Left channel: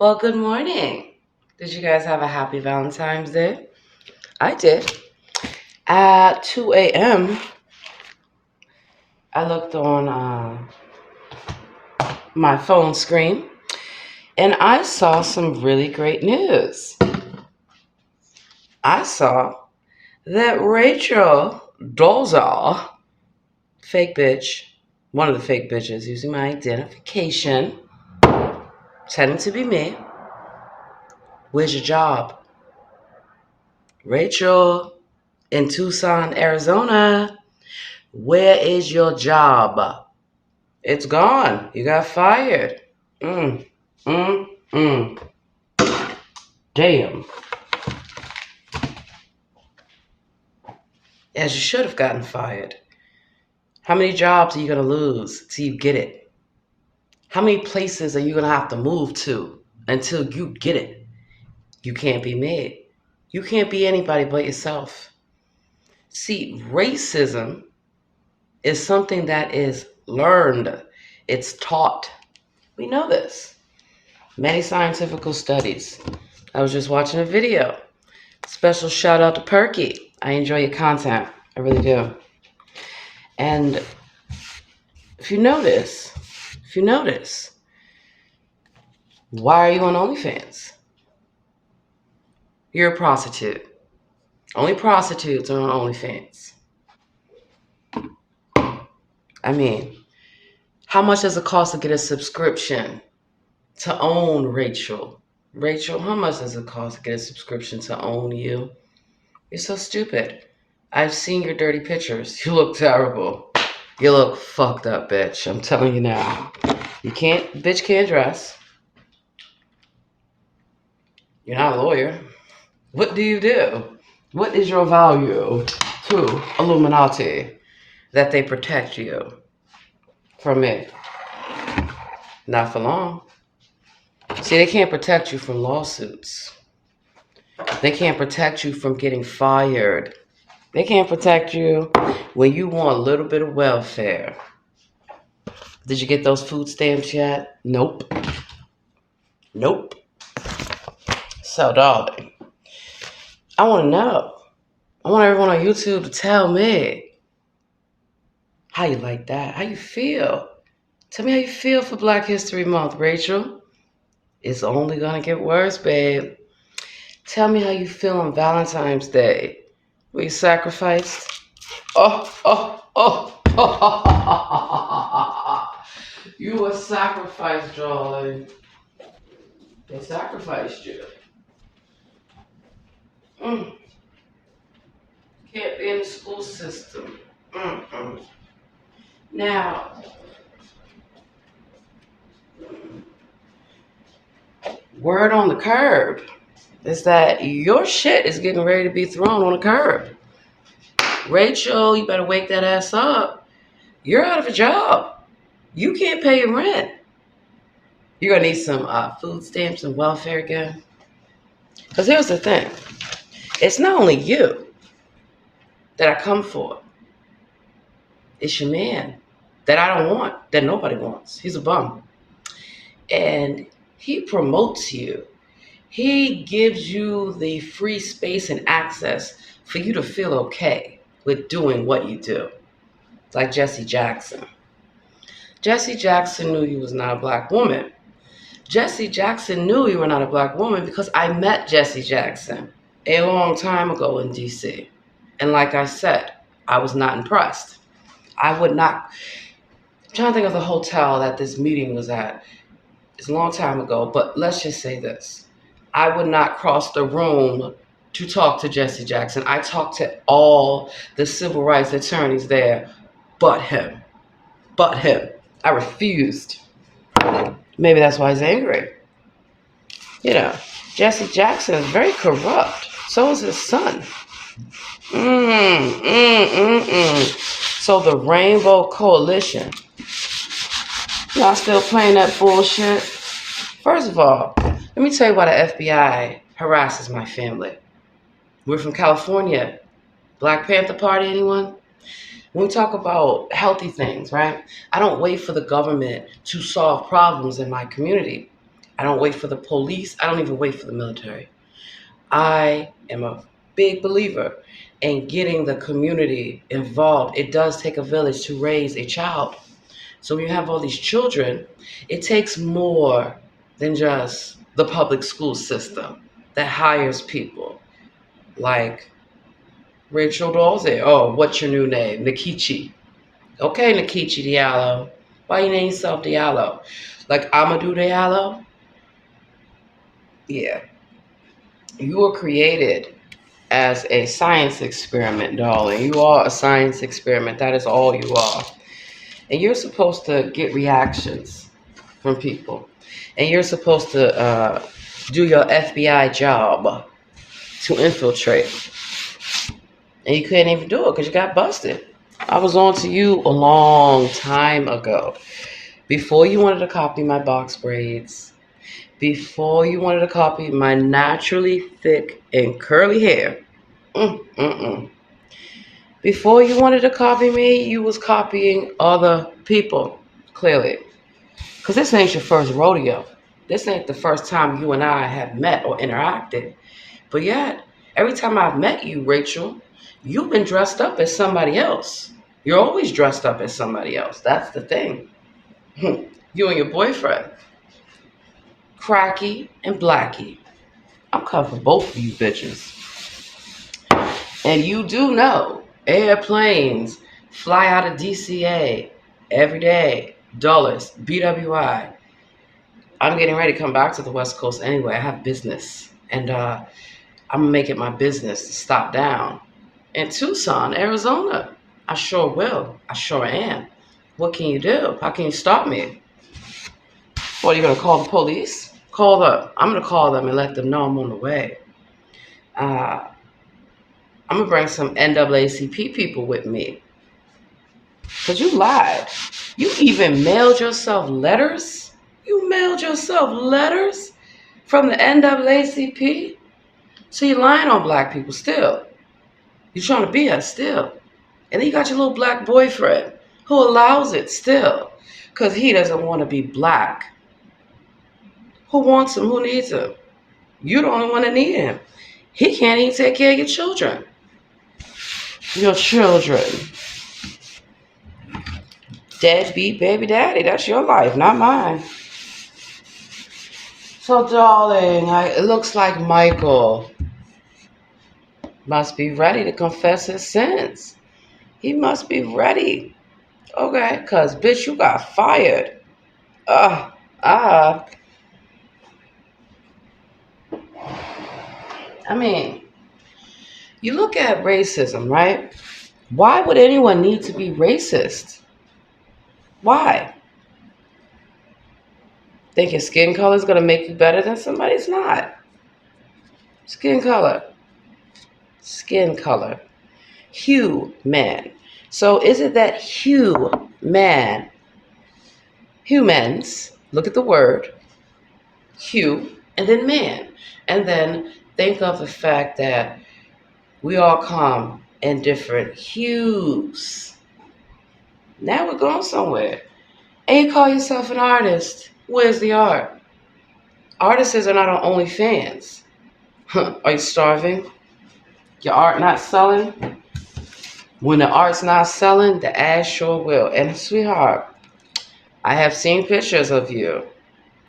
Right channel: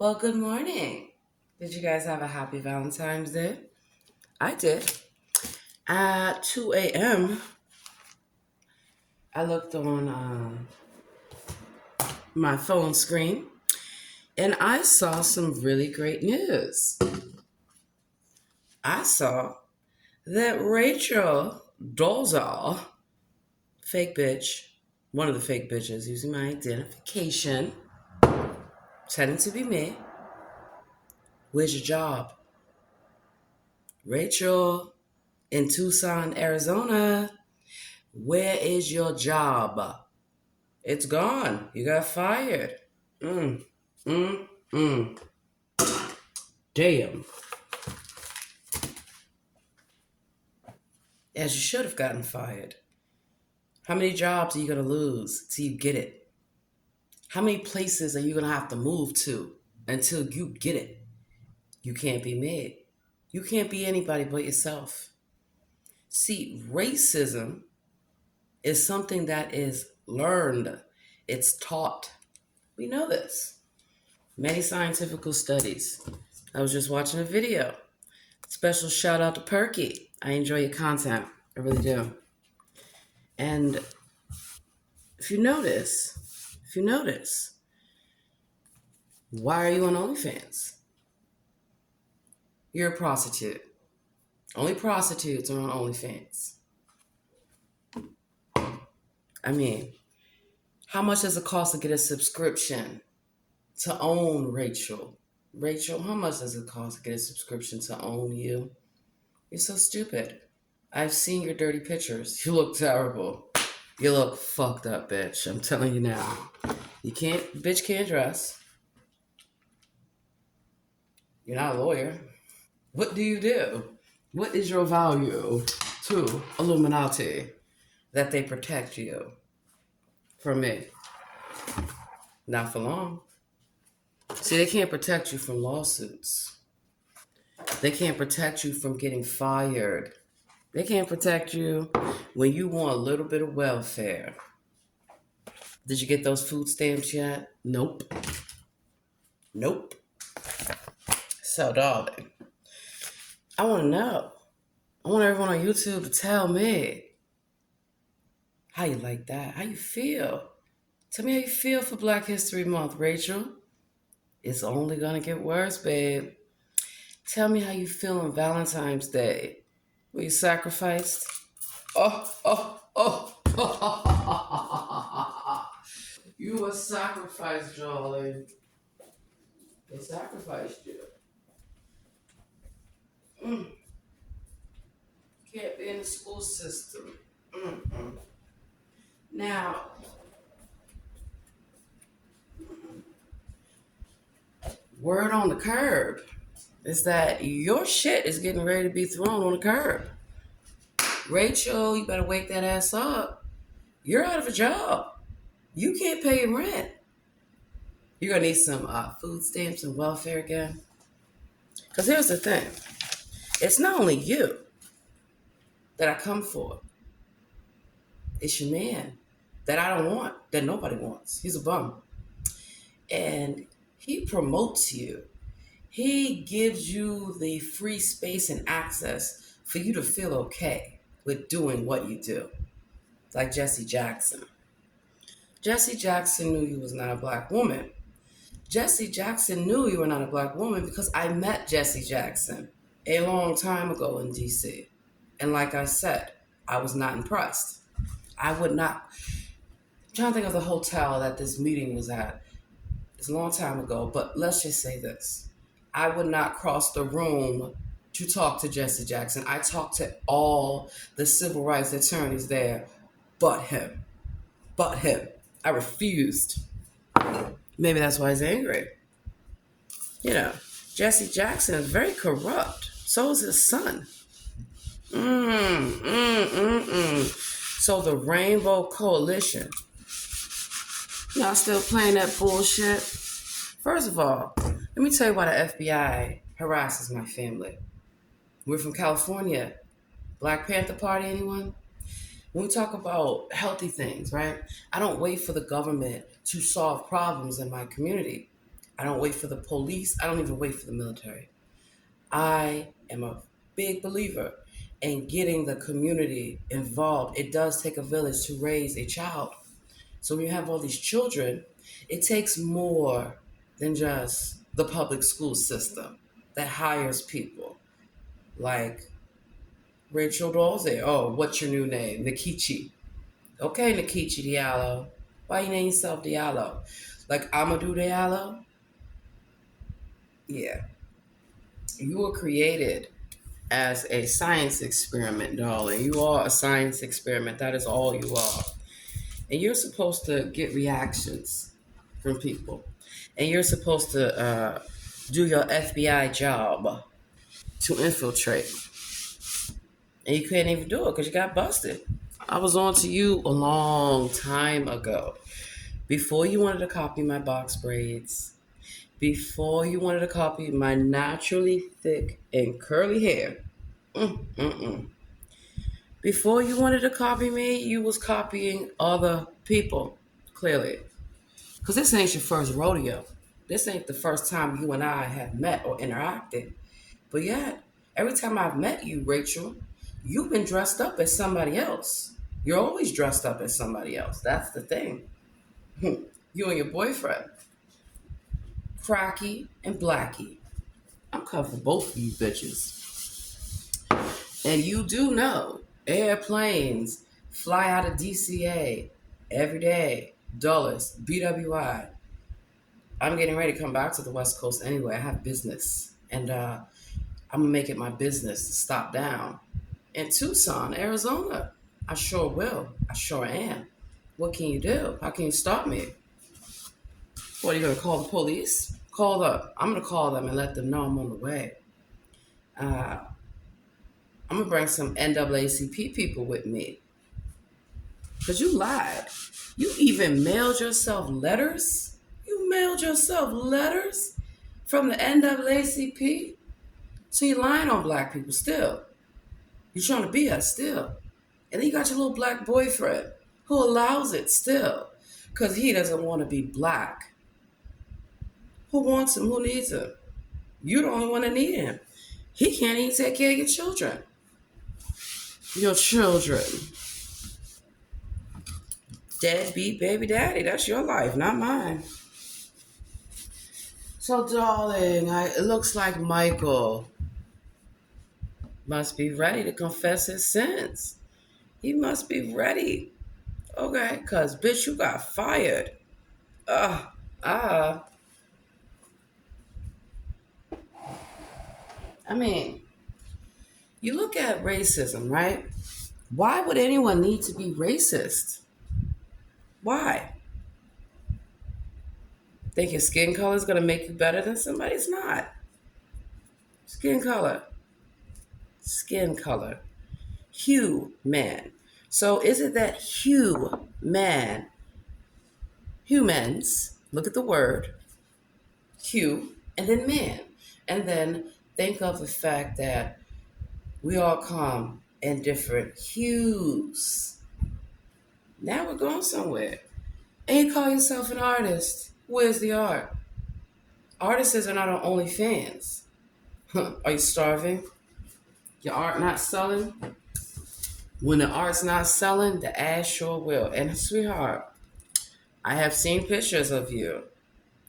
Well, good morning. Did you guys have a happy Valentine's Day? I did. At 2 a.m., I looked on my phone screen and I saw some really great news. I saw that Rachel Dolezal, fake bitch, one of the fake bitches using my identification, pretending to be me. Where's your job? Rachel in Tucson, Arizona. Where is your job? It's gone. You got fired. Mm, mm, mm. Damn. As you should have gotten fired. How many jobs are you going to lose till you get it? How many places are you going to have to move to until you get it? You can't be made. You can't be anybody but yourself. See, racism is something that is learned, it's taught. We know this. Many scientific studies. I was just watching a video. Special shout out to Perky. I enjoy your content. I really do. And if you notice, why are you on OnlyFans? You're a prostitute. Only prostitutes are on OnlyFans. I mean, how much does it cost to get a subscription to own Rachel? Rachel, how much does it cost to get a subscription to own you? You're so stupid. I've seen your dirty pictures. You look terrible. You look fucked up, bitch. I'm telling you now. Bitch can't dress. You're not a lawyer. What do you do? What is your value to Illuminati that they protect you from me? Not for long. See, they can't protect you from lawsuits. They can't protect you from getting fired. They can't protect you when you want a little bit of welfare. Did you get those food stamps yet? Nope. Nope. So, darling, I want to know. I want everyone on YouTube to tell me how you like that. How you feel. Tell me how you feel for Black History Month, Rachel. It's only going to get worse, babe. Tell me how you feel on Valentine's Day. Were you sacrificed? Oh, oh, oh, oh. You were sacrificed, darling. They sacrificed you. Mm. Can't be in the school system. Mm-mm. Now, word on the curb is that your shit is getting ready to be thrown on the curb. Rachel, you better wake that ass up. You're out of a job. You can't pay your rent. You're going to need some food stamps and welfare again. Because here's the thing. It's not only you that I come for. It's your man that I don't want, that nobody wants. He's a bum. And he promotes you. He gives you the free space and access for you to feel okay with doing what you do. Like Jesse Jackson. Jesse Jackson knew you was not a black woman. Jesse Jackson knew you were not a black woman because I met Jesse Jackson a long time ago in DC. And like I said, I was not impressed. I would not. I'm trying to think of the hotel that this meeting was at. It's a long time ago, but let's just say this. I would not cross the room to talk to Jesse Jackson. I talked to all the civil rights attorneys there, but him. But him. I refused. Maybe that's why he's angry. You know, Jesse Jackson is very corrupt. So is his son. So the Rainbow Coalition, y'all still playing that bullshit? First of all, let me tell you why the FBI harasses my family. We're from California. Black Panther Party, anyone? When we talk about healthy things, right? I don't wait for the government to solve problems in my community. I don't wait for the police. I don't even wait for the military. I am a big believer in getting the community involved. It does take a village to raise a child. So when you have all these children, it takes more than just the public school system that hires people like Rachel Dolezal. Oh, what's your new name? Nikichi. Okay, Nikichi Diallo. Why you name yourself Diallo? Like Amadou Diallo? Yeah. You were created as a science experiment, darling. You are a science experiment. That is all you are. And you're supposed to get reactions from people. And you're supposed to do your FBI job to infiltrate. And you couldn't even do it because you got busted. I was on to you a long time ago. Before you wanted to copy my box braids, before you wanted to copy my naturally thick and curly hair, before you wanted to copy me, you was copying other people, clearly. Because this ain't your first rodeo. This ain't the first time you and I have met or interacted. But yet, every time I've met you, Rachel, you've been dressed up as somebody else. You're always dressed up as somebody else. That's the thing. You and your boyfriend. Cracky and Blackie. I'm coming for both of you bitches. And you do know airplanes fly out of DCA every day. Dulles, BWI. I'm getting ready to come back to the West Coast anyway. I have business. And I'm going to make it my business to stop down in Tucson, Arizona. I sure will. I sure am. What can you do? How can you stop me? What, are you going to call the police? I'm going to call them and let them know I'm on the way. I'm going to bring some NAACP people with me. Because you lied. You even mailed yourself letters? You mailed yourself letters from the NAACP? So you're lying on black people still. You're trying to be us still. And then you got your little black boyfriend who allows it still. Because he doesn't want to be black. Who wants him? Who needs him? You're the only one that need him. He can't even take care of your children. Your children. Deadbeat baby daddy. That's your life, not mine. So, darling, it looks like Michael must be ready to confess his sins. He must be ready. Okay, because, bitch, you got fired. I mean, you look at racism, right? Why would anyone need to be racist? Why? Think your skin color is going to make you better than somebody? It's not. Skin color. Skin color. Hue, man. So is it that hue, man? Humans, look at the word, hue, and then man. And then think of the fact that we all come in different hues. Now we're going somewhere. And you call yourself an artist. Where's the art? Artists are not on OnlyFans. Are you starving? Your art not selling? When the art's not selling, the ass sure will. And sweetheart, I have seen pictures of you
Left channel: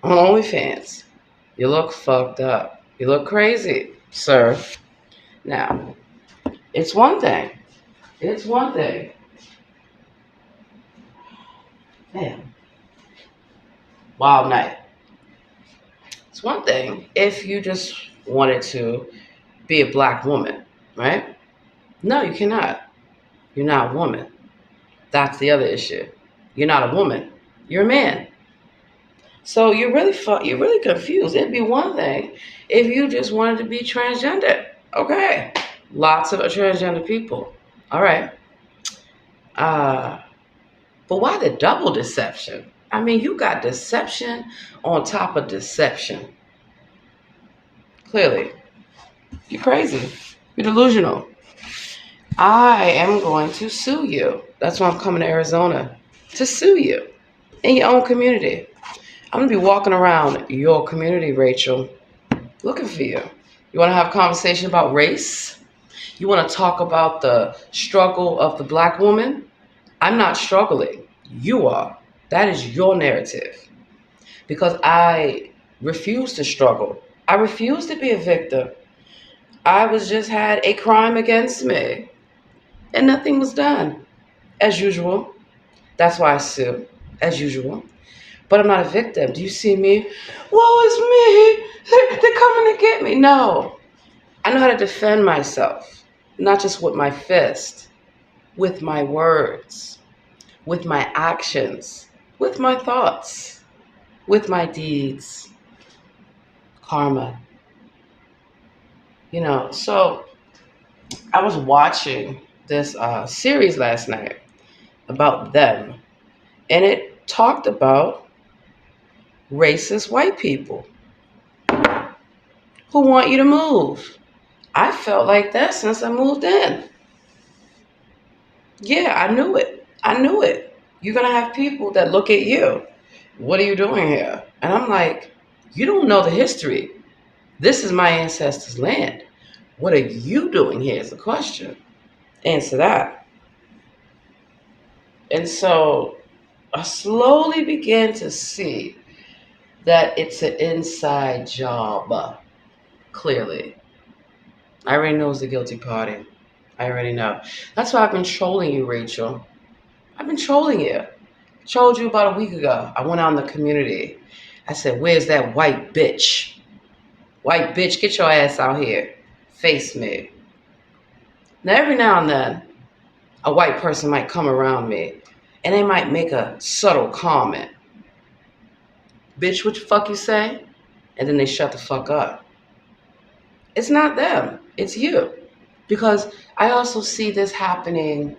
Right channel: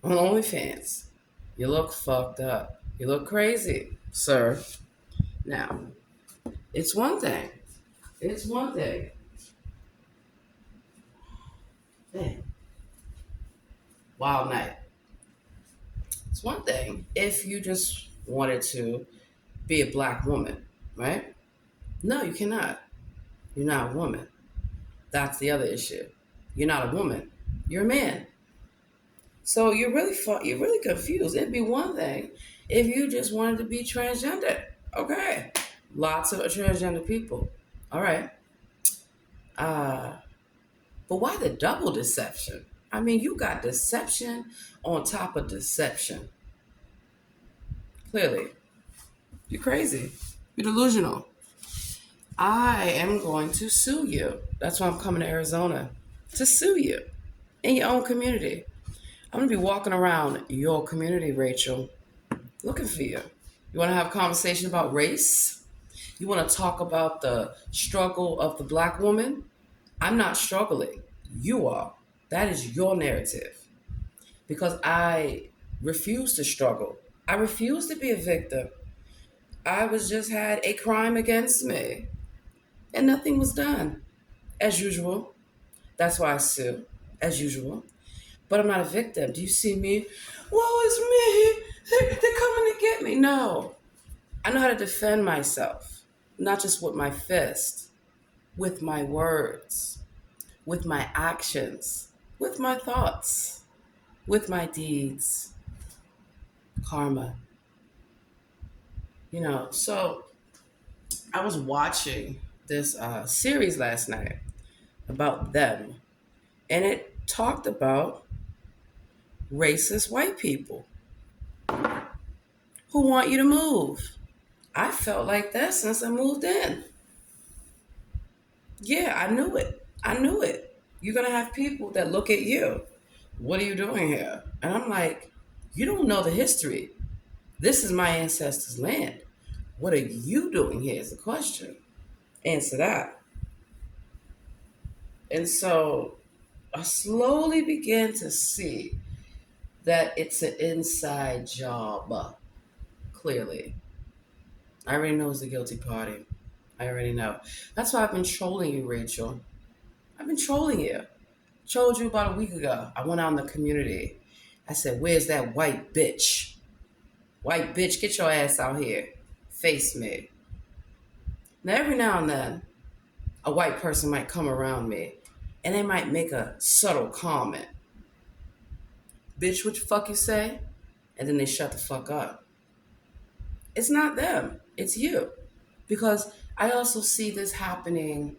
on OnlyFans. You look fucked up. You look crazy, sir. Now, it's one thing. It's one thing. Damn. Wild night. It's one thing if you just wanted to be a black woman, right? No, you cannot. You're not a woman. That's the other issue. You're not a woman. You're a man. So you're really confused. It'd be one thing if you just wanted to be transgender. Okay. Lots of transgender people. All right. But why the double deception? I mean, you got deception on top of deception. Clearly. You're crazy. You're delusional. I am going to sue you. That's why I'm coming to Arizona. To sue you in your own community. I'm gonna be walking around your community, Rachel, looking for you. You wanna have a conversation about race? You wanna talk about the struggle of the black woman? I'm not struggling. You are. That is your narrative. Because I refuse to struggle. I refuse to be a victim. I was just had a crime against me and nothing was done. As usual. That's why I sue. As usual. But I'm not a victim. Do you see me? Woe is me. They're coming to get me. No. I know how to defend myself. Not just with my fist, with my words, with my actions, with my thoughts, with my deeds. Karma. So I was watching this series last night about them, and it talked about racist white people who want you to move. I felt like that since I moved in. Yeah, I knew it. I knew it. You're going to have people that look at you. What are you doing here? And I'm like, you don't know the history. This is my ancestors' land. What are you doing here is the question. Answer that. And so I slowly began to see that it's an inside job, clearly. I already know it's the guilty party. I already know. That's why I've been trolling you, Rachel. I've been trolling you. Trolled you about a week ago. I went out in the community. I said, where's that white bitch? White bitch, get your ass out here. Face me. Now, every now and then, a white person might come around me and they might make a subtle comment. Bitch, what the fuck you say? And then they shut the fuck up. It's not them. It's you. Because I also see this happening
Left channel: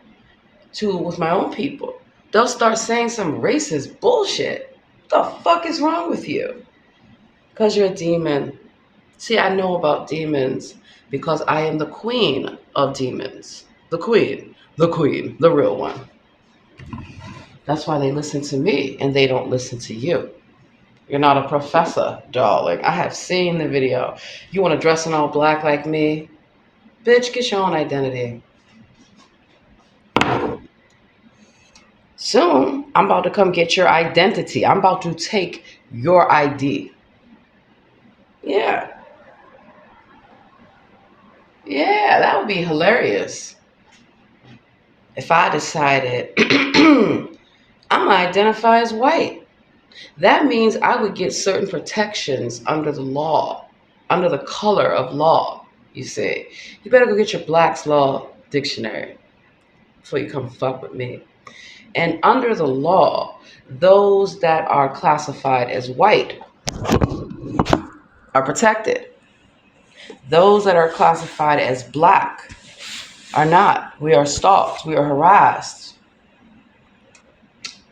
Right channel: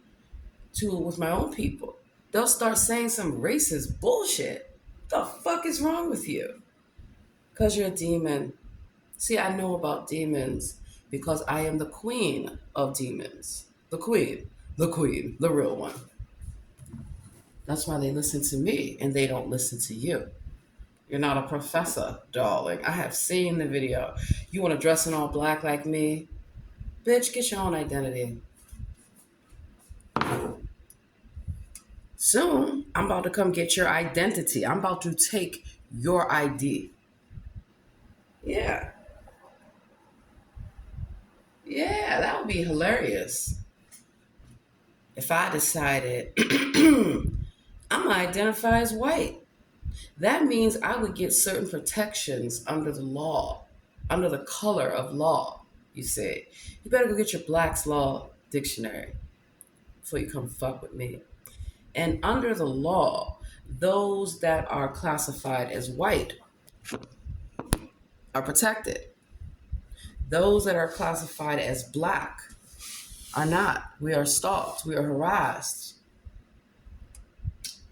too with my own people. They'll start saying some racist bullshit. What the fuck is wrong with you? Because you're a demon. See, I know about demons because I am the queen of demons. The queen, the real one. That's why they listen to me and they don't listen to you. You're not a professor, darling. I have seen the video. You want to dress in all black like me? Bitch, get your own identity. Soon, I'm about to come get your identity. I'm about to take your ID. Yeah. Yeah, that would be hilarious. If I decided I'm going to identify as white, that means I would get certain protections under the law, under the color of law, you see. You better go get your Black's Law Dictionary before you come fuck with me. And under the law, those that are classified as white are protected. Those that are classified as black are not. We are stalked. We are harassed.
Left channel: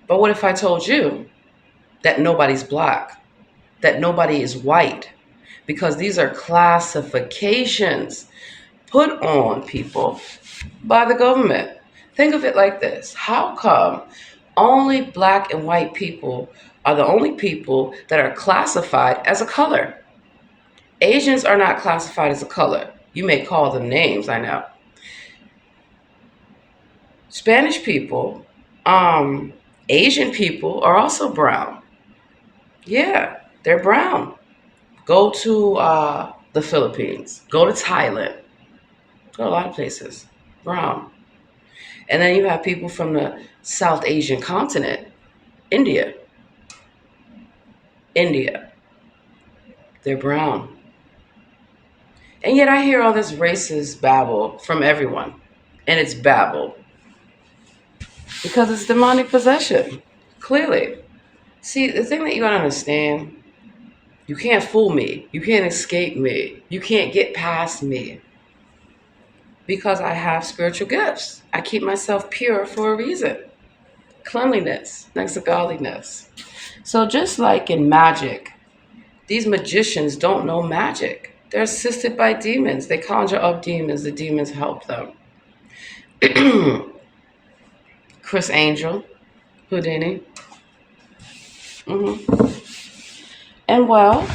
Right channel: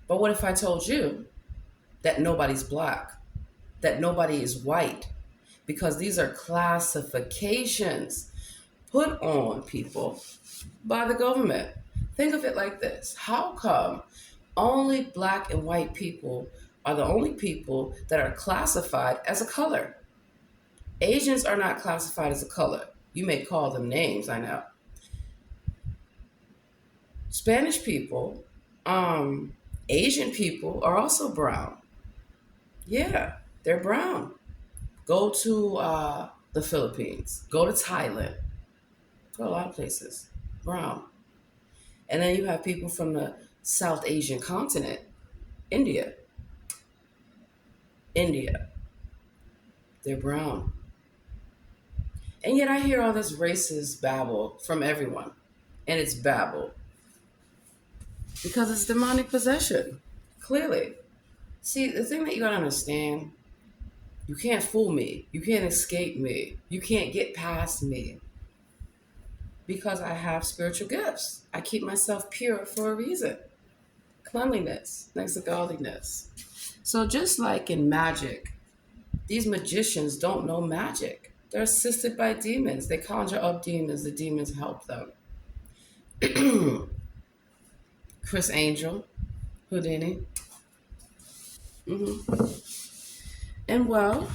But what if I told you that nobody's black, that nobody is white? Because these are classifications put on people by the government. Think of it like this. How come only black and white people are the only people that are classified as a color? Asians are not classified as a color. You may call them names, I know. Spanish people, Asian people are also brown. Yeah, they're brown. Go to the Philippines. Go to Thailand. Go to a lot of places. Brown. And then you have people from the South Asian continent. India. They're brown. And yet I hear all this racist babble from everyone. And it's babble. Because it's demonic possession. Clearly. See, the thing that you gotta understand, you can't fool me. You can't escape me. You can't get past me. Because I have spiritual gifts. I keep myself pure for a reason. Cleanliness next to godliness. So just like in magic, these magicians don't know magic. They're assisted by demons. They conjure up demons. The demons help them. Chris Angel, Houdini. And well,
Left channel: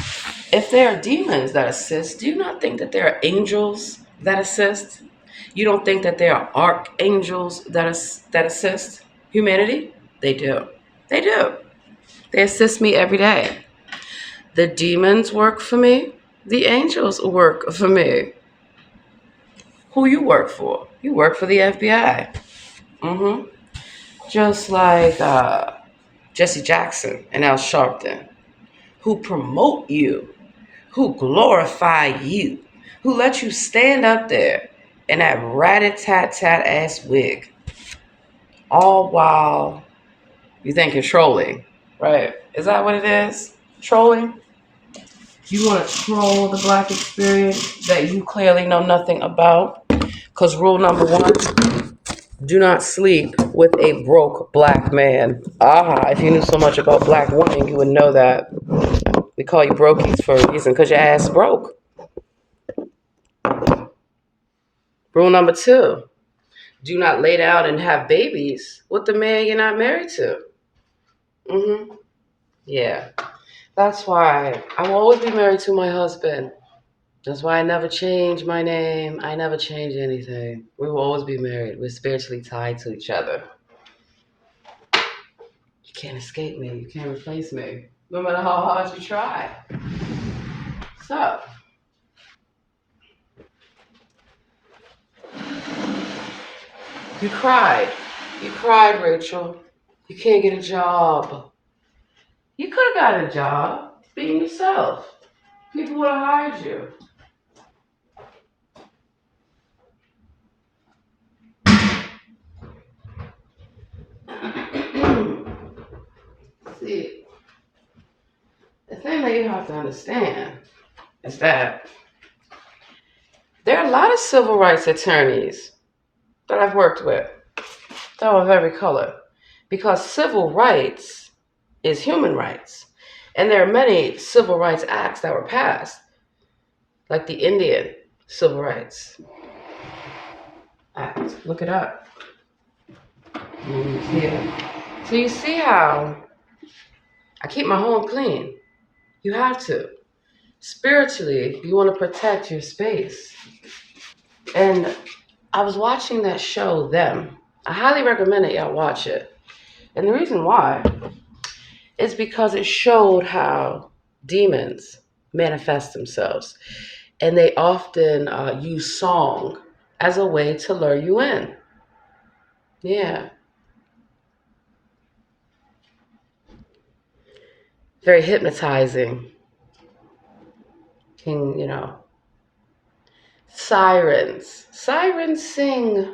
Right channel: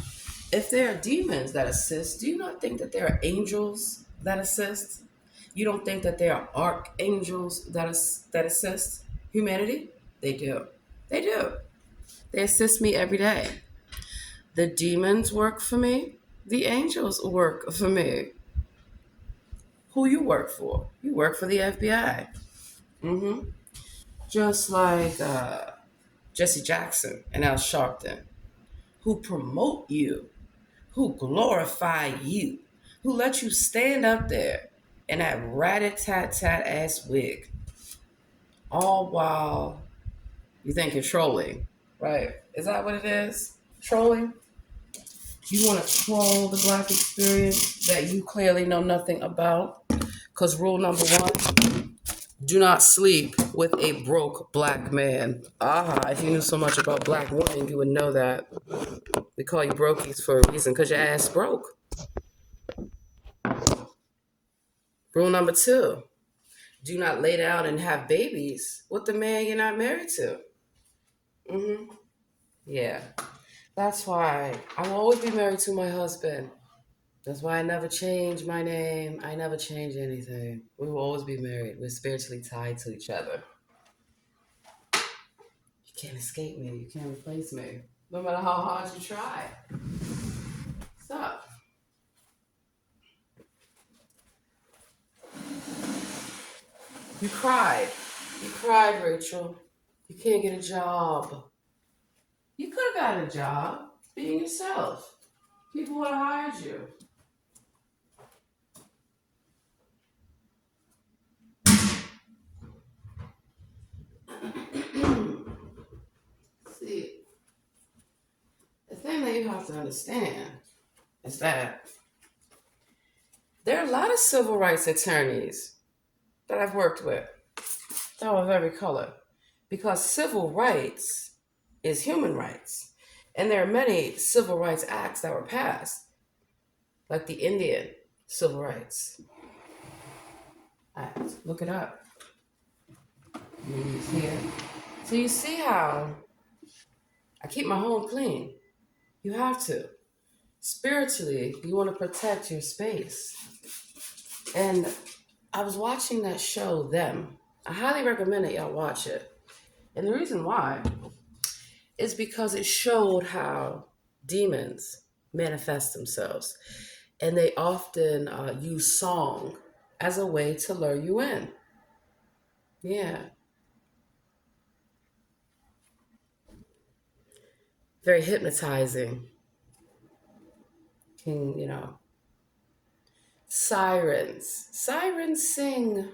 if there are demons that assist, do you not think that there are angels that assist? You don't think that there are archangels that assist humanity? They do. They do. They assist me every day. The demons work for me. The angels work for me. Who you work for? You work for the FBI. Mm-hmm. Just like Jesse Jackson and Al Sharpton, who promote you, who glorify you, who let you stand up there in that rat-a-tat-tat ass wig, all while you think you're trolling, right? Is that what it is? Trolling? You want to troll the black experience that you clearly know nothing about? Because rule number one, do not sleep with a broke black man. Aha, if you knew so much about black women, you would know that. We call you brokies for a reason, because your ass broke. Rule number two, do not lay down and have babies with the man you're not married to. Mm-hmm. Yeah. That's why I will always be married to my husband. That's why I never change my name. I never change anything. We will always be married. We're spiritually tied to each other. You can't escape me. You can't replace me. No matter how hard you try. So, you cried. You cried, Rachel. You can't get a job. You could have got a job being yourself. People would have hired you. See, the thing that you have to understand is that there are a lot of civil rights attorneys that I've worked with that are of every color, because civil rights is human rights. And there are many civil rights acts that were passed, like the Indian Civil Rights Act. Look it up. Yeah. So you see how I keep my home clean. You have to. Spiritually, you want to protect your space. And I was watching that show, Them. I highly recommend that y'all watch it. And the reason why is because it showed how demons manifest themselves. And they often use song as a way to lure you in. Yeah. Very hypnotizing. Can, sirens. Sirens sing.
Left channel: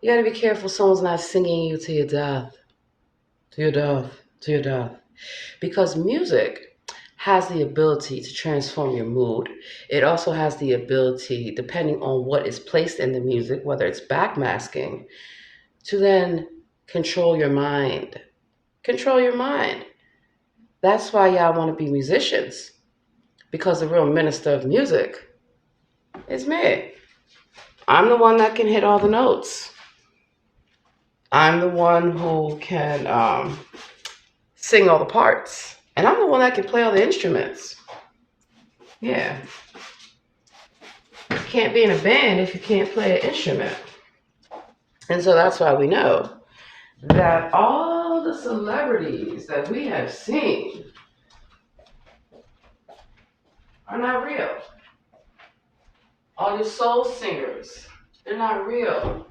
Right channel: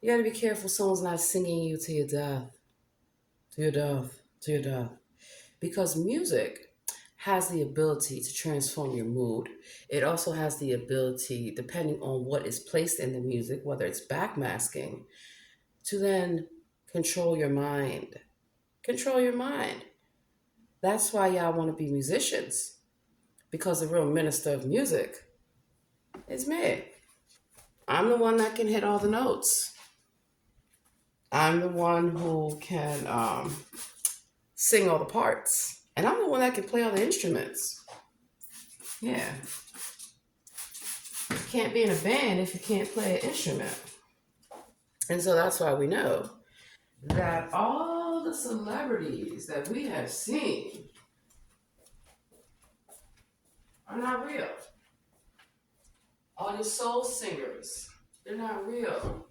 You gotta be careful someone's not singing you to your death. To your death. To your death. Because music has the ability to transform your mood. It also has the ability, depending on what is placed in the music, whether it's backmasking, to then control your mind. Control your mind. That's why y'all want to be musicians. Because the real minister of music is me. I'm the one that can hit all the notes. I'm the one who can sing all the parts. And I'm the one that can play all the instruments. Yeah. You can't be in a band if you can't play an instrument. And so that's why we know that all the celebrities that we have seen are not real. All your soul singers, they're not real.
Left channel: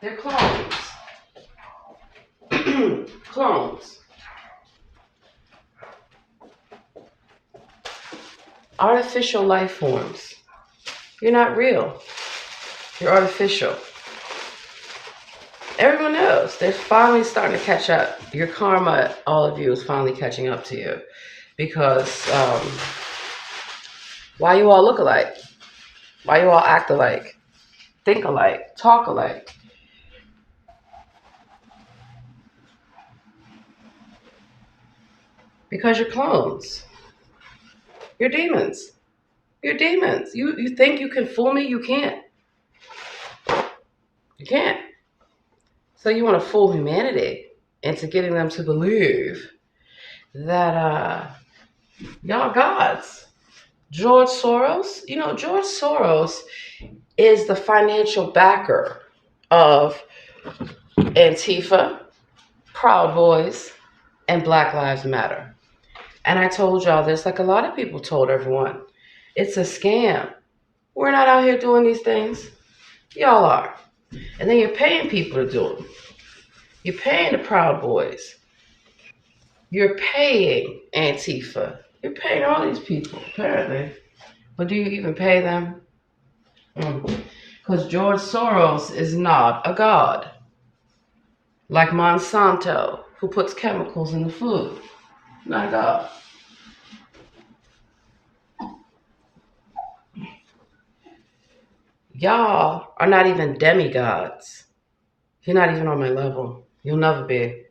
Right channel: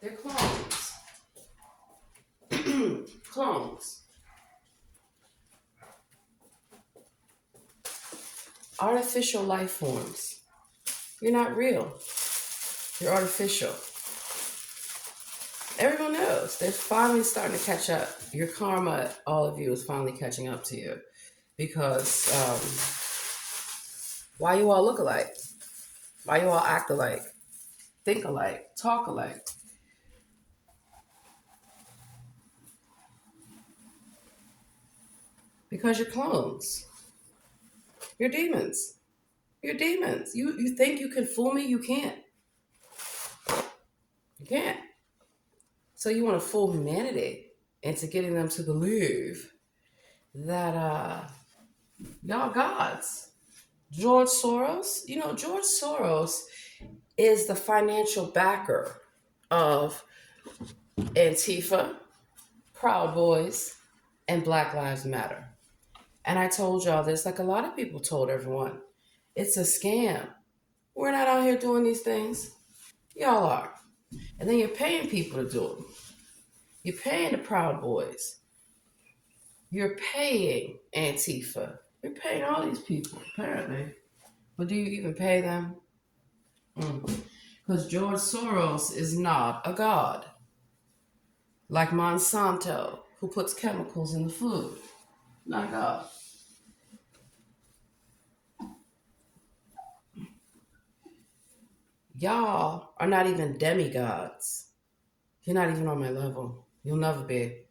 They're clones. Clones. Artificial life forms. You're not real. You're artificial. Everyone knows. They're finally starting to catch up. Your karma, all of you, is finally catching up to you. Because why you all look alike? Why you all act alike? Think alike? Talk alike? Because you're clones. You're demons. You're demons. You think you can fool me? You can't. You can't. So you want to fool humanity into getting them to believe that y'all gods. George Soros, George Soros is the financial backer of Antifa, Proud Boys, and Black Lives Matter. And I told y'all this, like a lot of people told everyone. It's a scam. We're not out here doing these things. Y'all are. And then you're paying people to do them. You're paying the Proud Boys. You're paying Antifa. You're paying all these people, apparently. But do you even pay them? Because George Soros is not a god. Like Monsanto, who puts chemicals in the food. Not a god. Y'all are not even demigods. You're not even on my level. You'll never be.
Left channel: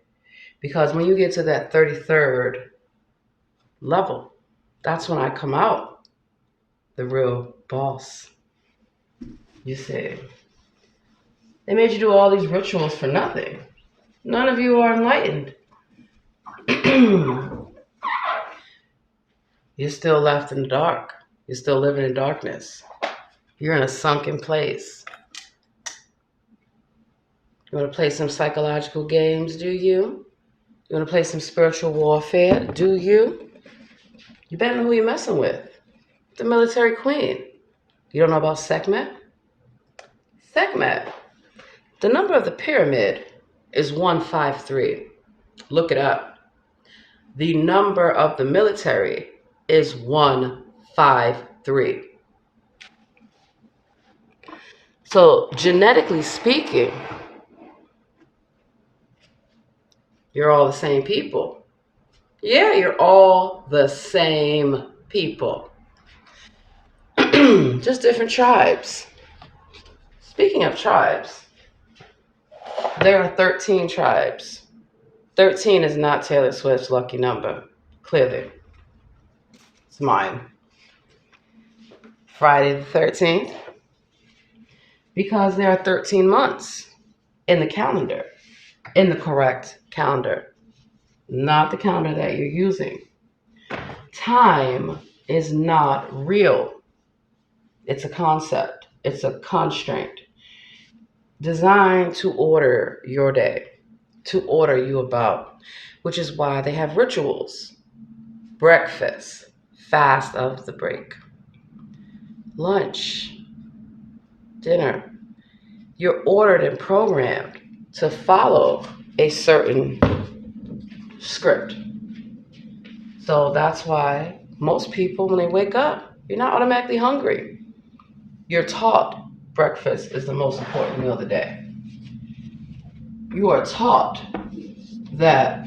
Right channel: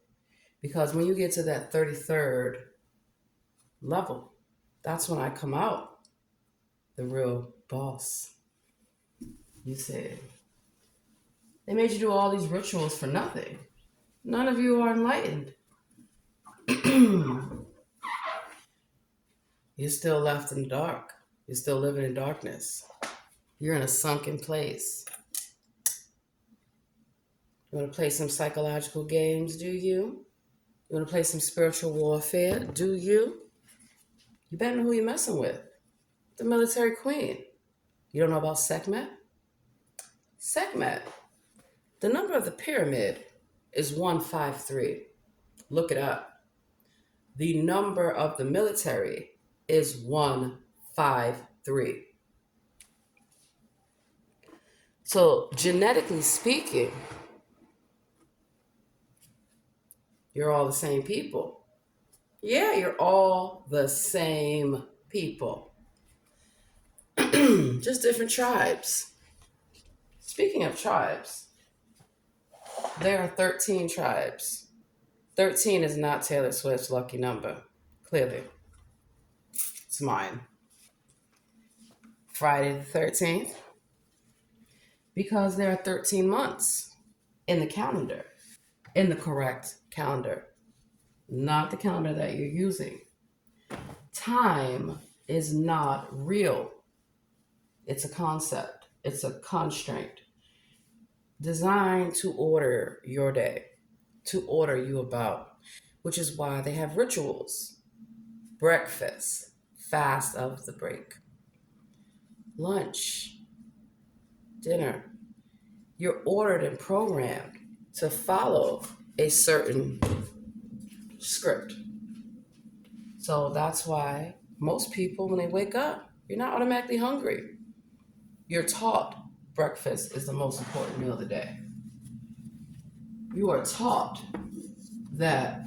Because when you get to that 33rd level, that's when I come out the real boss. You see. They made you do all these rituals for nothing. None of you are enlightened. You're still left in the dark. You're still living in darkness. You're in a sunken place. You want to play some psychological games, do you? You want to play some spiritual warfare, do you? You better know who you're messing with. The military queen. You don't know about Sekhmet? Sekhmet. The number of the pyramid is 153. Look it up. The number of the military is 153. So, genetically speaking, you're all the same people. Yeah, you're all the same people. Just different tribes. Speaking of tribes, there are 13 tribes. 13 is not Taylor Swift's lucky number, clearly. It's mine. Friday the 13th. Because there are 13 months in the calendar, in the correct calendar, not the calendar that you're using. Time is not real. It's a concept. It's a constraint designed to order your day, to order you about, which is why they have rituals. Breakfast, fast of the break. Lunch, dinner. You're ordered and programmed to follow a certain script. So that's why most people, when they wake up, you're not automatically hungry. You're taught breakfast is the most important meal of the day. You are taught that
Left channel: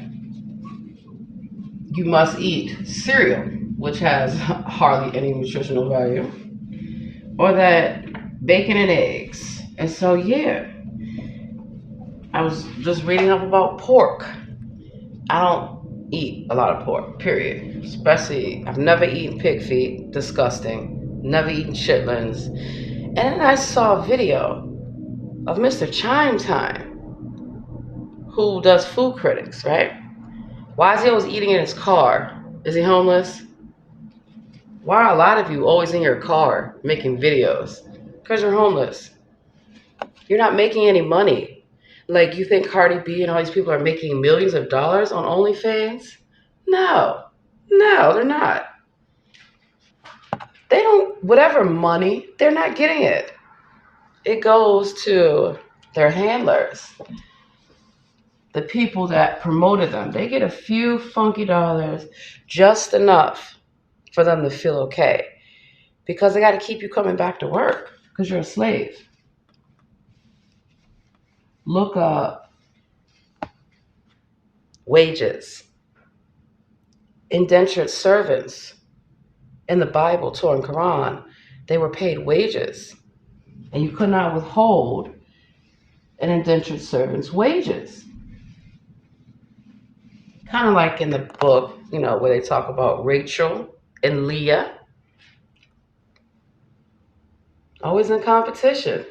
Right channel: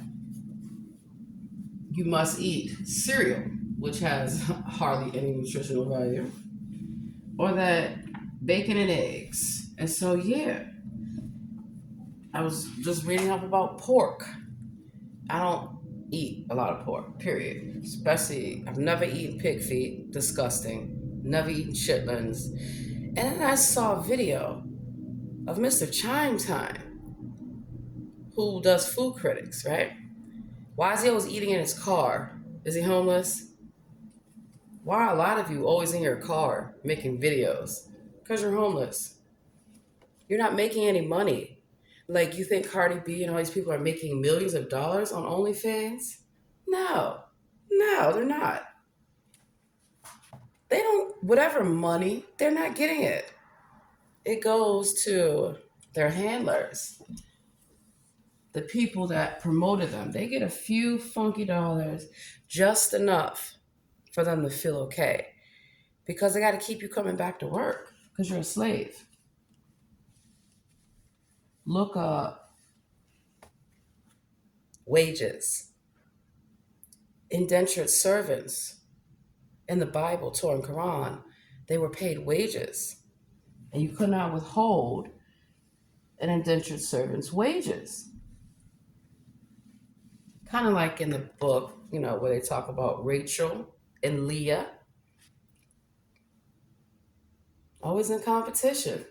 you must eat cereal, which has hardly any nutritional value, or that bacon and eggs. And so, yeah, I was just reading up about pork. I don't eat a lot of pork, period. Especially, I've never eaten pig feet, disgusting. Never eaten chitlins. And then I saw a video of Mr. Chime Time, who does food critics, right? Why is he always eating in his car? Is he homeless? Why are a lot of you always in your car making videos? Because you're homeless. You're not making any money. Like, you think Cardi B and all these people are making millions of dollars on OnlyFans? No, they're not. They don't, whatever money, they're not getting it. It goes to their handlers, the people that promoted them. They get a few funky dollars, just enough for them to feel okay. Because they got to keep you coming back to work because you're a slave. Look up wages. Indentured servants in the Bible, Torah, and Quran, they were paid wages. And you could not withhold an indentured servant's wages. Kind of like in the book, where they talk about Rachel and Leah. Always in competition.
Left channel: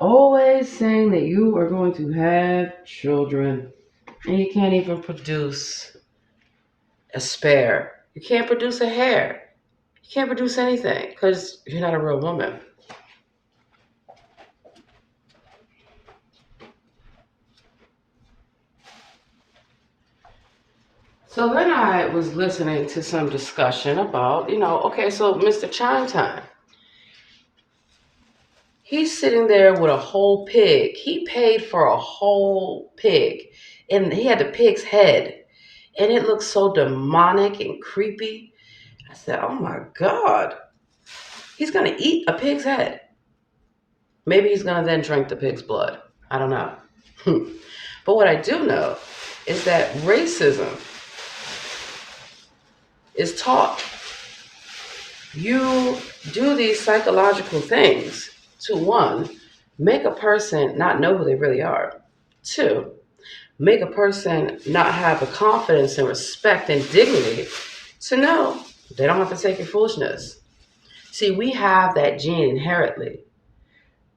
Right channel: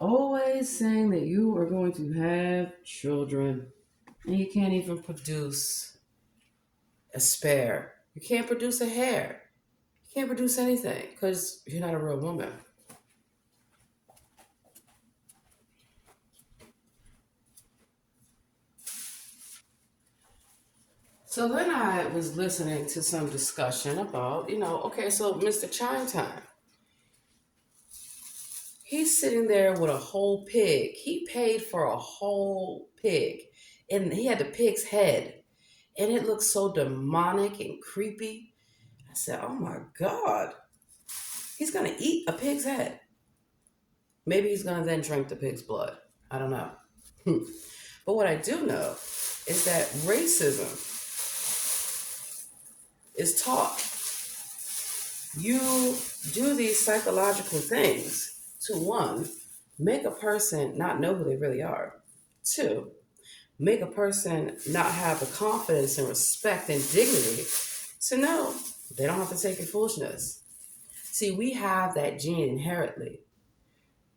Always saying that you are going to have children and you can't even produce a spare. You can't produce a hair. You can't produce anything because you're not a real woman. So then I was listening to some discussion about, okay, so Mr. Chime Time, he's sitting there with a whole pig. He paid for a whole pig, and he had the pig's head, and it looked so demonic and creepy. I said, oh my God, he's going to eat a pig's head. Maybe he's going to then drink the pig's blood. I don't know. But what I do know is that racism is taught. You do these psychological things to, one, make a person not know who they really are. Two, make a person not have the confidence and respect and dignity to know they don't have to take your foolishness. See, we have that gene inherently.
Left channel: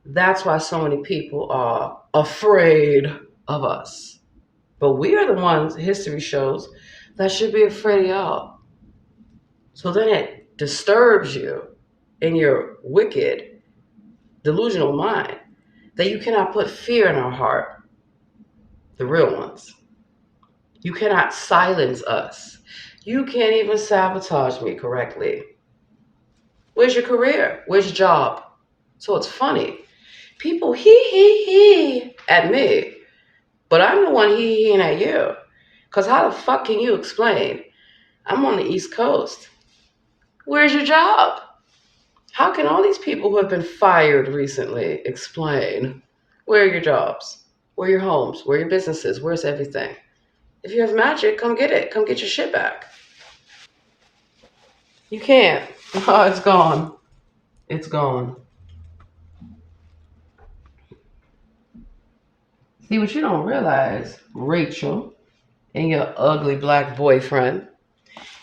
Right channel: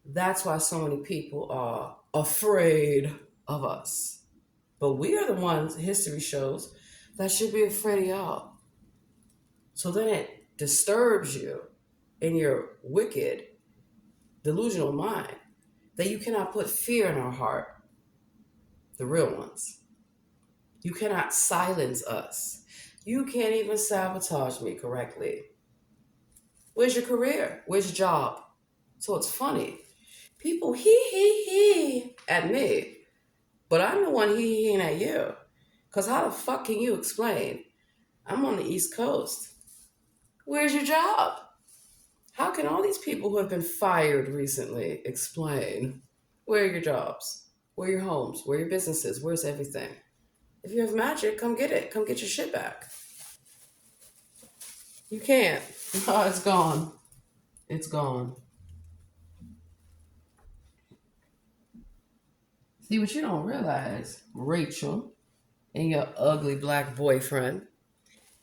That's why so many people are afraid of us. But we are the ones, history shows, that should be afraid of y'all. So then it disturbs you in your wicked, delusional mind that you cannot put fear in our heart, the real ones. You cannot silence us. You can't even sabotage me correctly. Where's your career? Where's your job? So it's funny. People he at me, but I'm the one he at you. Because how the fuck can you explain? I'm on the East Coast. Where's your job? How can all these people who have been fired recently explain where are your jobs? Where are your homes? Where are your businesses? Where's everything? If you have magic, come get it. Come get your shit back. You can't. Oh, it's gone. It's gone. See, what you don't realize, Rachel, and your ugly black boyfriend,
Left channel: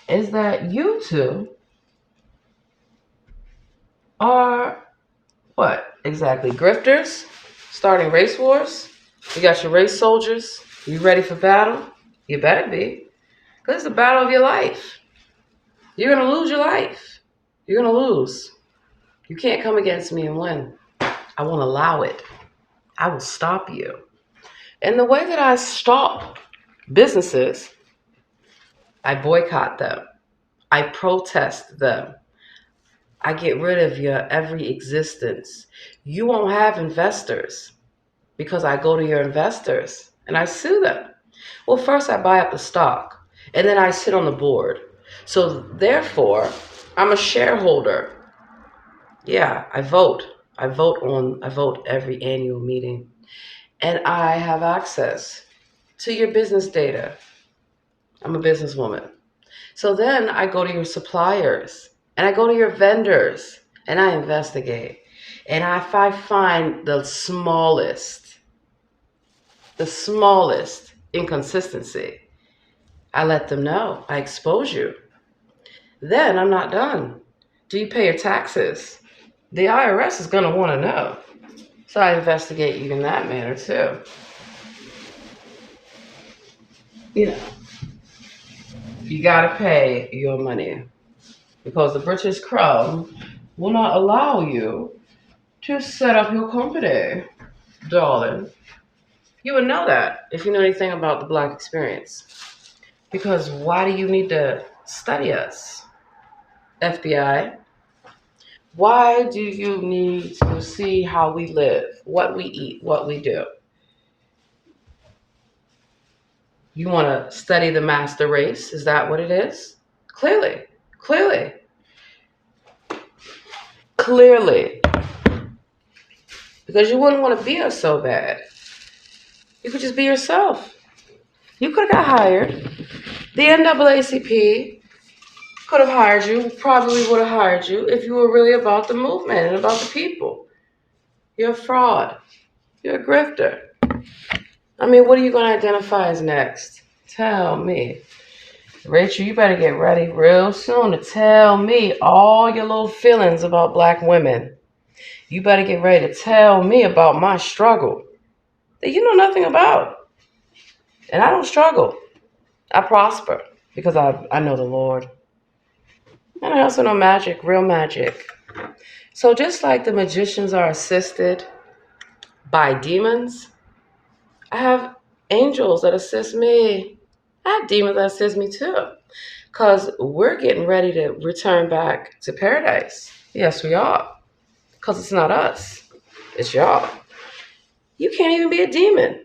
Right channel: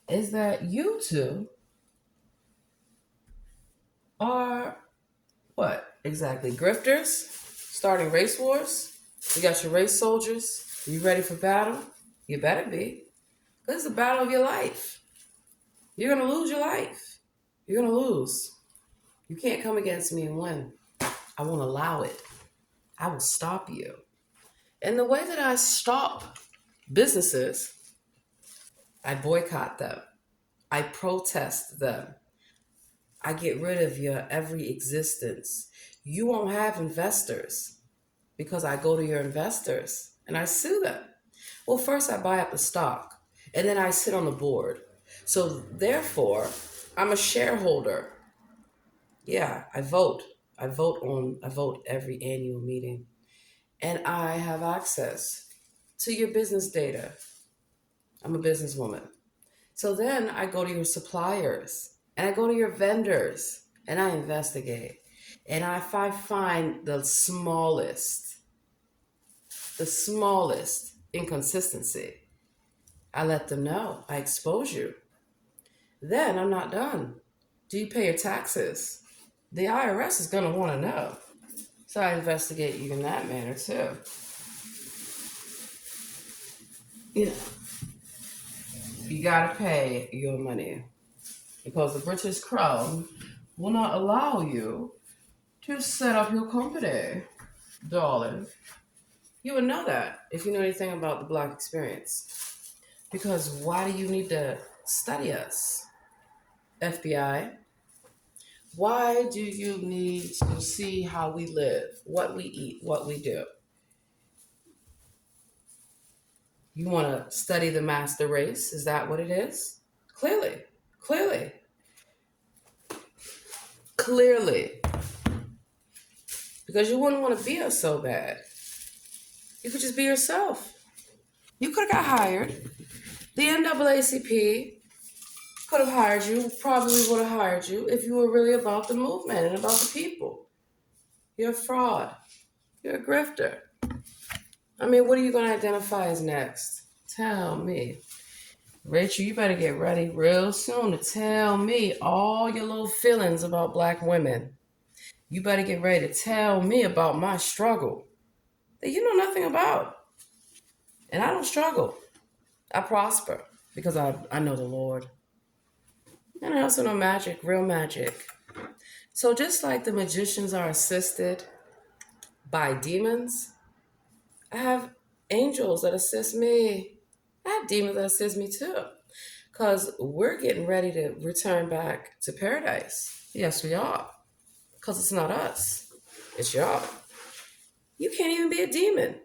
is that you two are what exactly? Grifters? Starting race wars? You got your race soldiers? You ready for battle? You better be. Because it's the battle of your life. You're going to lose your life. You're going to lose. You can't come against me and win. I won't allow it. I will stop you. And the way that I stop businesses, I boycott them. I protest them. I get rid of your every existence. You won't have investors because I go to your investors and I sue them. Well, first I buy up the stock and then I sit on the board. So therefore, I'm a shareholder. Yeah, I vote. I vote every annual meeting. And I have access to your business data. I'm a businesswoman. So then I go to your suppliers and I go to your vendors and I investigate. And if I find the smallest inconsistency, I let them know. I expose you. Then I'm not done. Do you pay your taxes? The IRS is going to want to know. So I investigate you in that manner too. You know, you got to pay your money because the British Crown will not allow you to set up your company, darling. You would know that if you know anything about the Black experience. Because why do you need to study us, FBI? Why do you need to see how we live, what we eat, what we do? You want to study the master race? Is that what it is? Clearly, clearly, clearly. Because you wouldn't want to be us so bad. You could just be yourself. You could have got hired. The NAACP could have hired you, probably would have hired you if you were really about the movement and about the people. You're a fraud. You're a grifter. I mean, what are you going to identify as next? Tell me. Rachel, you better get ready real soon to tell me all your little feelings about Black women. You better get ready to tell me about my struggle that you know nothing about. And I don't struggle. I prosper because I know the Lord. And I also know magic, real magic. So just like the magicians are assisted by demons, I have angels that assist me. I have demons that assist me too. Because we're getting ready to return back to paradise. Yes, we are. Because it's not us, it's y'all. You can't even be a demon.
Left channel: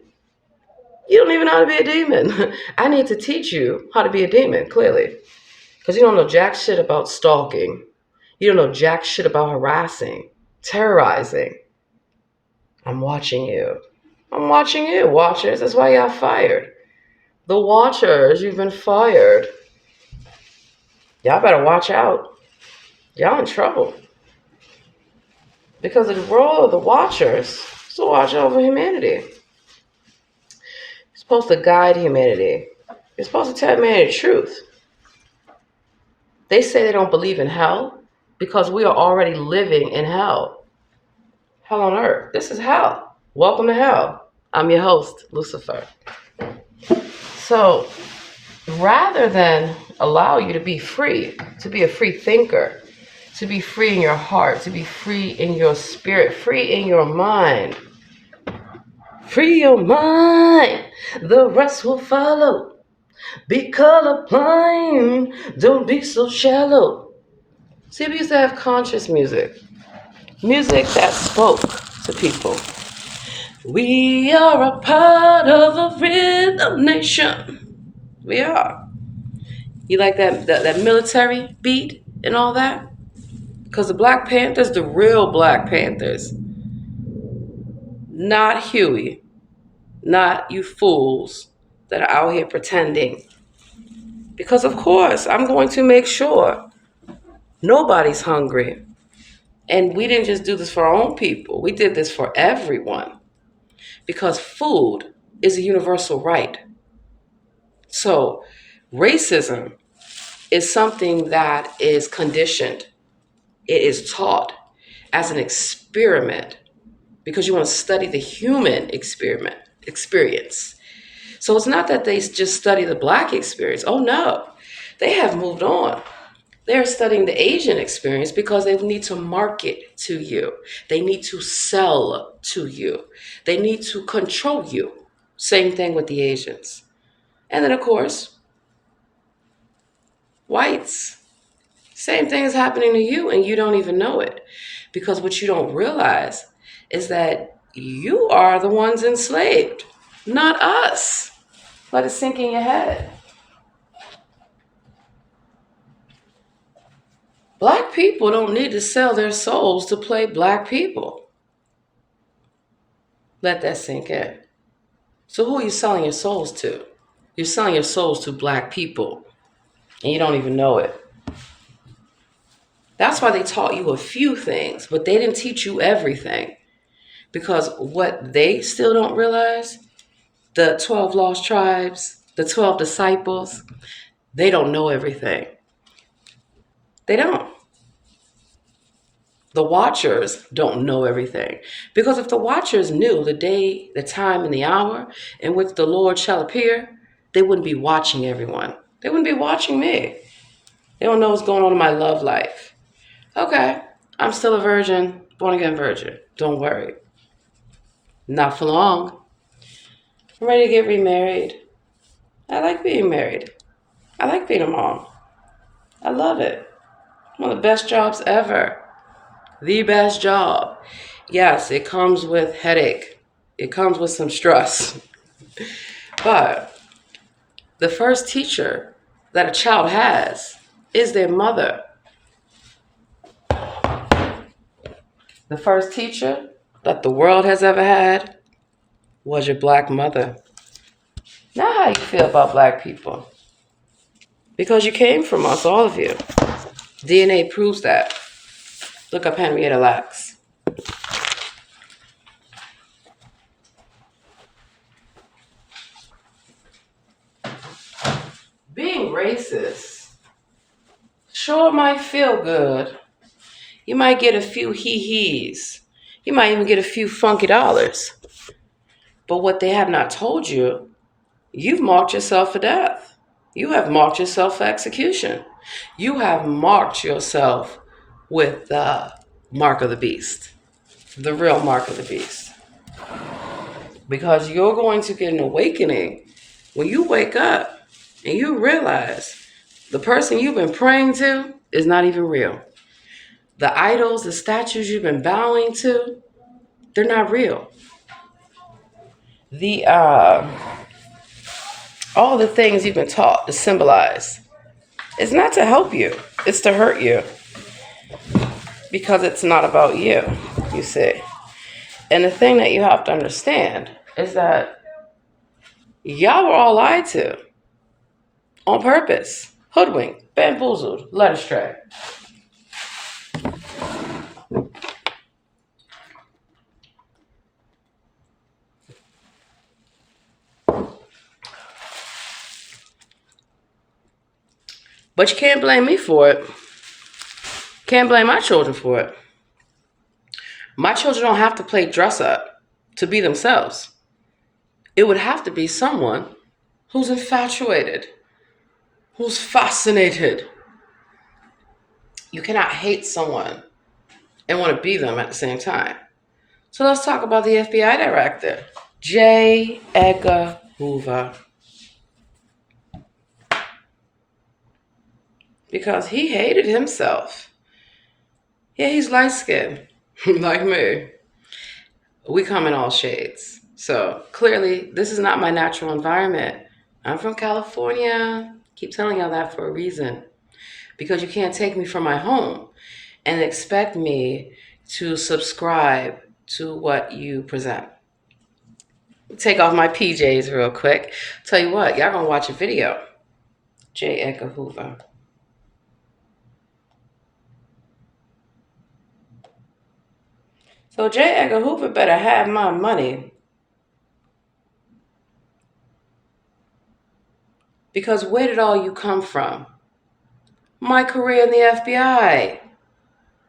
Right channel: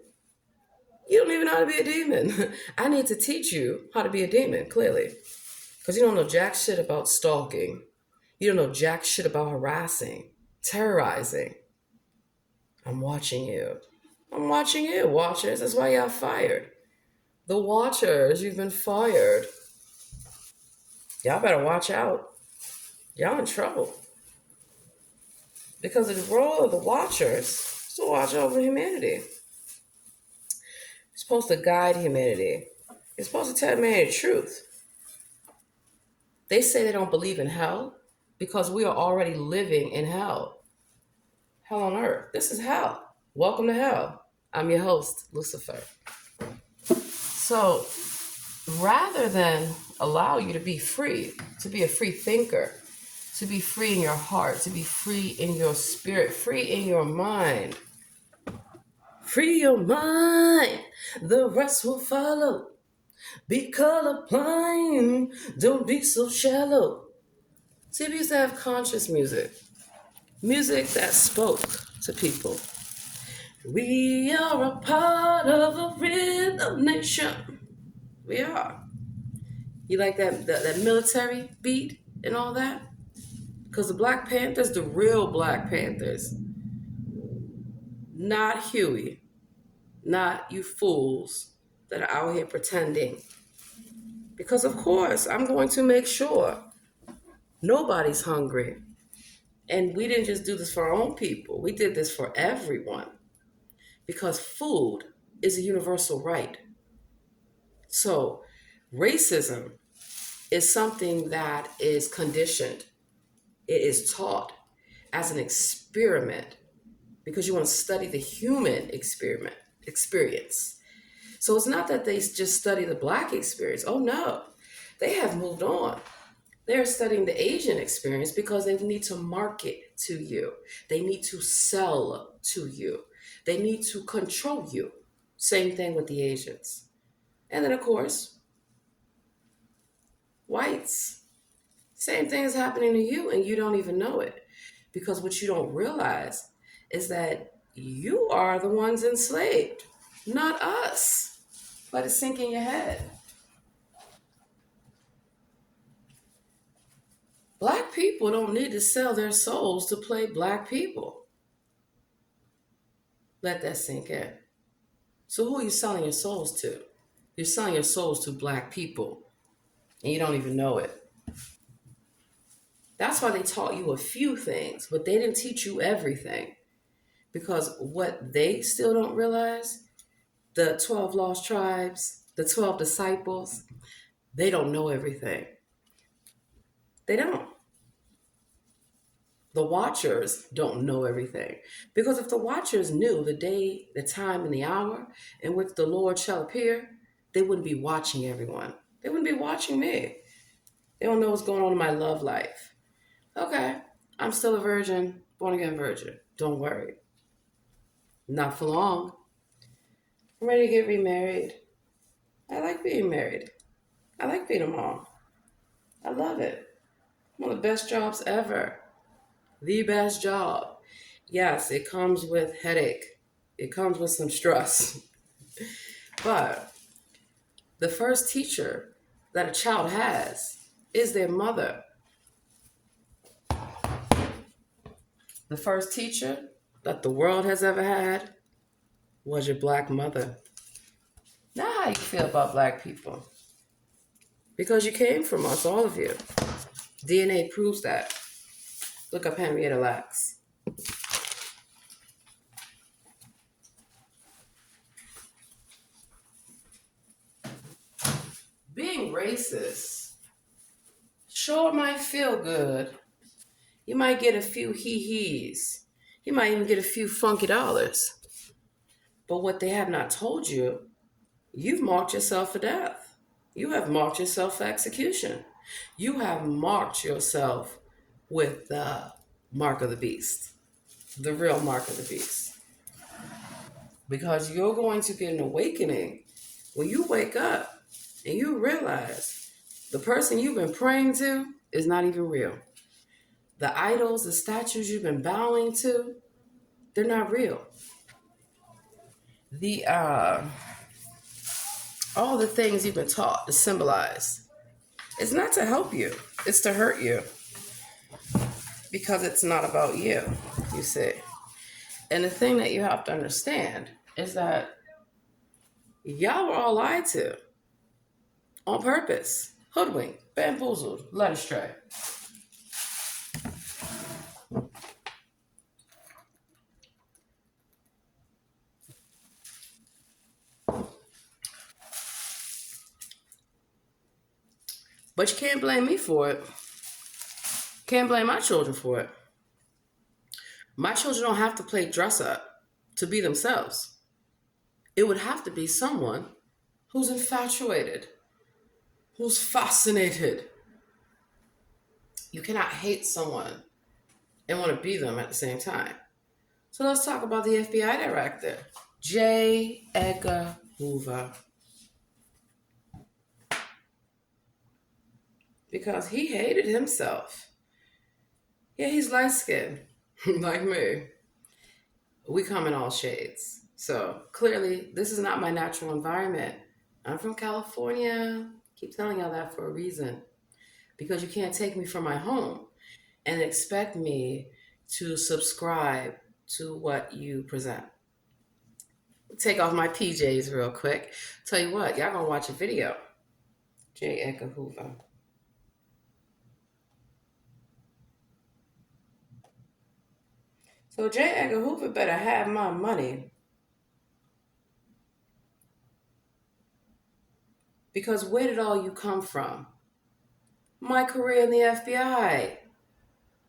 You don't even know how to be a demon. I need to teach you how to be a demon, clearly. Because you don't know jack shit about stalking. You don't know jack shit about harassing, terrorizing. I'm watching you. I'm watching you, watchers. That's why y'all fired. The watchers, you've been fired. Y'all better watch out. Y'all in trouble. Because the role of the watchers is to watch over humanity. You're supposed to guide humanity. You're supposed to tell humanity the truth. They say they don't believe in hell because we are already living in hell. Hell on earth. This is hell. Welcome to hell. I'm your host, Lucifer. So, rather than allow you to be free, to be a free thinker, to be free in your heart, to be free in your spirit, free in your mind, free your mind, the rest will follow. Be colorblind, don't be so shallow. See, we used to have conscious music. Music that spoke to people. We are a part of a rhythm nation. We are. You like that military beat and all that? Because the Black Panthers, the real Black Panthers, not Huey, not you fools that are out here pretending. Because, of course, I'm going to make sure nobody's hungry. And we didn't just do this for our own people, we did this for everyone. Because food is a universal right. So, racism is something that is conditioned, it is taught as an experiment because you want to study the human experience. So it's not that they just study the Black experience. Oh no, they have moved on. They're studying the Asian experience because they need to market to you. They need to sell to you. They need to control you. Same thing with the Asians. And then, of course, whites. Same thing is happening to you and you don't even know it. Because what you don't realize is that you are the ones enslaved, not us. Let it sink in your head. Black people don't need to sell their souls to play Black people. Let that sink in. So who are you selling your souls to? You're selling your souls to Black people and you don't even know it. That's why they taught you a few things, but they didn't teach you everything. Because what they still don't realize, the 12 lost tribes, the 12 disciples, they don't know everything. They don't. The watchers don't know everything. Because if the watchers knew the day, the time, and the hour in which the Lord shall appear, they wouldn't be watching everyone. They wouldn't be watching me. They don't know what's going on in my love life. Okay, I'm still a virgin, born again virgin. Don't worry. Not for long. I'm ready to get remarried. I like being married. I like being a mom. I love it. One of the best jobs ever. The best job. Yes, it comes with headache. It comes with some stress. But the first teacher that a child has is their mother. The first teacher that the world has ever had was your Black mother. Now how you feel about Black people? Because you came from us, all of you. DNA proves that. Look up Henrietta Lacks. Being racist sure might feel good. You might get a few hee-hees. You might even get a few funky dollars. But what they have not told you, you've marked yourself for death. You have marked yourself for execution. You have marked yourself with the mark of the beast, the real mark of the beast. Because you're going to get an awakening when you wake up and you realize the person you've been praying to is not even real. The idols, the statues you've been bowing to, they're not real. The all the things you've been taught to symbolize, it's not to help you, it's to hurt you. Because it's not about you, you see. And the thing that you have to understand is that y'all were all lied to on purpose, hoodwinked, bamboozled, led astray. But you can't blame me for it. Can't blame my children for it. My children don't have to play dress up to be themselves. It would have to be someone who's infatuated, who's fascinated. You cannot hate someone and want to be them at the same time. So let's talk about the FBI director, J. Edgar Hoover. Because he hated himself. Yeah, he's light-skinned, like me. We come in all shades. So clearly, this is not my natural environment. I'm from California. Keep telling y'all that for a reason. Because you can't take me from my home and expect me to subscribe to what you present. Take off my PJs real quick. Tell you what, y'all gonna watch a video. J. Edgar Hoover. So J. Edgar Hoover better have my money. Because where did all you come from? My career in the FBI.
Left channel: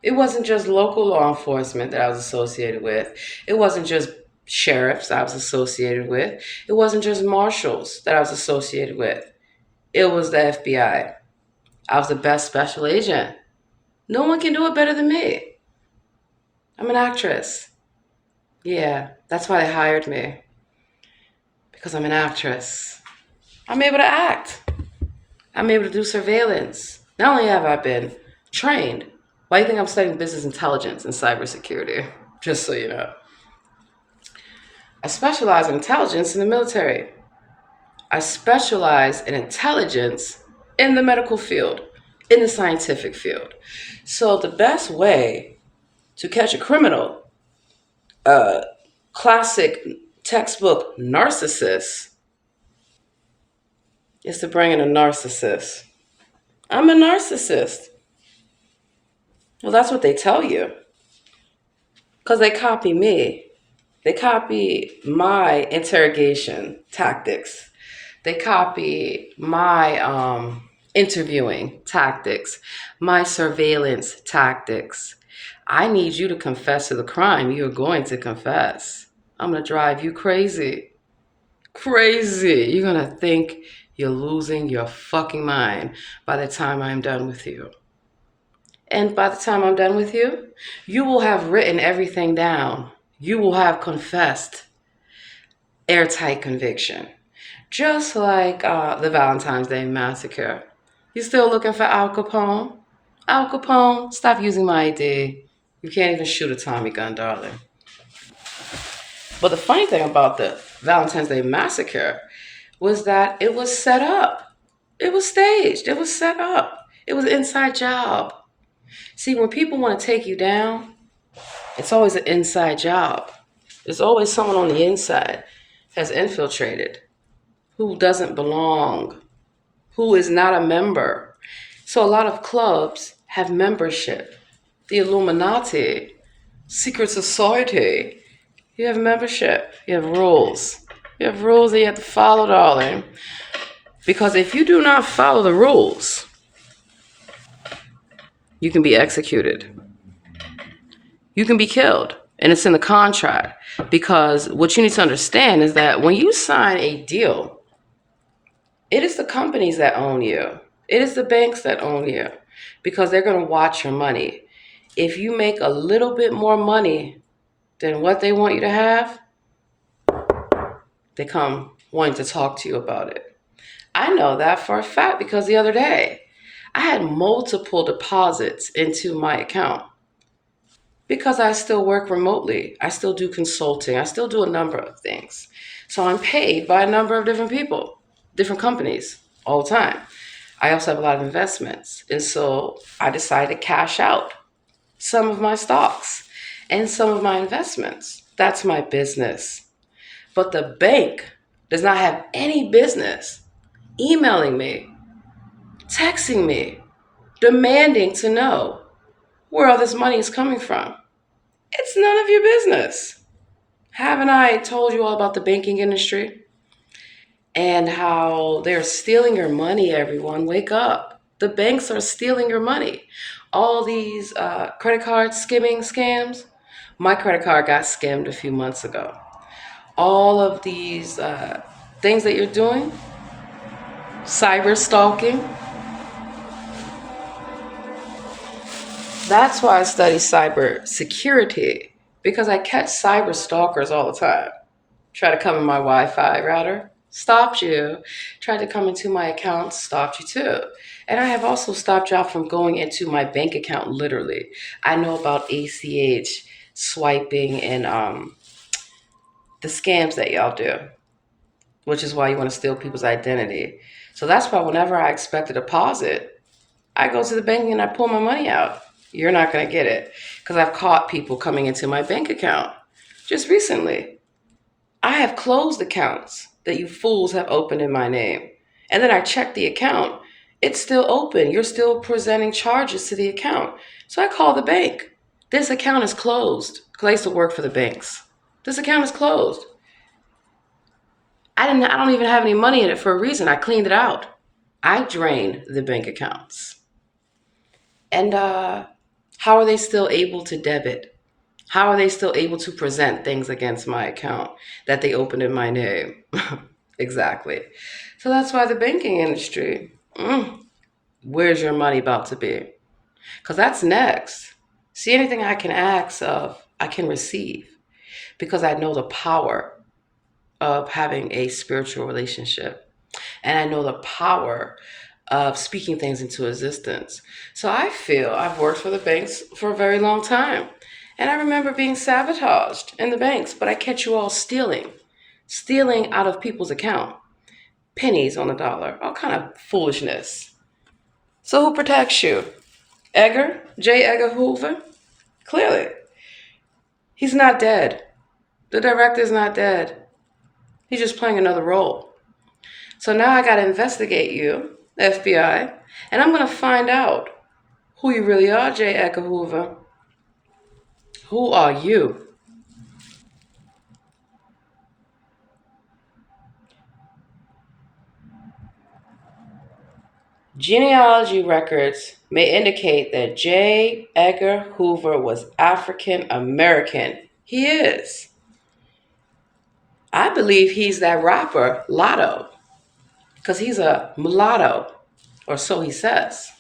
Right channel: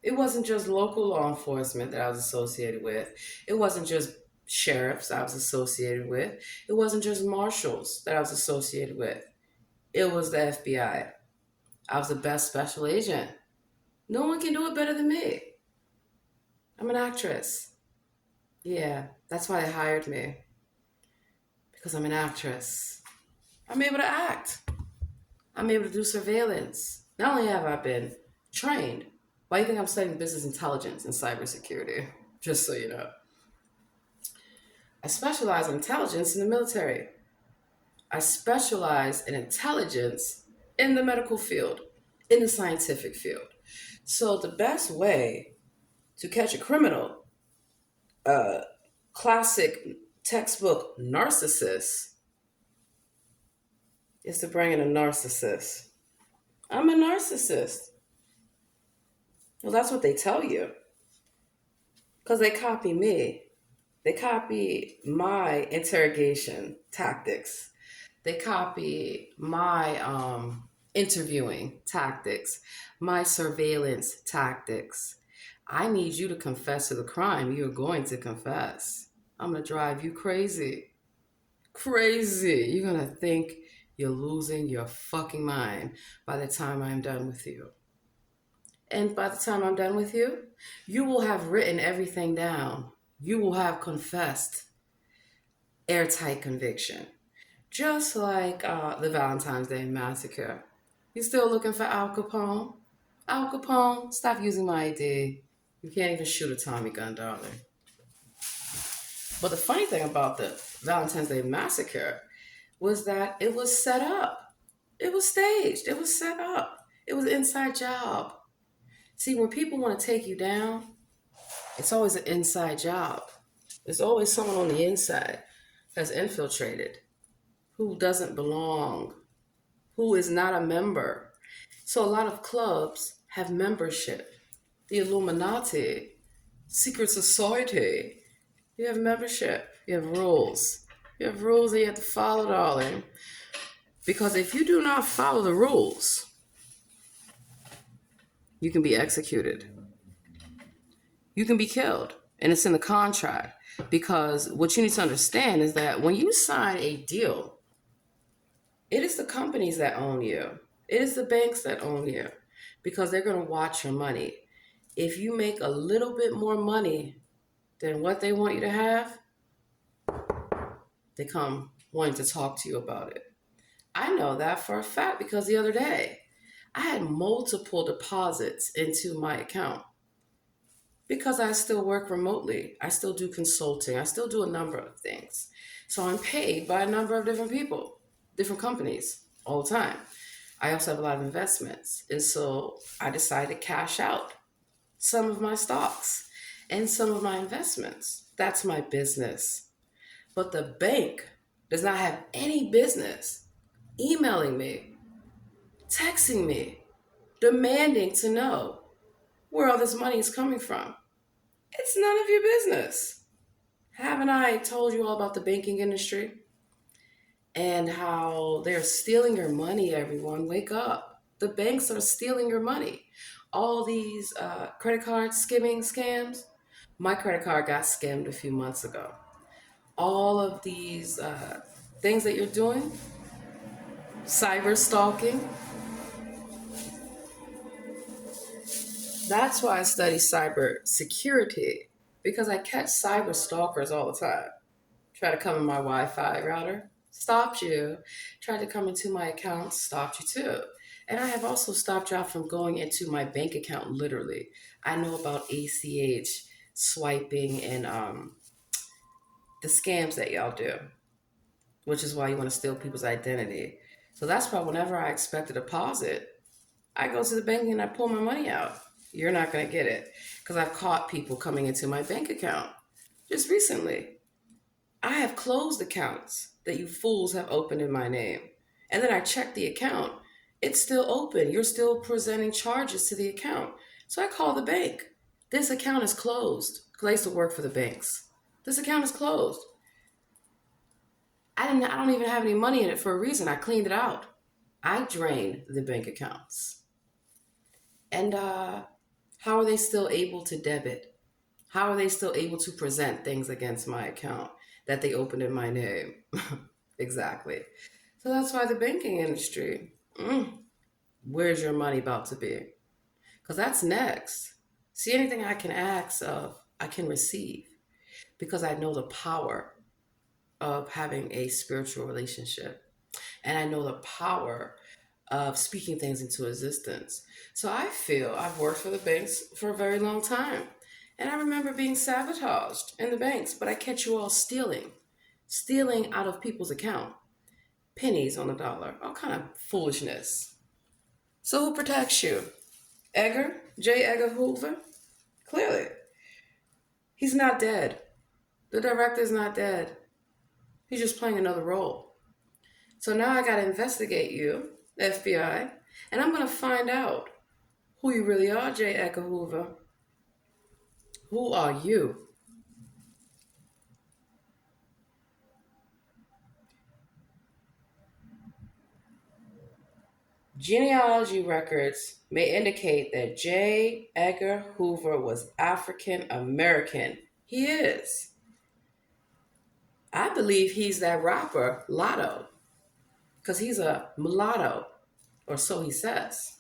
It wasn't just local law enforcement that I was associated with. It wasn't just sheriffs I was associated with. It wasn't just marshals that I was associated with. It was the FBI. I was the best special agent. No one can do it better than me. I'm an actress. Yeah, that's why they hired me. Because I'm an actress. I'm able to act. I'm able to do surveillance. Not only have I been trained, why do you think I'm studying business intelligence and cybersecurity? Just so you know. I specialize in intelligence in the military. I specialize in intelligence in the medical field, in the scientific field. So the best way to catch a criminal, classic textbook narcissist, is to bring in a narcissist. I'm a narcissist. Well, that's what they tell you. Because they copy me. They copy my interrogation tactics. They copy my interviewing tactics, my surveillance tactics. I need you to confess to the crime you're going to confess. I'm going to drive you crazy. Crazy. You're going to think you're losing your fucking mind by the time I'm done with you. And by the time I'm done with you, you will have written everything down. You will have confessed. Airtight conviction. Just like the Valentine's Day Massacre. You still looking for Al Capone? Al Capone, stop using my ID. You can't even shoot a Tommy gun, darling. But the funny thing about the Valentine's Day Massacre was that it was set up. It was staged. It was set up. It was an inside job. See, when people want to take you down, it's always an inside job. There's always someone on the inside has infiltrated, who doesn't belong, who is not a member. So a lot of clubs have membership. The Illuminati, secret society, you have membership, you have rules. You have rules that you have to follow, darling. Because if you do not follow the rules, you can be executed. You can be killed. And it's in the contract. Because what you need to understand is that when you sign a deal, it is the companies that own you. It is the banks that own you because they're going to watch your money. If you make a little bit more money than what they want you to have, they come wanting to talk to you about it. I know that for a fact because the other day I had multiple deposits into my account because I still work remotely. I still do consulting. I still do a number of things. So I'm paid by a number of different people, different companies all the time. I also have a lot of investments. And so I decided to cash out some of my stocks and some of my investments. That's my business. But the bank does not have any business emailing me, texting me, demanding to know where all this money is coming from. It's none of your business. Haven't I told you all about the banking industry and how they're stealing your money, everyone? Wake up. The banks are stealing your money. All these credit card skimming scams. My credit card got skimmed a few months ago. All of these things that you're doing, cyber stalking. That's why I study cyber security because I catch cyber stalkers all the time. Try to come in my Wi-Fi router, stopped you. Tried to come into my account, stopped you too. And I have also stopped y'all from going into my bank account literally. I know about ACH, swiping, and the scams that y'all do, which is why you want to steal people's identity. So that's why whenever I expect a deposit, I go to the bank and I pull my money out. You're not going to get it because I've caught people coming into my bank account just recently. I have closed accounts that you fools have opened in my name. And then I check the account. It's still open. You're still presenting charges to the account. So I call the bank. This account is closed. Because I used to work for the banks. This account is closed. I don't even have any money in it for a reason. I cleaned it out. I drained the bank accounts. And how are they still able to debit? How are they still able to present things against my account that they opened in my name? Exactly. So that's why the banking industry, where's your money about to be? Because that's next. See, anything I can ask of, I can receive because I know the power of having a spiritual relationship. And I know the power of speaking things into existence. So I feel I've worked for the banks for a very long time. And I remember being sabotaged in the banks, but I catch you all stealing out of people's account, pennies on the dollar, all kind of foolishness. So who protects you? Edgar, J. Edgar Hoover? Clearly, he's not dead. The director is not dead. He's just playing another role. So now I got to investigate you, FBI, and I'm going to find out who you really are, J. Edgar Hoover. Who are you? Genealogy records may indicate that J. Edgar Hoover was African American. He is. I believe he's that rapper, Lotto, because he's a mulatto, or so he says.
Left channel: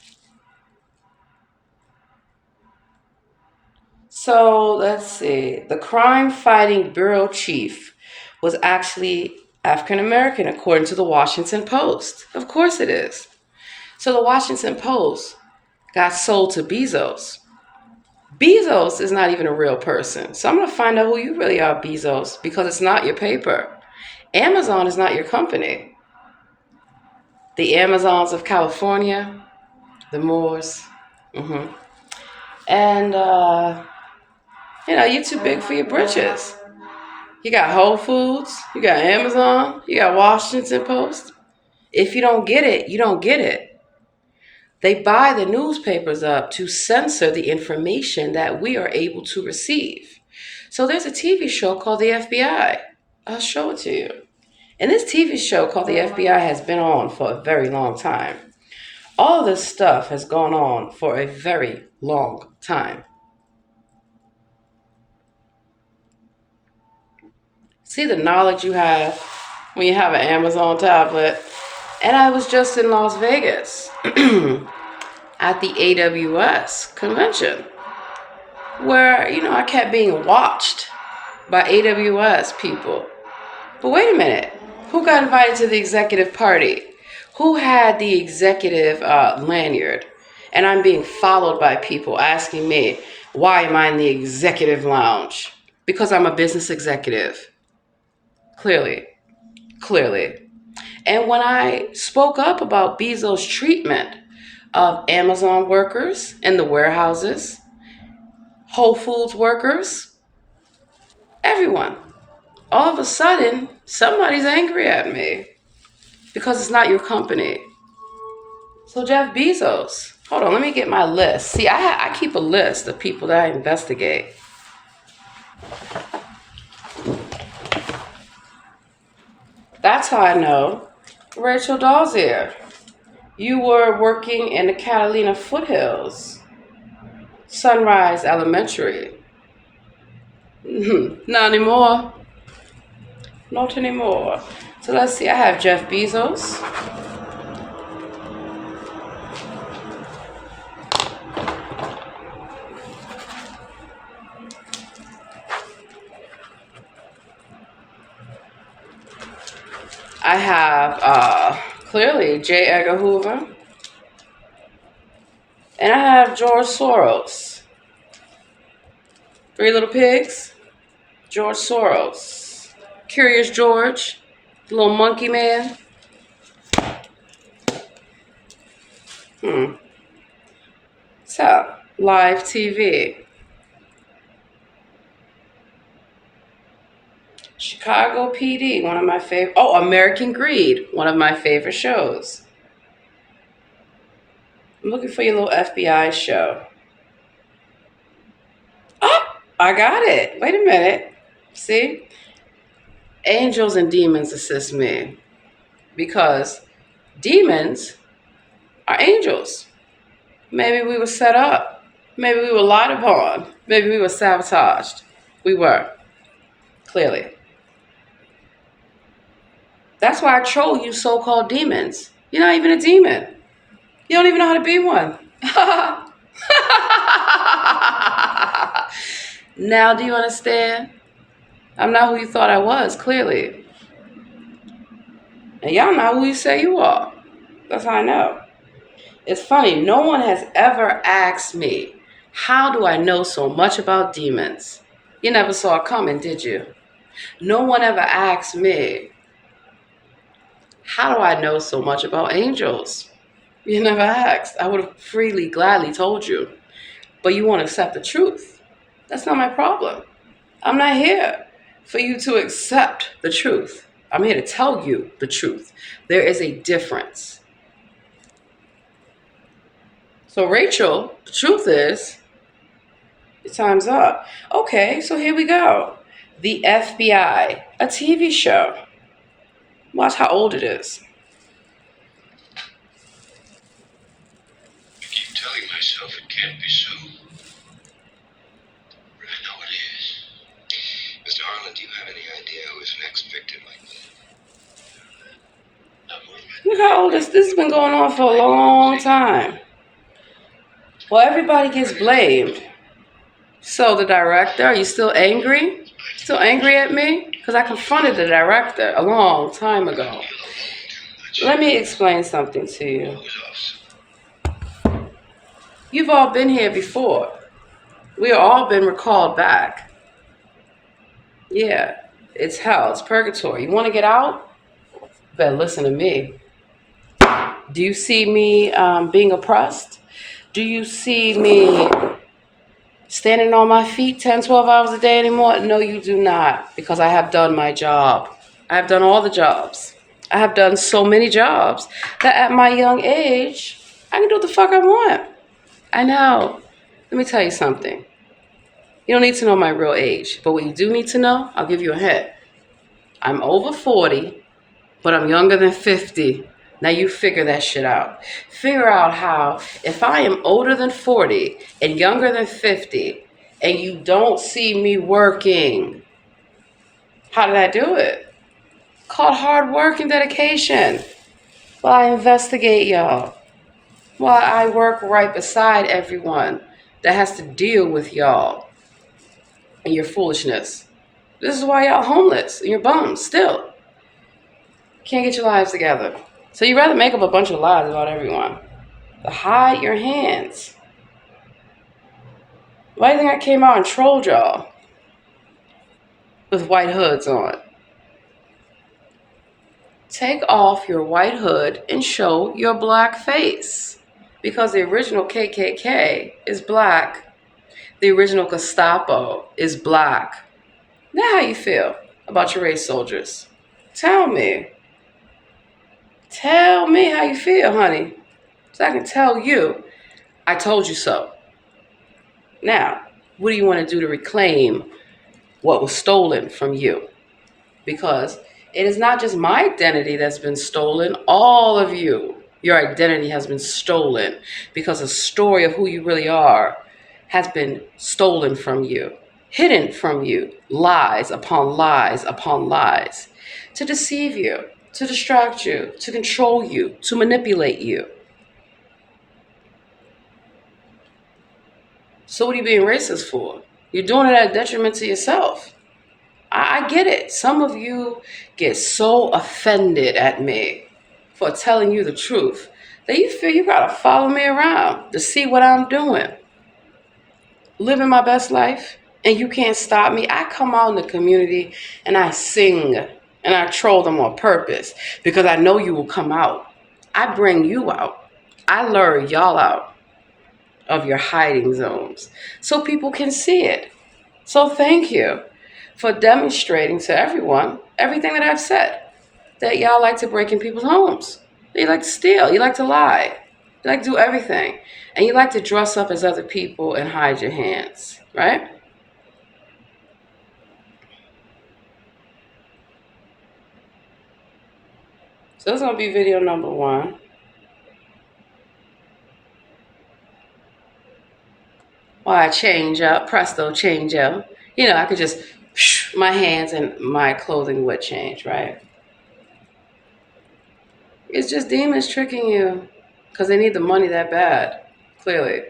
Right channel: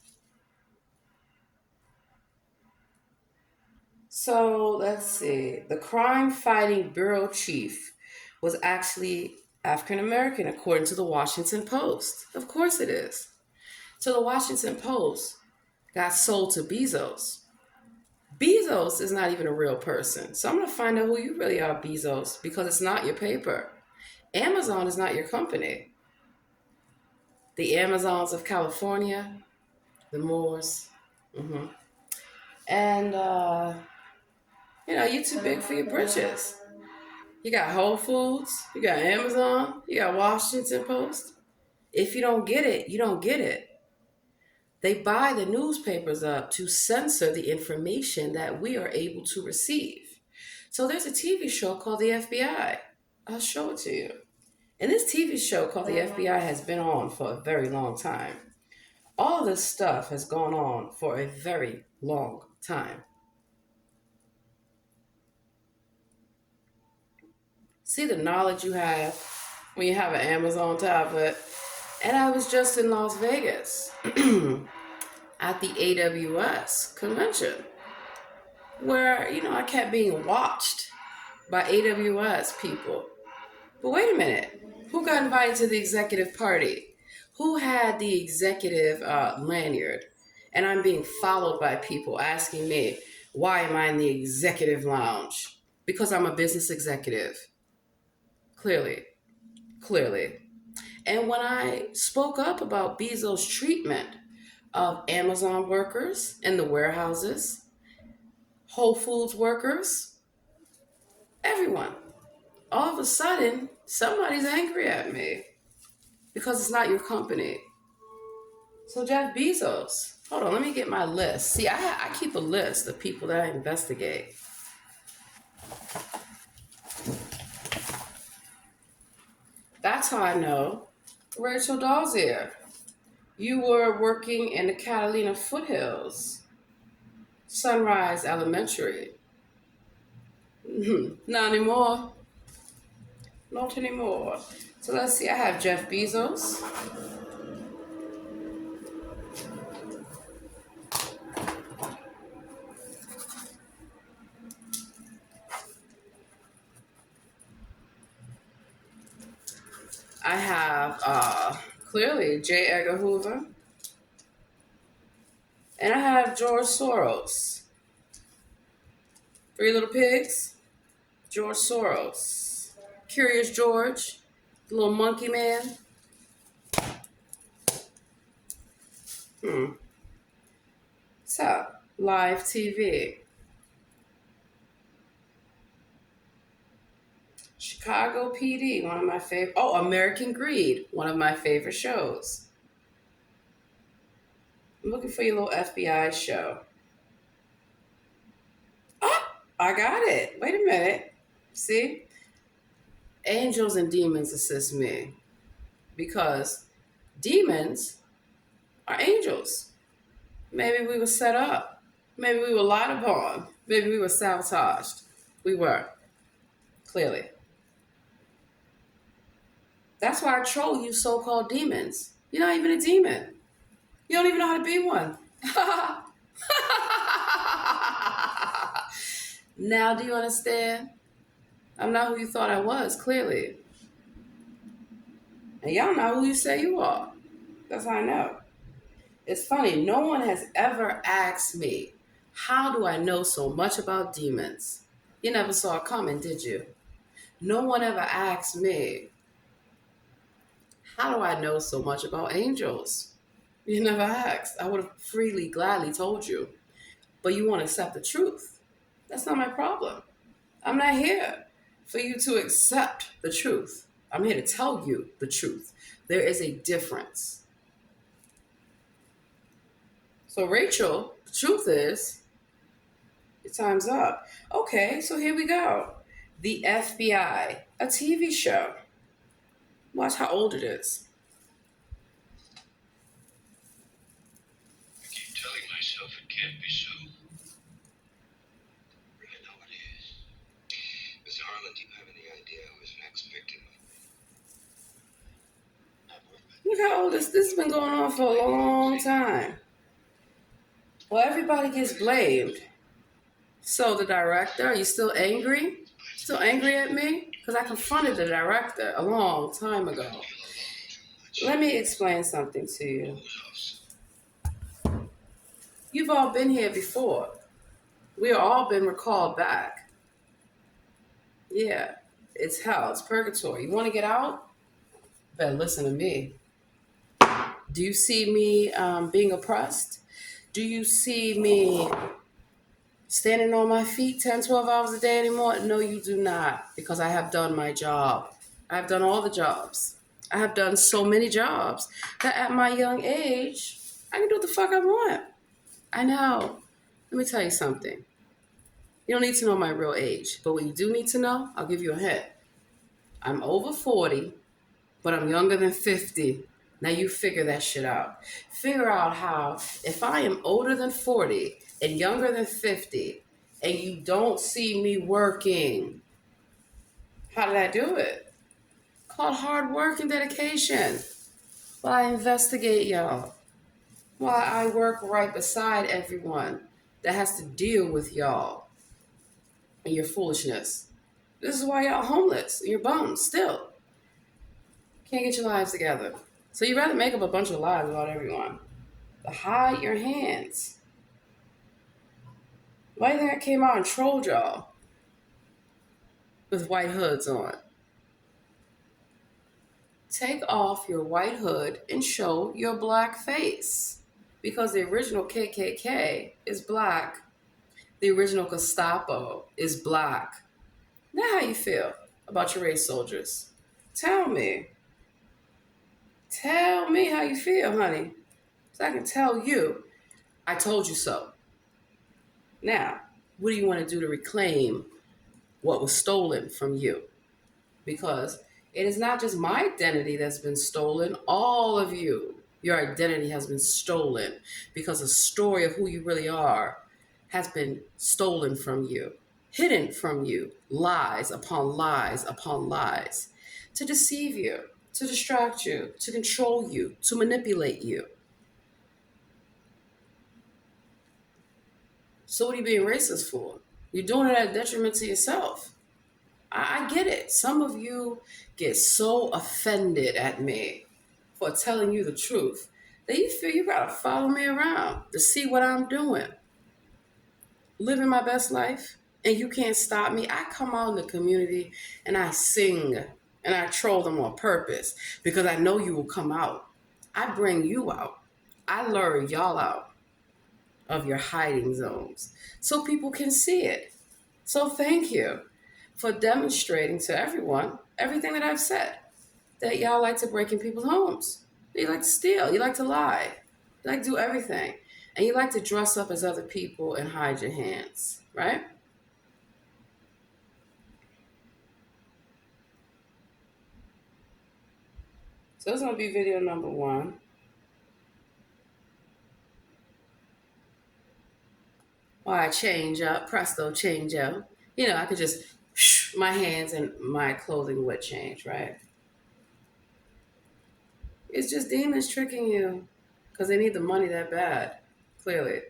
So let's see. The crime fighting bureau chief was actually African American, according to the Washington Post. Of course it is. So the Washington Post got sold to Bezos. Bezos is not even a real person. So I'm going to find out who you really are, Bezos, because it's not your paper. Amazon is not your company. The Amazons of California, the Moors. hmm And, you're too big for your britches. You got Whole Foods, you got Amazon, you got Washington Post. If you don't get it, you don't get it. They buy the newspapers up to censor the information that we are able to receive. So there's a TV show called The FBI. I'll show it to you. And this TV show called The FBI has been on for a very long time. All of this stuff has gone on for a very long time. See the knowledge you have when you have an Amazon tablet. And I was just in Las Vegas at the AWS convention where, I kept being watched by AWS people. But wait a minute. Who got invited to the executive party? Who had the executive lanyard? And I'm being followed by people asking me, why am I in the executive lounge? Because I'm a business executive. Clearly. And when I spoke up about Bezos' treatment of Amazon workers in the warehouses, Whole Foods workers, everyone, all of a sudden, somebody's angry at me because it's not your company. So Jeff Bezos, hold on, let me get my list. See, I keep a list of people that I investigate. That's how I know. Rachel Dozier, you were working in the Catalina foothills, Sunrise Elementary. Not anymore. Not anymore. So let's see, I have Jeff Bezos. I have clearly J. Edgar Hoover. And I have George Soros. Three Little Pigs, George Soros. Curious George, the little monkey man. So, live TV. Chicago PD, one of my favorite. Oh, American Greed, one of my favorite shows. I'm looking for your little FBI show. Oh, I got it. Wait a minute. See? Angels and demons assist me because demons are angels. Maybe we were set up. Maybe we were lied upon. Maybe we were sabotaged. We were. Clearly. That's why I troll you so-called demons. You're not even a demon. You don't even know how to be one. Now do you understand? I'm not who you thought I was, clearly. And y'all know who you say you are. That's how I know. It's funny, no one has ever asked me, how do I know so much about demons? You never saw it coming, did you? No one ever asked me, how do I know so much about angels? You never asked. I would have freely, gladly told you. But you won't accept the truth. That's not my problem. I'm not here for you to accept the truth. I'm here to tell you the truth. There is a difference. So Rachel, the truth is, your time's up. Okay, so here we go. The FBI, a TV show. Watch how old it is. I keep telling myself it can't be so. But I know it is. Mr. Harlan, do you have any idea who is next victim like me? Look how old this has been going on for a long time. Well, everybody gets blamed. So the director, are you still angry? Still angry at me? Because I confronted the director a long time ago. Let me explain something to you. You've all been here before. We have all been recalled back. Yeah, it's hell, it's purgatory. You want to get out? Better listen to me. Do you see me being oppressed? Do you see me standing on my feet 10, 12 hours a day anymore? No, you do not, because I have done my job. I have done all the jobs. I have done so many jobs that at my young age, I can do what the fuck I want. I know. Let me tell you something. You don't need to know my real age, but what you do need to know, I'll give you a hint. I'm over 40, but I'm younger than 50. Now you figure that shit out. Figure out how, if I am older than 40 and younger than 50, and you don't see me working, How did I do it? Called hard work and dedication. While I investigate y'all. While I work right beside everyone that has to deal with y'all and your foolishness. This is why y'all homeless and you're bums still. Can't get your lives together. So you rather make up a bunch of lies about everyone. To hide your hands. Why do you think I came out and trolled y'all? With white hoods on. Take off your white hood and show your black face. Because the original KKK is black. The original Gestapo is black. Now how you feel about your race soldiers? Tell me. Tell me how you feel, honey. So I can tell you, I told you so. Now, what do you want to do to reclaim what was stolen from you? Because it is not just my identity that's been stolen, all of you. Your identity has been stolen because the story of who you really are has been stolen from you, hidden from you, lies upon lies upon lies, to deceive you, to distract you, to control you, to manipulate you. So what are you being racist for? You're doing it at detriment to yourself. I get it. Some of you get so offended at me for telling you the truth that you feel you gotta follow me around to see what I'm doing. Living my best life, and you can't stop me. I come out in the community and I sing and I troll them on purpose because I know you will come out. I bring you out. I lure y'all out of your hiding zones so people can see it. So thank you for demonstrating to everyone everything that I've said. That y'all like to break in people's homes. You like to steal. You like to lie. You like to do everything. And you like to dress up as other people and hide your hands, right? So this is going to be video number 1. While I change up, presto, change up. You know, I could just, my hands and my clothing would change, right? It's just demons tricking you because they need the money that bad, clearly.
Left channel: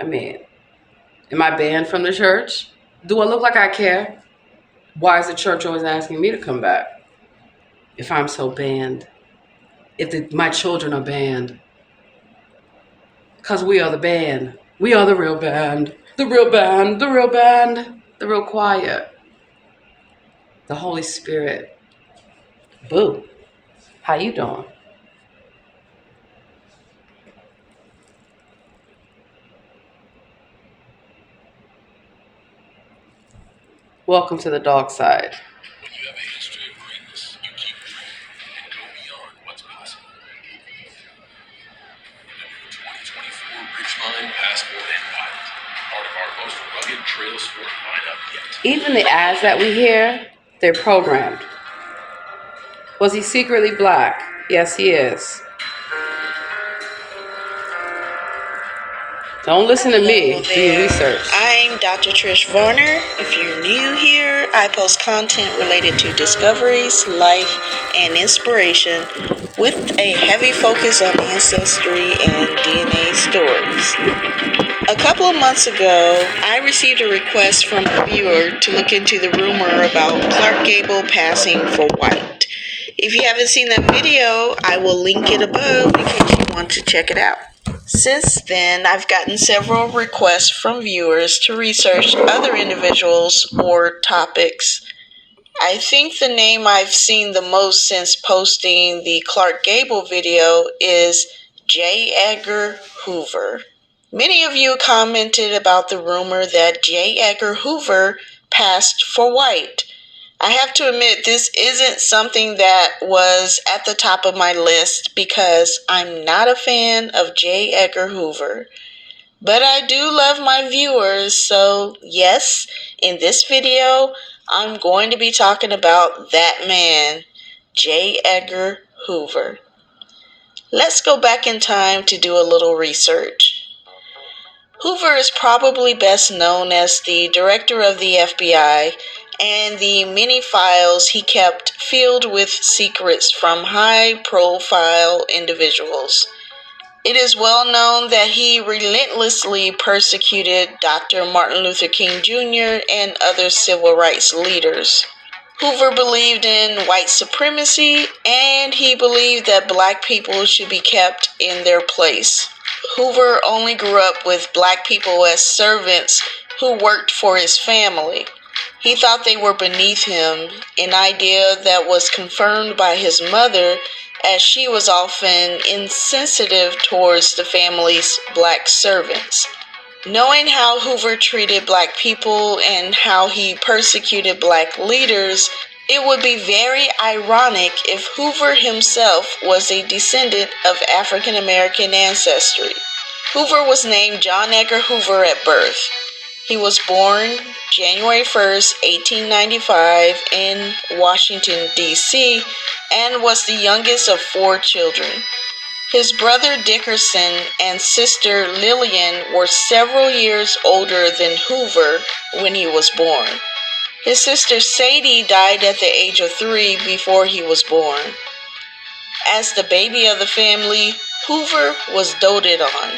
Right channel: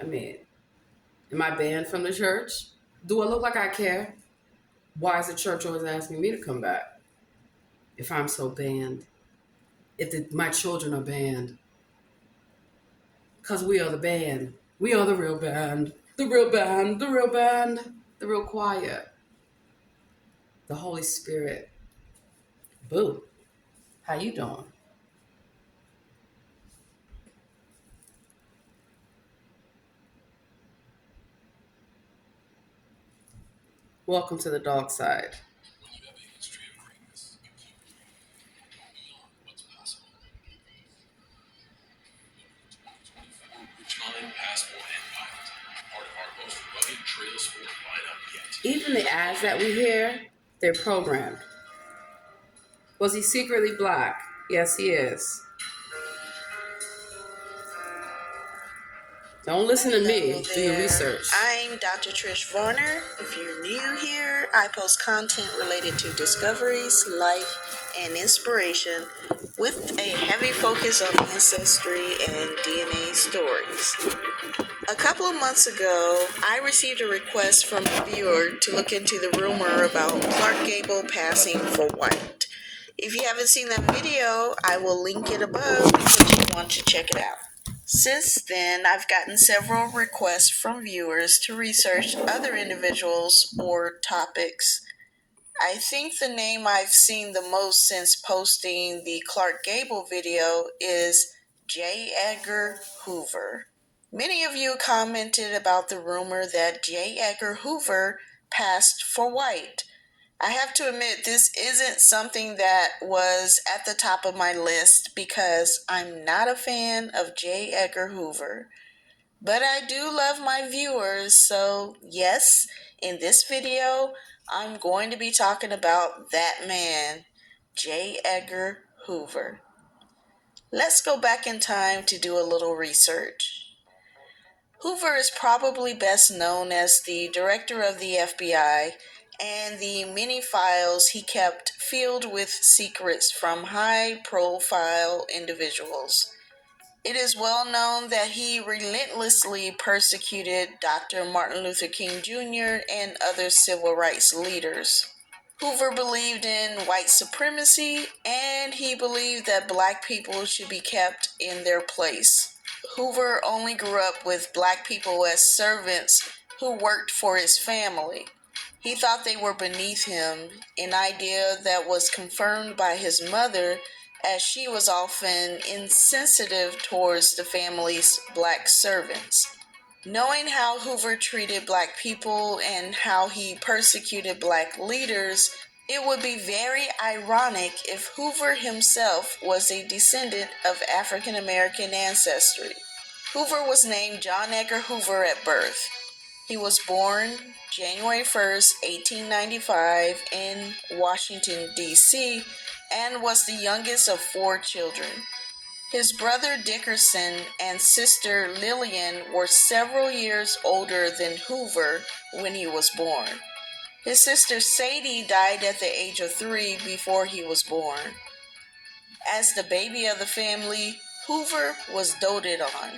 I mean, am I banned from the church? Do I look like I care? Why is the church always asking me to come back if I'm so banned? If my children are banned? Because we are the band. We are the real band. The real band. The real band. The real choir. The Holy Spirit. Boo. How you doing? Welcome to the dark side. When you have a history of greatness, you keep dreaming and go beyond what's possible. The new 2024 Ridgeline Passport and Pilot, part of our most rugged trail sport lineup yet. Even the ads that we hear, they're programmed. Was he secretly black? Yes, he is. Don't listen to me. Do your research. I'm Dr. Trish Varner. If you're new here, I post content related to discoveries, life, and inspiration with a heavy focus on ancestry and DNA stories. A couple of months ago, I received a request from a viewer to look into the rumor about Clark Gable passing for white. If you haven't seen that video, I will link it above because you want to check it out. Since then, I've gotten several requests from viewers to research other individuals or topics. I think the name I've seen the most since posting the Clark Gable video is J. Edgar Hoover. Many of you commented about the rumor that J. Edgar Hoover passed for white. I have to admit, this isn't something that was at the top of my list because I'm not a fan of J. Edgar Hoover. But I do love my viewers, so yes, in this video, I'm going to be talking about that man, J. Edgar Hoover. Let's go back in time to do a little research. Hoover is probably best known as the director of the FBI and the many files he kept filled with secrets from high-profile individuals. It is well known that he relentlessly persecuted Dr. Martin Luther King Jr. and other civil rights leaders. Hoover believed in white supremacy, and he believed that black people should be kept in their place. Hoover only grew up with black people as servants who worked for his family. He thought they were beneath him, an idea that was confirmed by his mother, as she was often insensitive towards the family's black servants. Knowing how Hoover treated black people and how he persecuted black leaders, it would be very ironic if Hoover himself was a descendant of African American ancestry. Hoover was named John Edgar Hoover at birth. He was born January 1st, 1895 in Washington, D.C., and was the youngest of 4 children. His brother Dickerson and sister Lillian were several years older than Hoover when he was born. His sister Sadie died at the age of 3 before he was born. As the baby of the family, Hoover was doted on.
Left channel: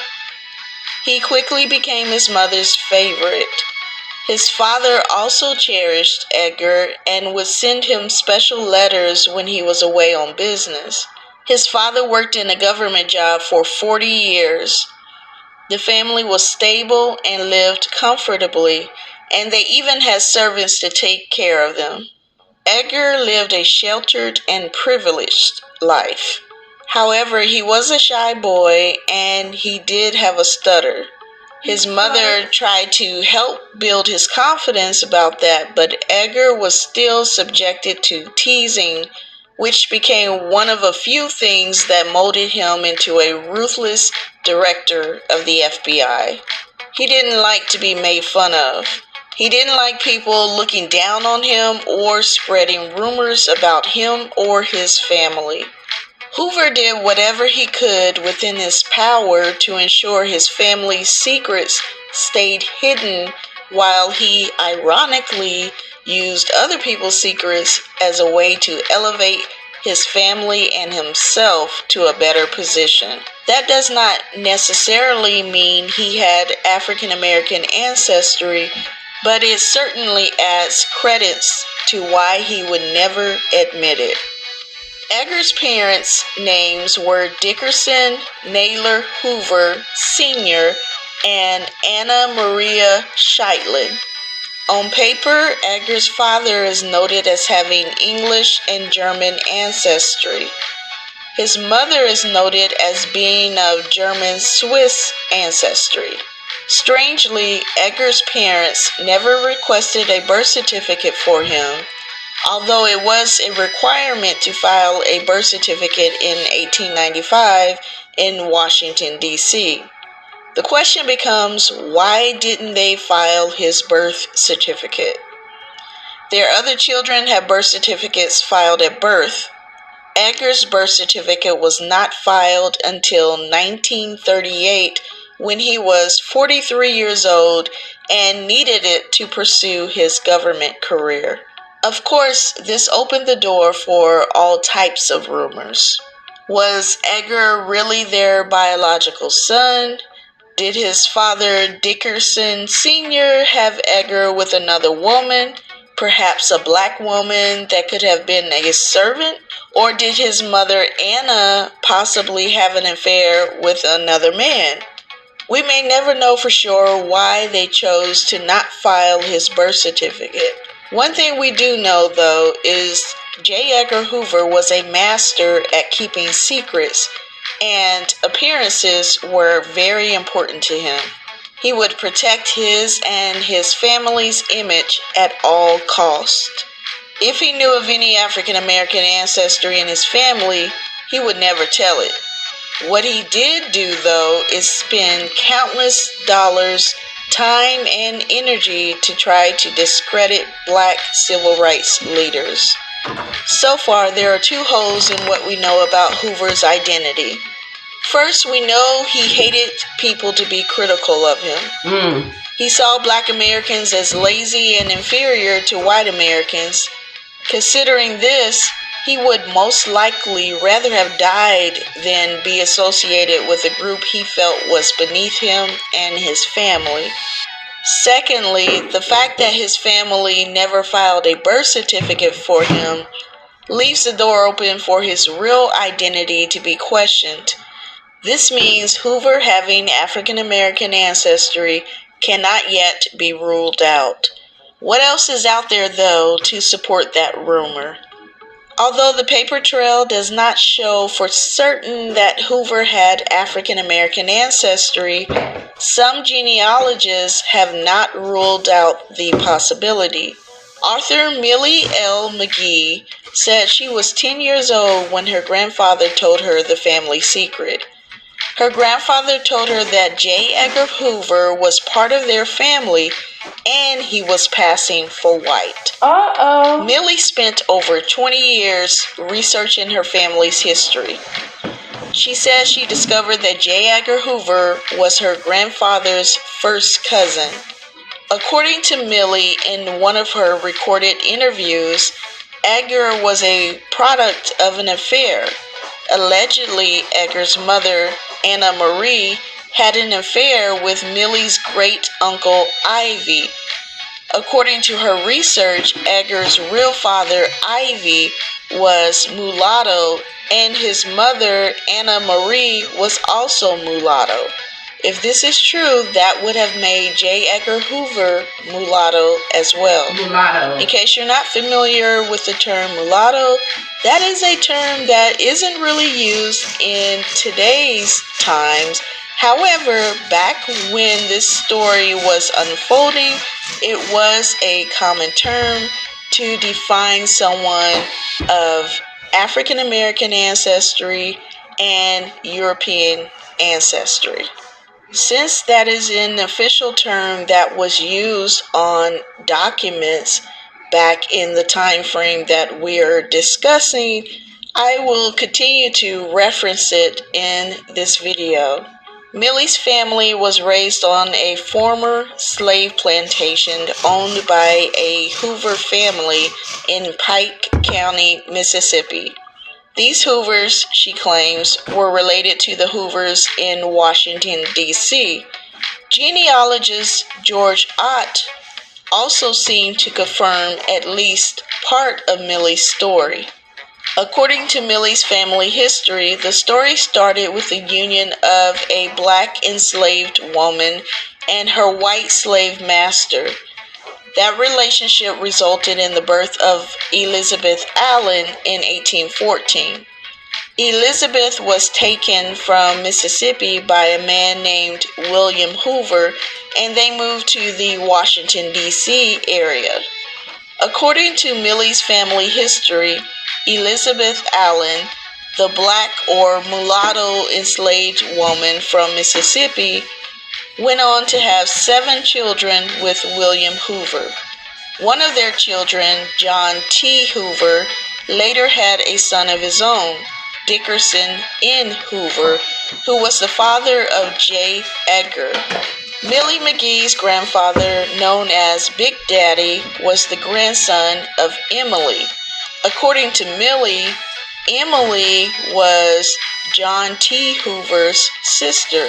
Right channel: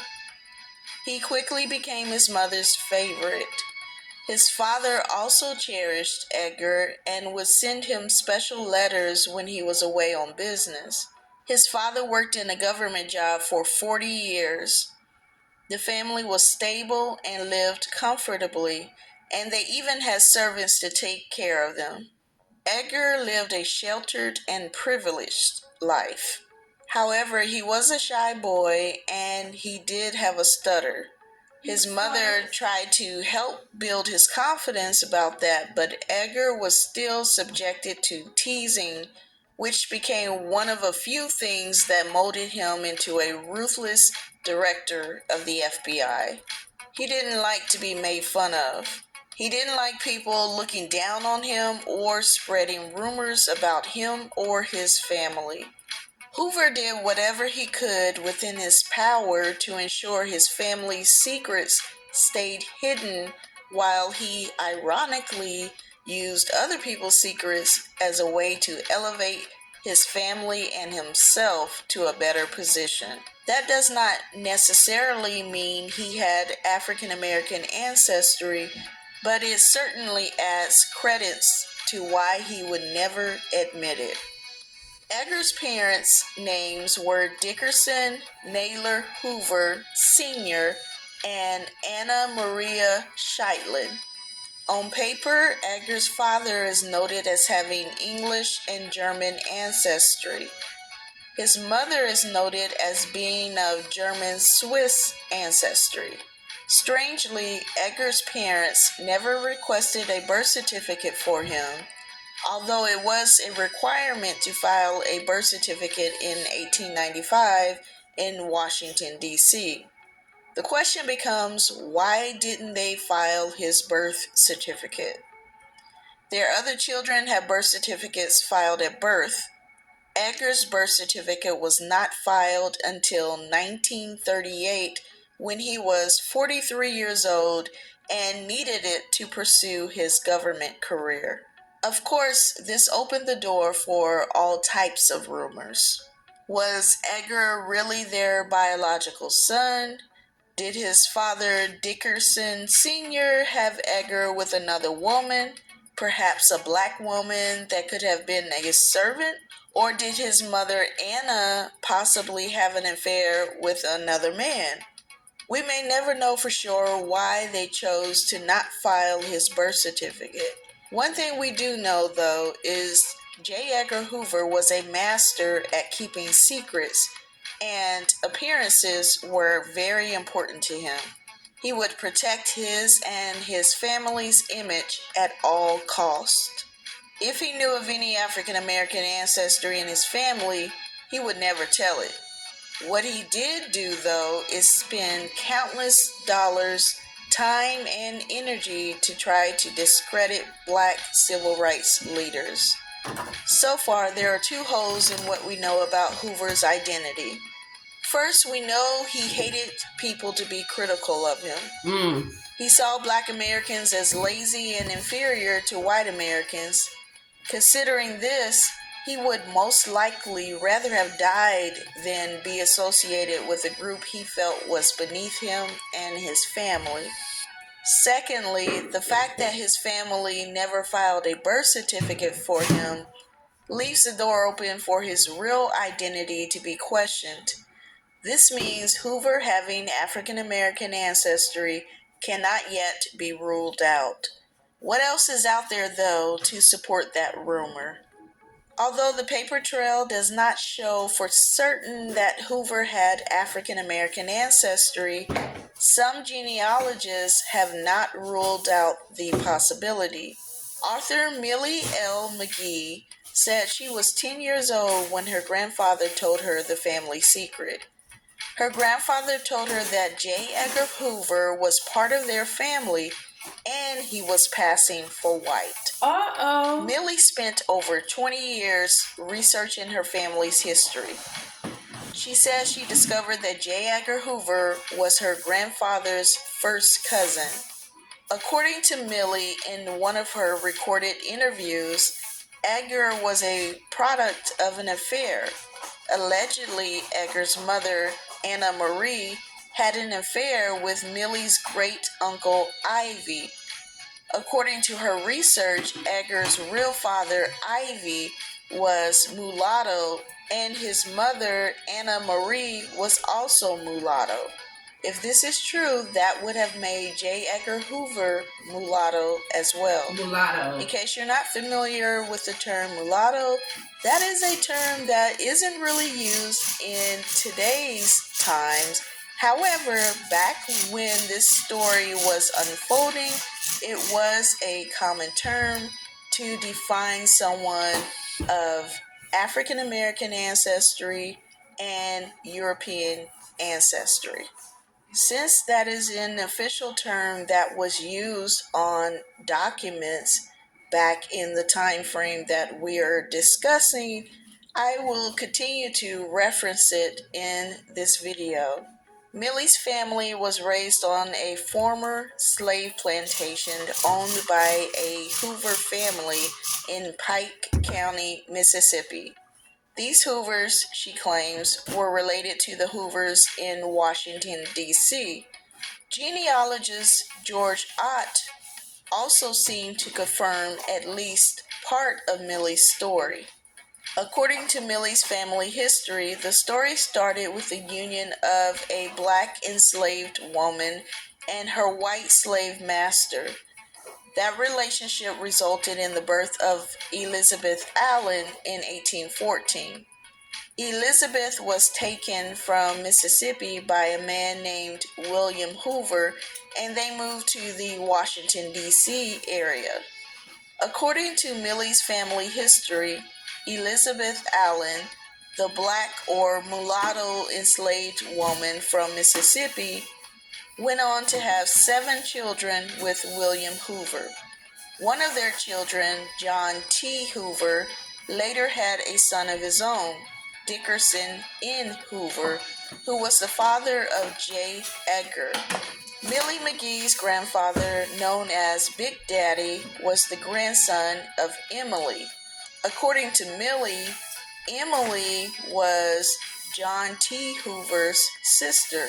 He quickly became his mother's favorite. His father also cherished Edgar and would send him special letters when he was away on business. His father worked in a government job for 40 years. The family was stable and lived comfortably, and they even had servants to take care of them. Edgar lived a sheltered and privileged life. However, he was a shy boy and he did have a stutter. His mother tried to help build his confidence about that, but Edgar was still subjected to teasing, which became one of a few things that molded him into a ruthless director of the FBI. He didn't like to be made fun of. He didn't like people looking down on him or spreading rumors about him or his family. Hoover did whatever he could within his power to ensure his family's secrets stayed hidden, while he ironically used other people's secrets as a way to elevate his family and himself to a better position. That does not necessarily mean he had African American ancestry, but it certainly adds credits to why he would never admit it. Edgar's parents' names were Dickerson Naylor Hoover Sr. and Anna Maria Sheitlin. On paper, Edgar's father is noted as having English and German ancestry. His mother is noted as being of German-Swiss ancestry. Strangely, Edgar's parents never requested a birth certificate for him, although it was a requirement to file a birth certificate in 1895 in Washington, D.C. The question becomes, why didn't they file his birth certificate? Their other children had birth certificates filed at birth. Edgar's birth certificate was not filed until 1938, when he was 43 years old and needed it to pursue his government career. Of course, this opened the door for all types of rumors. Was Edgar really their biological son? Did his father, Dickerson Sr., have Edgar with another woman, perhaps a black woman that could have been a servant? Or did his mother, Anna, possibly have an affair with another man? We may never know for sure why they chose to not file his birth certificate. One thing we do know, though, is J. Edgar Hoover was a master at keeping secrets, and appearances were very important to him. He would protect his and his family's image at all costs. If he knew of any African American ancestry in his family, he would never tell it. What he did do, though, is spend countless dollars, time, and energy to try to discredit black civil rights leaders. So far, there are 2 holes in what we know about Hoover's identity. First, we know he hated people to be critical of him. He saw Black Americans as lazy and inferior to white Americans. Considering this, he would most likely rather have died than be associated with a group he felt was beneath him and his family. Secondly, the fact that his family never filed a birth certificate for him leaves the door open for his real identity to be questioned. This means Hoover having African American ancestry cannot yet be ruled out. What else is out there, though, to support that rumor? Although the paper trail does not show for certain that Hoover had African American ancestry, some genealogists have not ruled out the possibility. Author Millie L. McGee said she was 10 years old when her grandfather told her the family secret. Her grandfather told her that J. Edgar Hoover was part of their family and he was passing for white. Millie spent over 20 years researching her family's history. She says she discovered that J. Edgar Hoover was her grandfather's first cousin. According to Millie, in one of her recorded interviews, Edgar was a product of an affair. Allegedly, Edgar's mother, Anna Marie, had an affair with Millie's great-uncle Ivy. According to her research, Edgar's real father, Ivy, was mulatto, and his mother, Anna Marie, was also mulatto. If this is true, that would have made J. Edgar Hoover mulatto as well. Mulatto. In case you're not familiar with the term mulatto, that is a term that isn't really used in today's times. However, back when this story was unfolding, it was a common term to define someone of African American ancestry and European ancestry. Since that is an official term that was used on documents back in the time frame that we're discussing, I will continue to reference it in this video. Millie's family was raised on a former slave plantation owned by a Hoover family in Pike County, Mississippi. These Hoovers, she claims, were related to the Hoovers in Washington, D.C. Genealogist George Ott also seemed to confirm at least part of Millie's story. According to Millie's family history, the story started with the union of a black enslaved woman and her white slave master. That relationship resulted in the birth of Elizabeth Allen in 1814. Elizabeth was taken from Mississippi by a man named William Hoover, and they moved to the Washington, D.C. area. According to Millie's family history, Elizabeth Allen, the black or mulatto enslaved woman from Mississippi, went on to have 7 children with William Hoover. One of their children, John T. Hoover, later had a son of his own, Dickerson N. Hoover, who was the father of J. Edgar. Millie McGee's grandfather, known as Big Daddy, was the grandson of Emily. According to Millie, Emily was John T. Hoover's sister.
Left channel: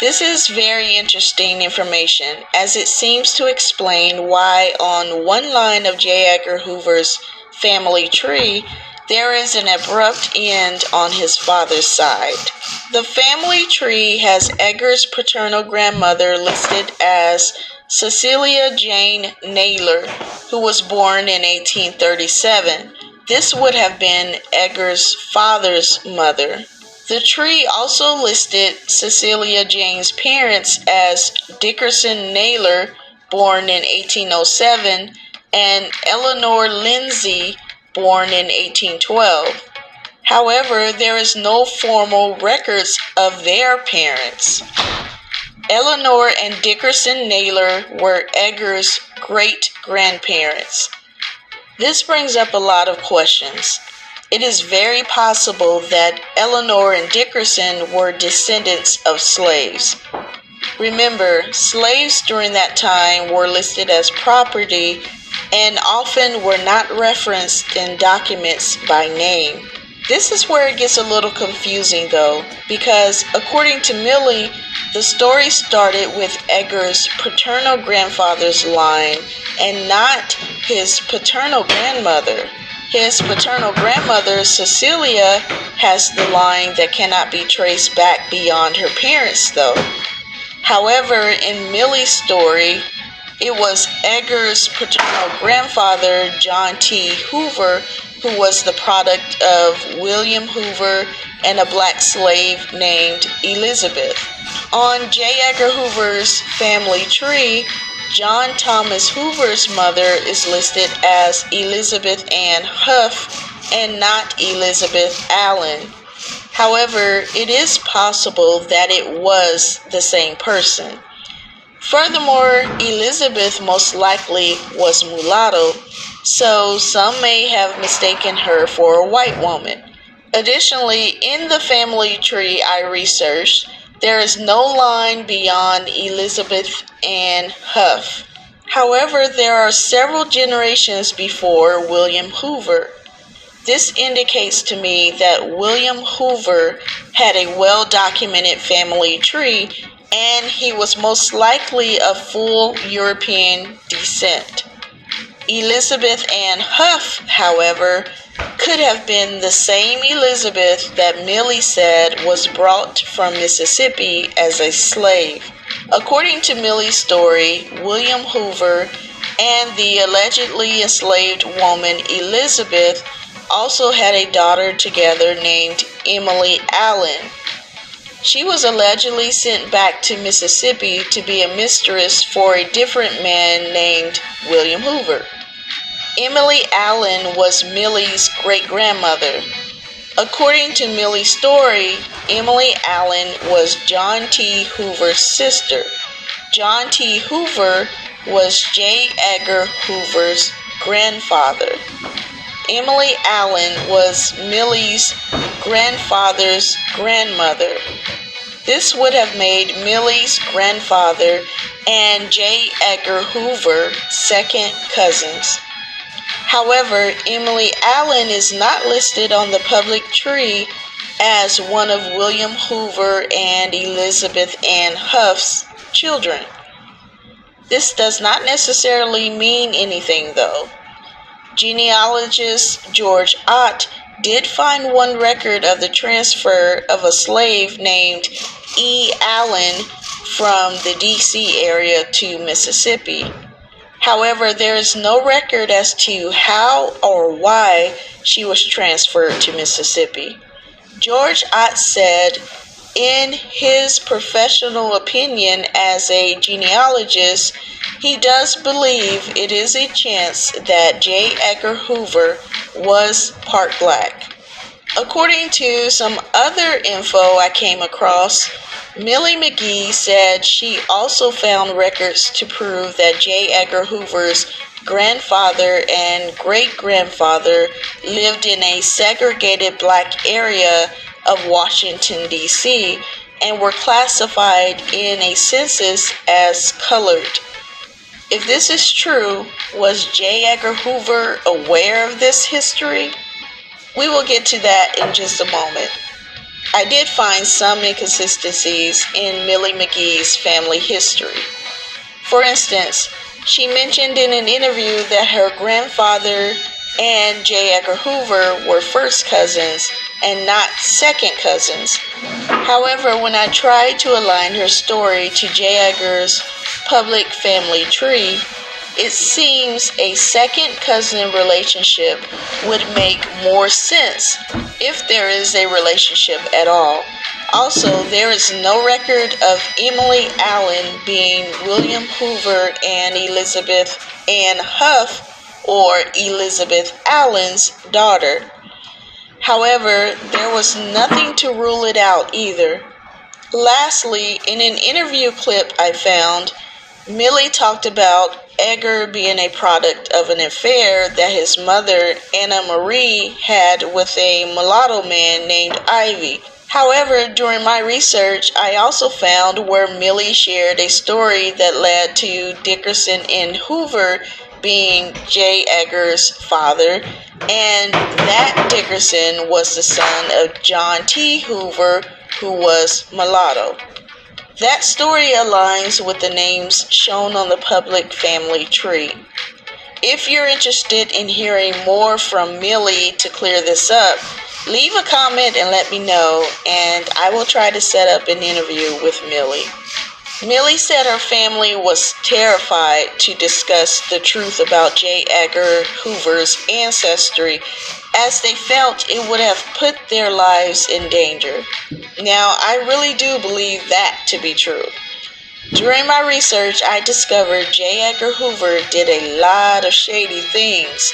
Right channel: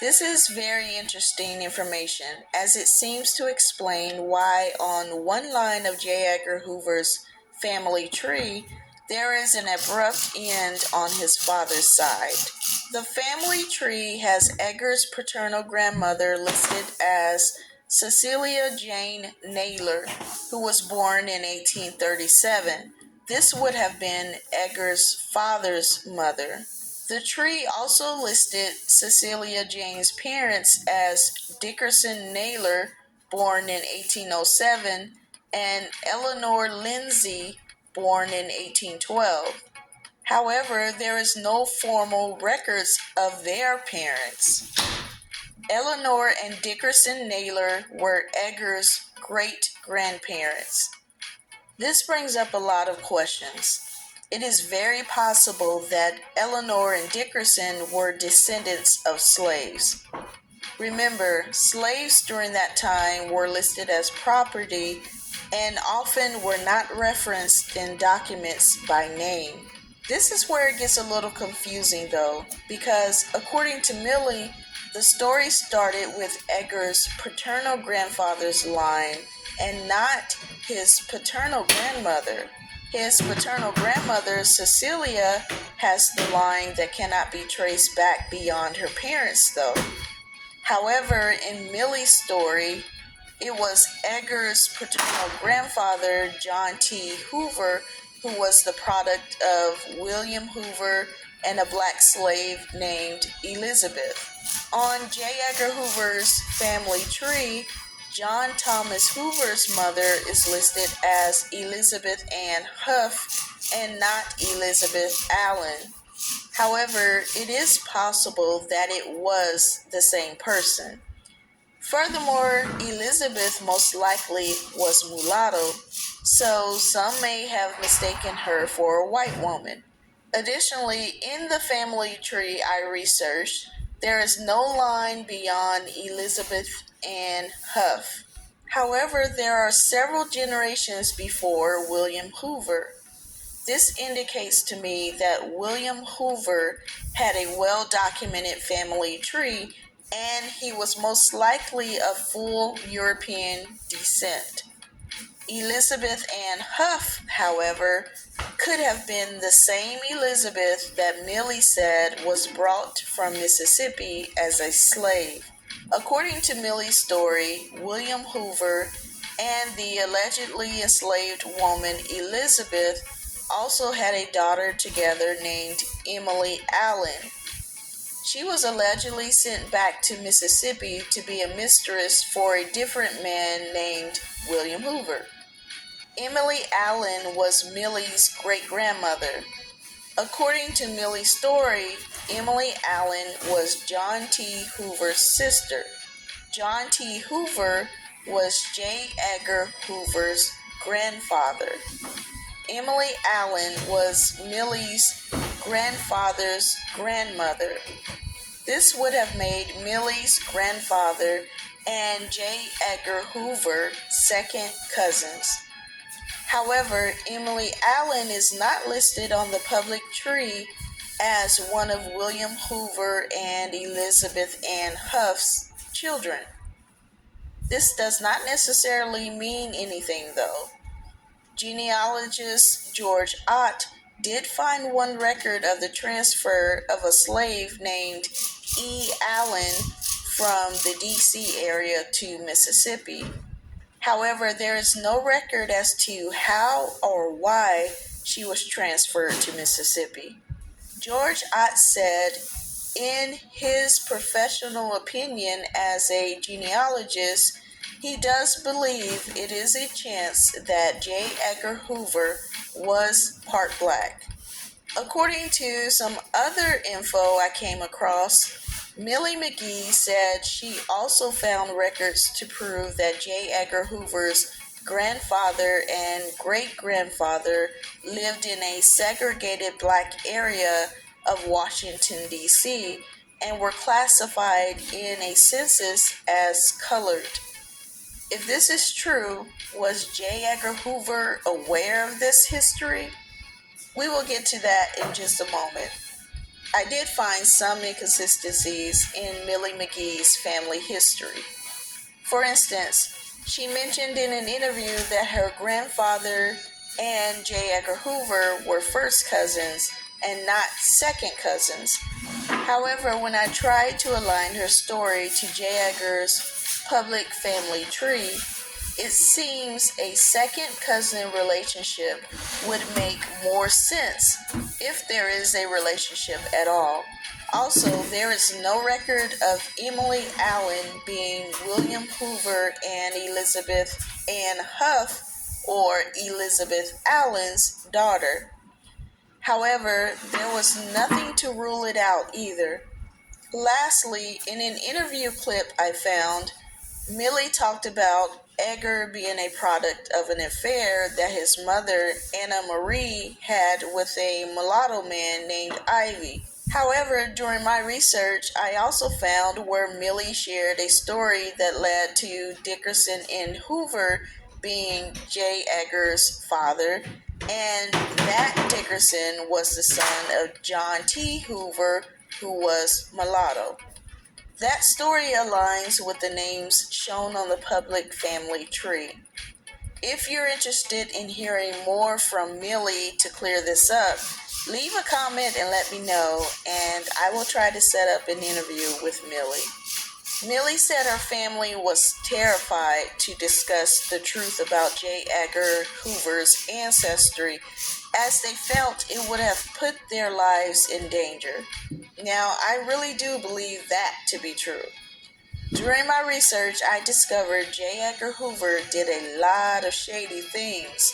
This is very interesting information, as it seems to explain why on one line of J. Edgar Hoover's family tree, there is an abrupt end on his father's side. The family tree has Edgar's paternal grandmother listed as Cecilia Jane Naylor, who was born in 1837. This would have been Edgar's father's mother. The tree also listed Cecilia Jane's parents as Dickerson Naylor, born in 1807, and Eleanor Lindsay, born in 1812. However, there is no formal records of their parents. Eleanor and Dickerson Naylor were Edgar's great-grandparents. This brings up a lot of questions. It is very possible that Eleanor and Dickerson were descendants of slaves. Remember, slaves during that time were listed as property and often were not referenced in documents by name. This is where it gets a little confusing though, because according to Millie, the story started with Edgar's paternal grandfather's line and not his paternal grandmother. His paternal grandmother, Cecilia, has the line that cannot be traced back beyond her parents though. However, in Millie's story, it was Edgar's paternal grandfather, John T. Hoover, who was the product of William Hoover and a black slave named Elizabeth. On J. Edgar Hoover's family tree, John Thomas Hoover's mother is listed as Elizabeth Ann Huff and not Elizabeth Allen. However, it is possible that it was the same person. Furthermore, Elizabeth most likely was mulatto, so some may have mistaken her for a white woman. Additionally, in the family tree I researched, there is no line beyond Elizabeth Ann Huff. However, there are several generations before William Hoover. This indicates to me that William Hoover had a well-documented family tree, and he was most likely of full European descent. Elizabeth Ann Huff, however, could have been the same Elizabeth that Millie said was brought from Mississippi as a slave. According to Millie's story, William Hoover and the allegedly enslaved woman Elizabeth also had a daughter together named Emily Allen. She was allegedly sent back to Mississippi to be a mistress for a different man named William Hoover. Emily Allen was Millie's great-grandmother. According to Millie's story, Emily Allen was John T. Hoover's sister. John T. Hoover was J. Edgar Hoover's grandfather. Emily Allen was Millie's grandfather's grandmother. This would have made Millie's grandfather and J. Edgar Hoover second cousins. However, Emily Allen is not listed on the public tree as one of William Hoover and Elizabeth Ann Huff's children. This does not necessarily mean anything though. Genealogist George Ott did find one record of the transfer of a slave named E. Allen from the D.C. area to Mississippi. However, there is no record as to how or why she was transferred to Mississippi. George Ott said, in his professional opinion as a genealogist, he does believe it is a chance that J. Edgar Hoover was part black. According to some other info I came across, Millie McGee said she also found records to prove that J. Edgar Hoover's grandfather and great-grandfather lived in a segregated black area of Washington, D.C., and were classified in a census as colored. If this is true, was J. Edgar Hoover aware of this history? We will get to that in just a moment. I did find some inconsistencies in Millie McGee's family history. For instance, she mentioned in an interview that her grandfather and J. Edgar Hoover were first cousins and not second cousins. However, when I tried to align her story to J. Edgar's public family tree, it seems a second cousin relationship would make more sense if there is a relationship at all. Also, there is no record of Emily Allen being William Hoover and Elizabeth Ann Huff or Elizabeth Allen's daughter. However, there was nothing to rule it out either. Lastly, in an interview clip I found, Millie talked about Edgar being a product of an affair that his mother, Anna Marie, had with a mulatto man named Ivy. However, during my research, I also found where Millie shared a story that led to Dickerson N. Hoover being J. Edgar's father, and that Dickerson was the son of John T. Hoover, who was mulatto. That story aligns with the names shown on the public family tree. If you're interested in hearing more from Millie to clear this up, leave a comment and let me know, and I will try to set up an interview with Millie. Millie said her family was terrified to discuss the truth about J. Edgar Hoover's ancestry, as they felt it would have put their lives in danger. Now, I really do believe that to be true. During my research, I discovered J. Edgar Hoover did a lot of shady things,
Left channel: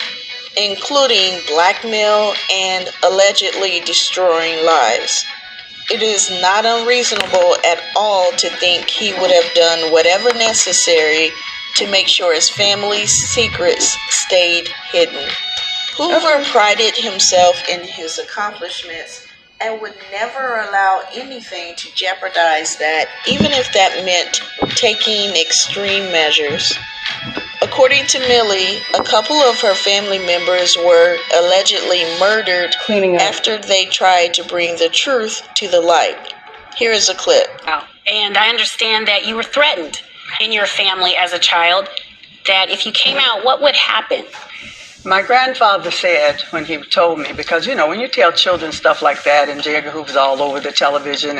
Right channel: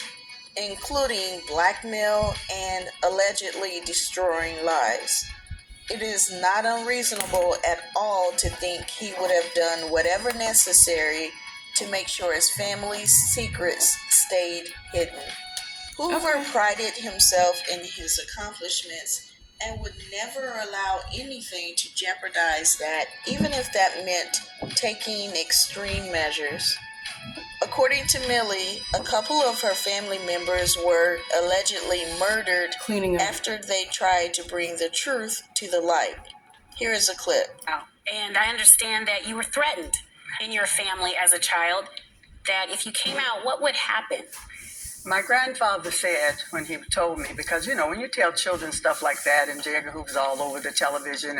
including blackmail and allegedly destroying lives. It is not unreasonable at all to think he would have done whatever necessary to make sure his family's secrets stayed hidden. Hoover prided himself in his accomplishments and would never allow anything to jeopardize that, even if that meant taking extreme measures. According to Millie, a couple of her family members were allegedly murdered after they tried to bring the truth to the light. Here is a clip. And I understand that you were threatened in your family as a child, that if you came out, what would happen? My grandfather said when he told me, because, you know, when you tell children stuff like that, and J. Edgar Hoover's all over the television,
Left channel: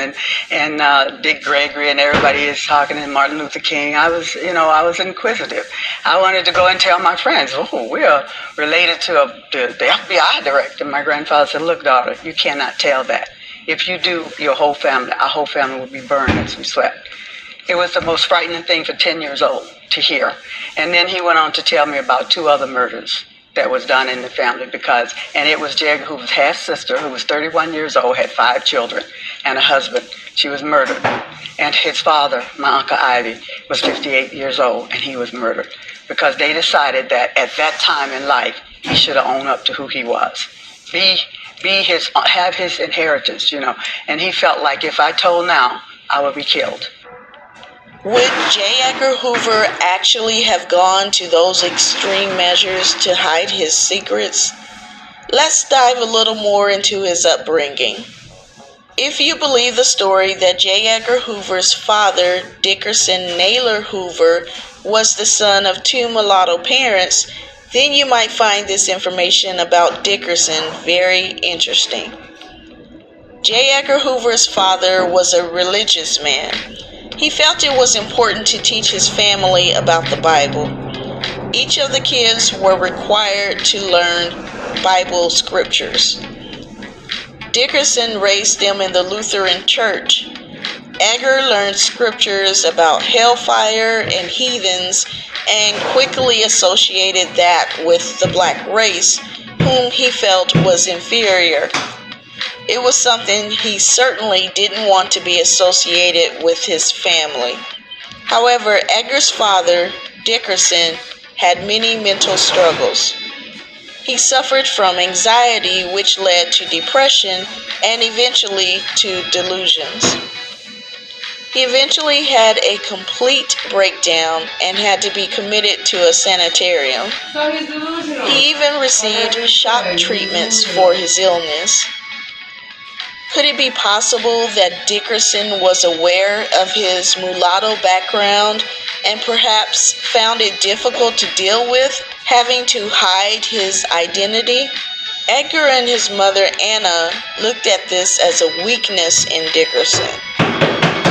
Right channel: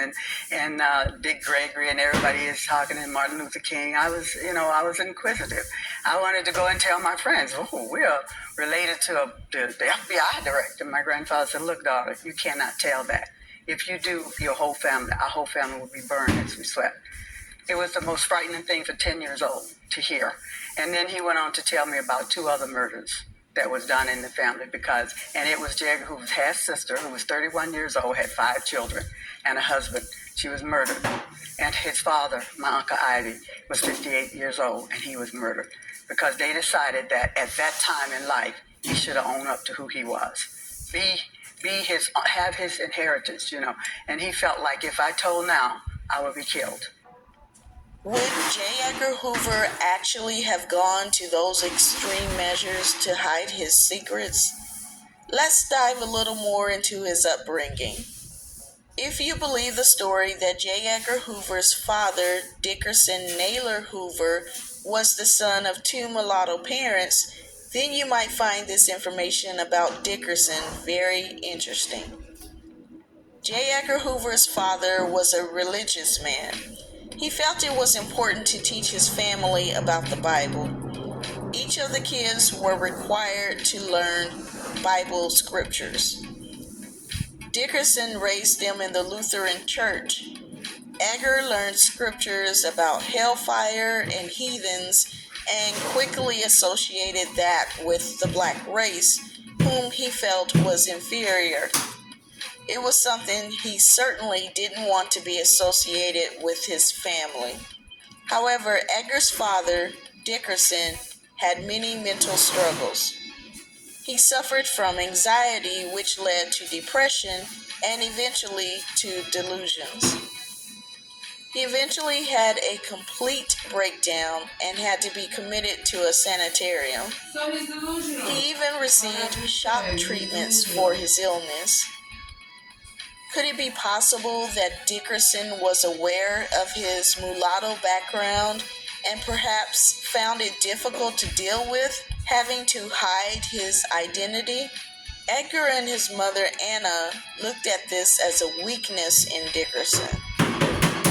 and Dick Gregory and everybody is talking, and Martin Luther King, I was inquisitive. I wanted to go and tell my friends, oh, we're related to the FBI director. My grandfather said, look, daughter, you cannot tell that. If you do, our whole family will be burned as we sweat. It was the most frightening thing for 10 years old to hear. And then he went on to tell me about 2 other murders that was done in the family, and it was J. Edgar Hoover's half-sister, who was 31 years old, had 5 children, and a husband. She was murdered. And his father, my Uncle Ivy, was 58 years old, and he was murdered, because they decided that at that time in life, he should have owned up to who he was. Have his inheritance, and he felt like if I told now, I would be killed. Would J. Edgar Hoover actually have gone to those extreme measures to hide his secrets? Let's dive a little more into his upbringing. If you believe the story that J. Edgar Hoover's father, Dickerson Naylor Hoover, was the son of 2 mulatto parents, then you might find this information about Dickerson very interesting. J. Edgar Hoover's father was a religious man. He felt it was important to teach his family about the Bible. Each of the kids were required to learn Bible scriptures. Dickerson raised them in the Lutheran Church. Edgar learned scriptures about hellfire and heathens and quickly associated that with the black race, whom he felt was inferior. It was something he certainly didn't want to be associated with his family. However, Edgar's father, Dickerson, had many mental struggles. He suffered from anxiety, which led to depression and eventually to delusions. He eventually had a complete breakdown and had to be committed to a sanitarium. So he's delusional. He even received shock treatments for his illness. Could it be possible that Dickerson was aware of his mulatto background and perhaps found it difficult to deal with, having to hide his identity? Edgar and his mother, Anna, looked at this as a weakness in Dickerson.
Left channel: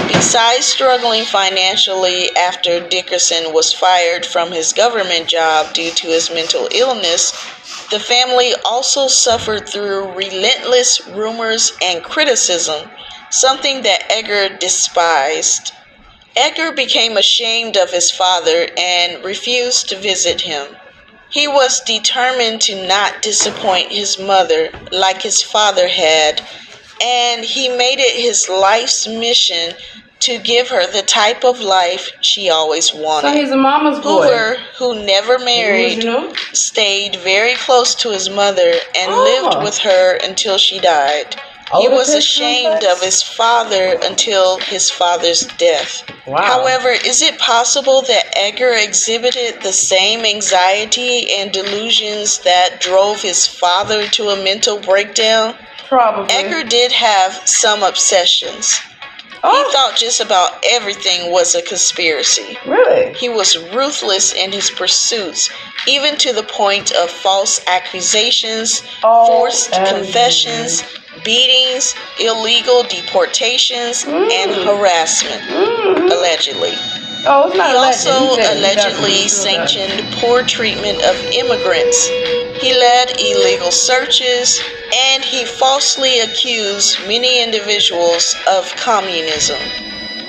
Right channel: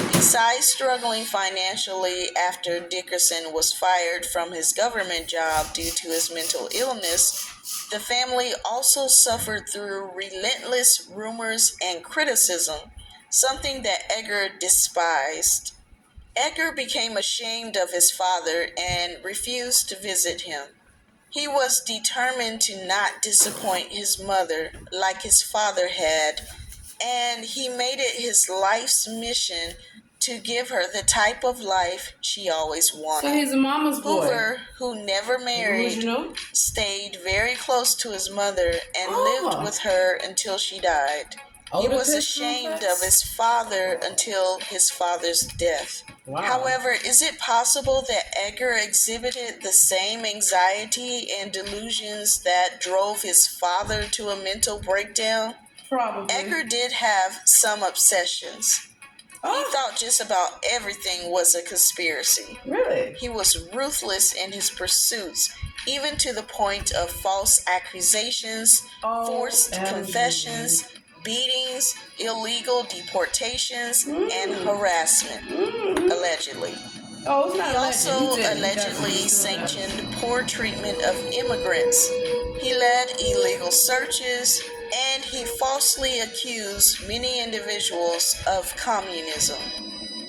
Besides struggling financially after Dickerson was fired from his government job due to his mental illness, the family also suffered through relentless rumors and criticism, something that Edgar despised. Edgar became ashamed of his father and refused to visit him. He was determined to not disappoint his mother like his father had, and he made it his life's mission to give her the type of life she always wanted. So he's a mama's boy. Hoover, who never married, stayed very close to his mother and lived with her until she died. He Older was picture ashamed of his father until his father's death. Wow. However, is it possible that Edgar exhibited the same anxiety and delusions that drove his father to a mental breakdown? Probably. Edgar did have some obsessions. He thought just about everything was a conspiracy. Really? He was ruthless in his pursuits, even to the point of false accusations, forced confessions, beatings, illegal deportations, and harassment, allegedly. Oh, it's not He alleged. also He did it. He allegedly definitely still does. sanctioned poor treatment of immigrants. He led illegal searches, and he falsely accused many individuals of communism.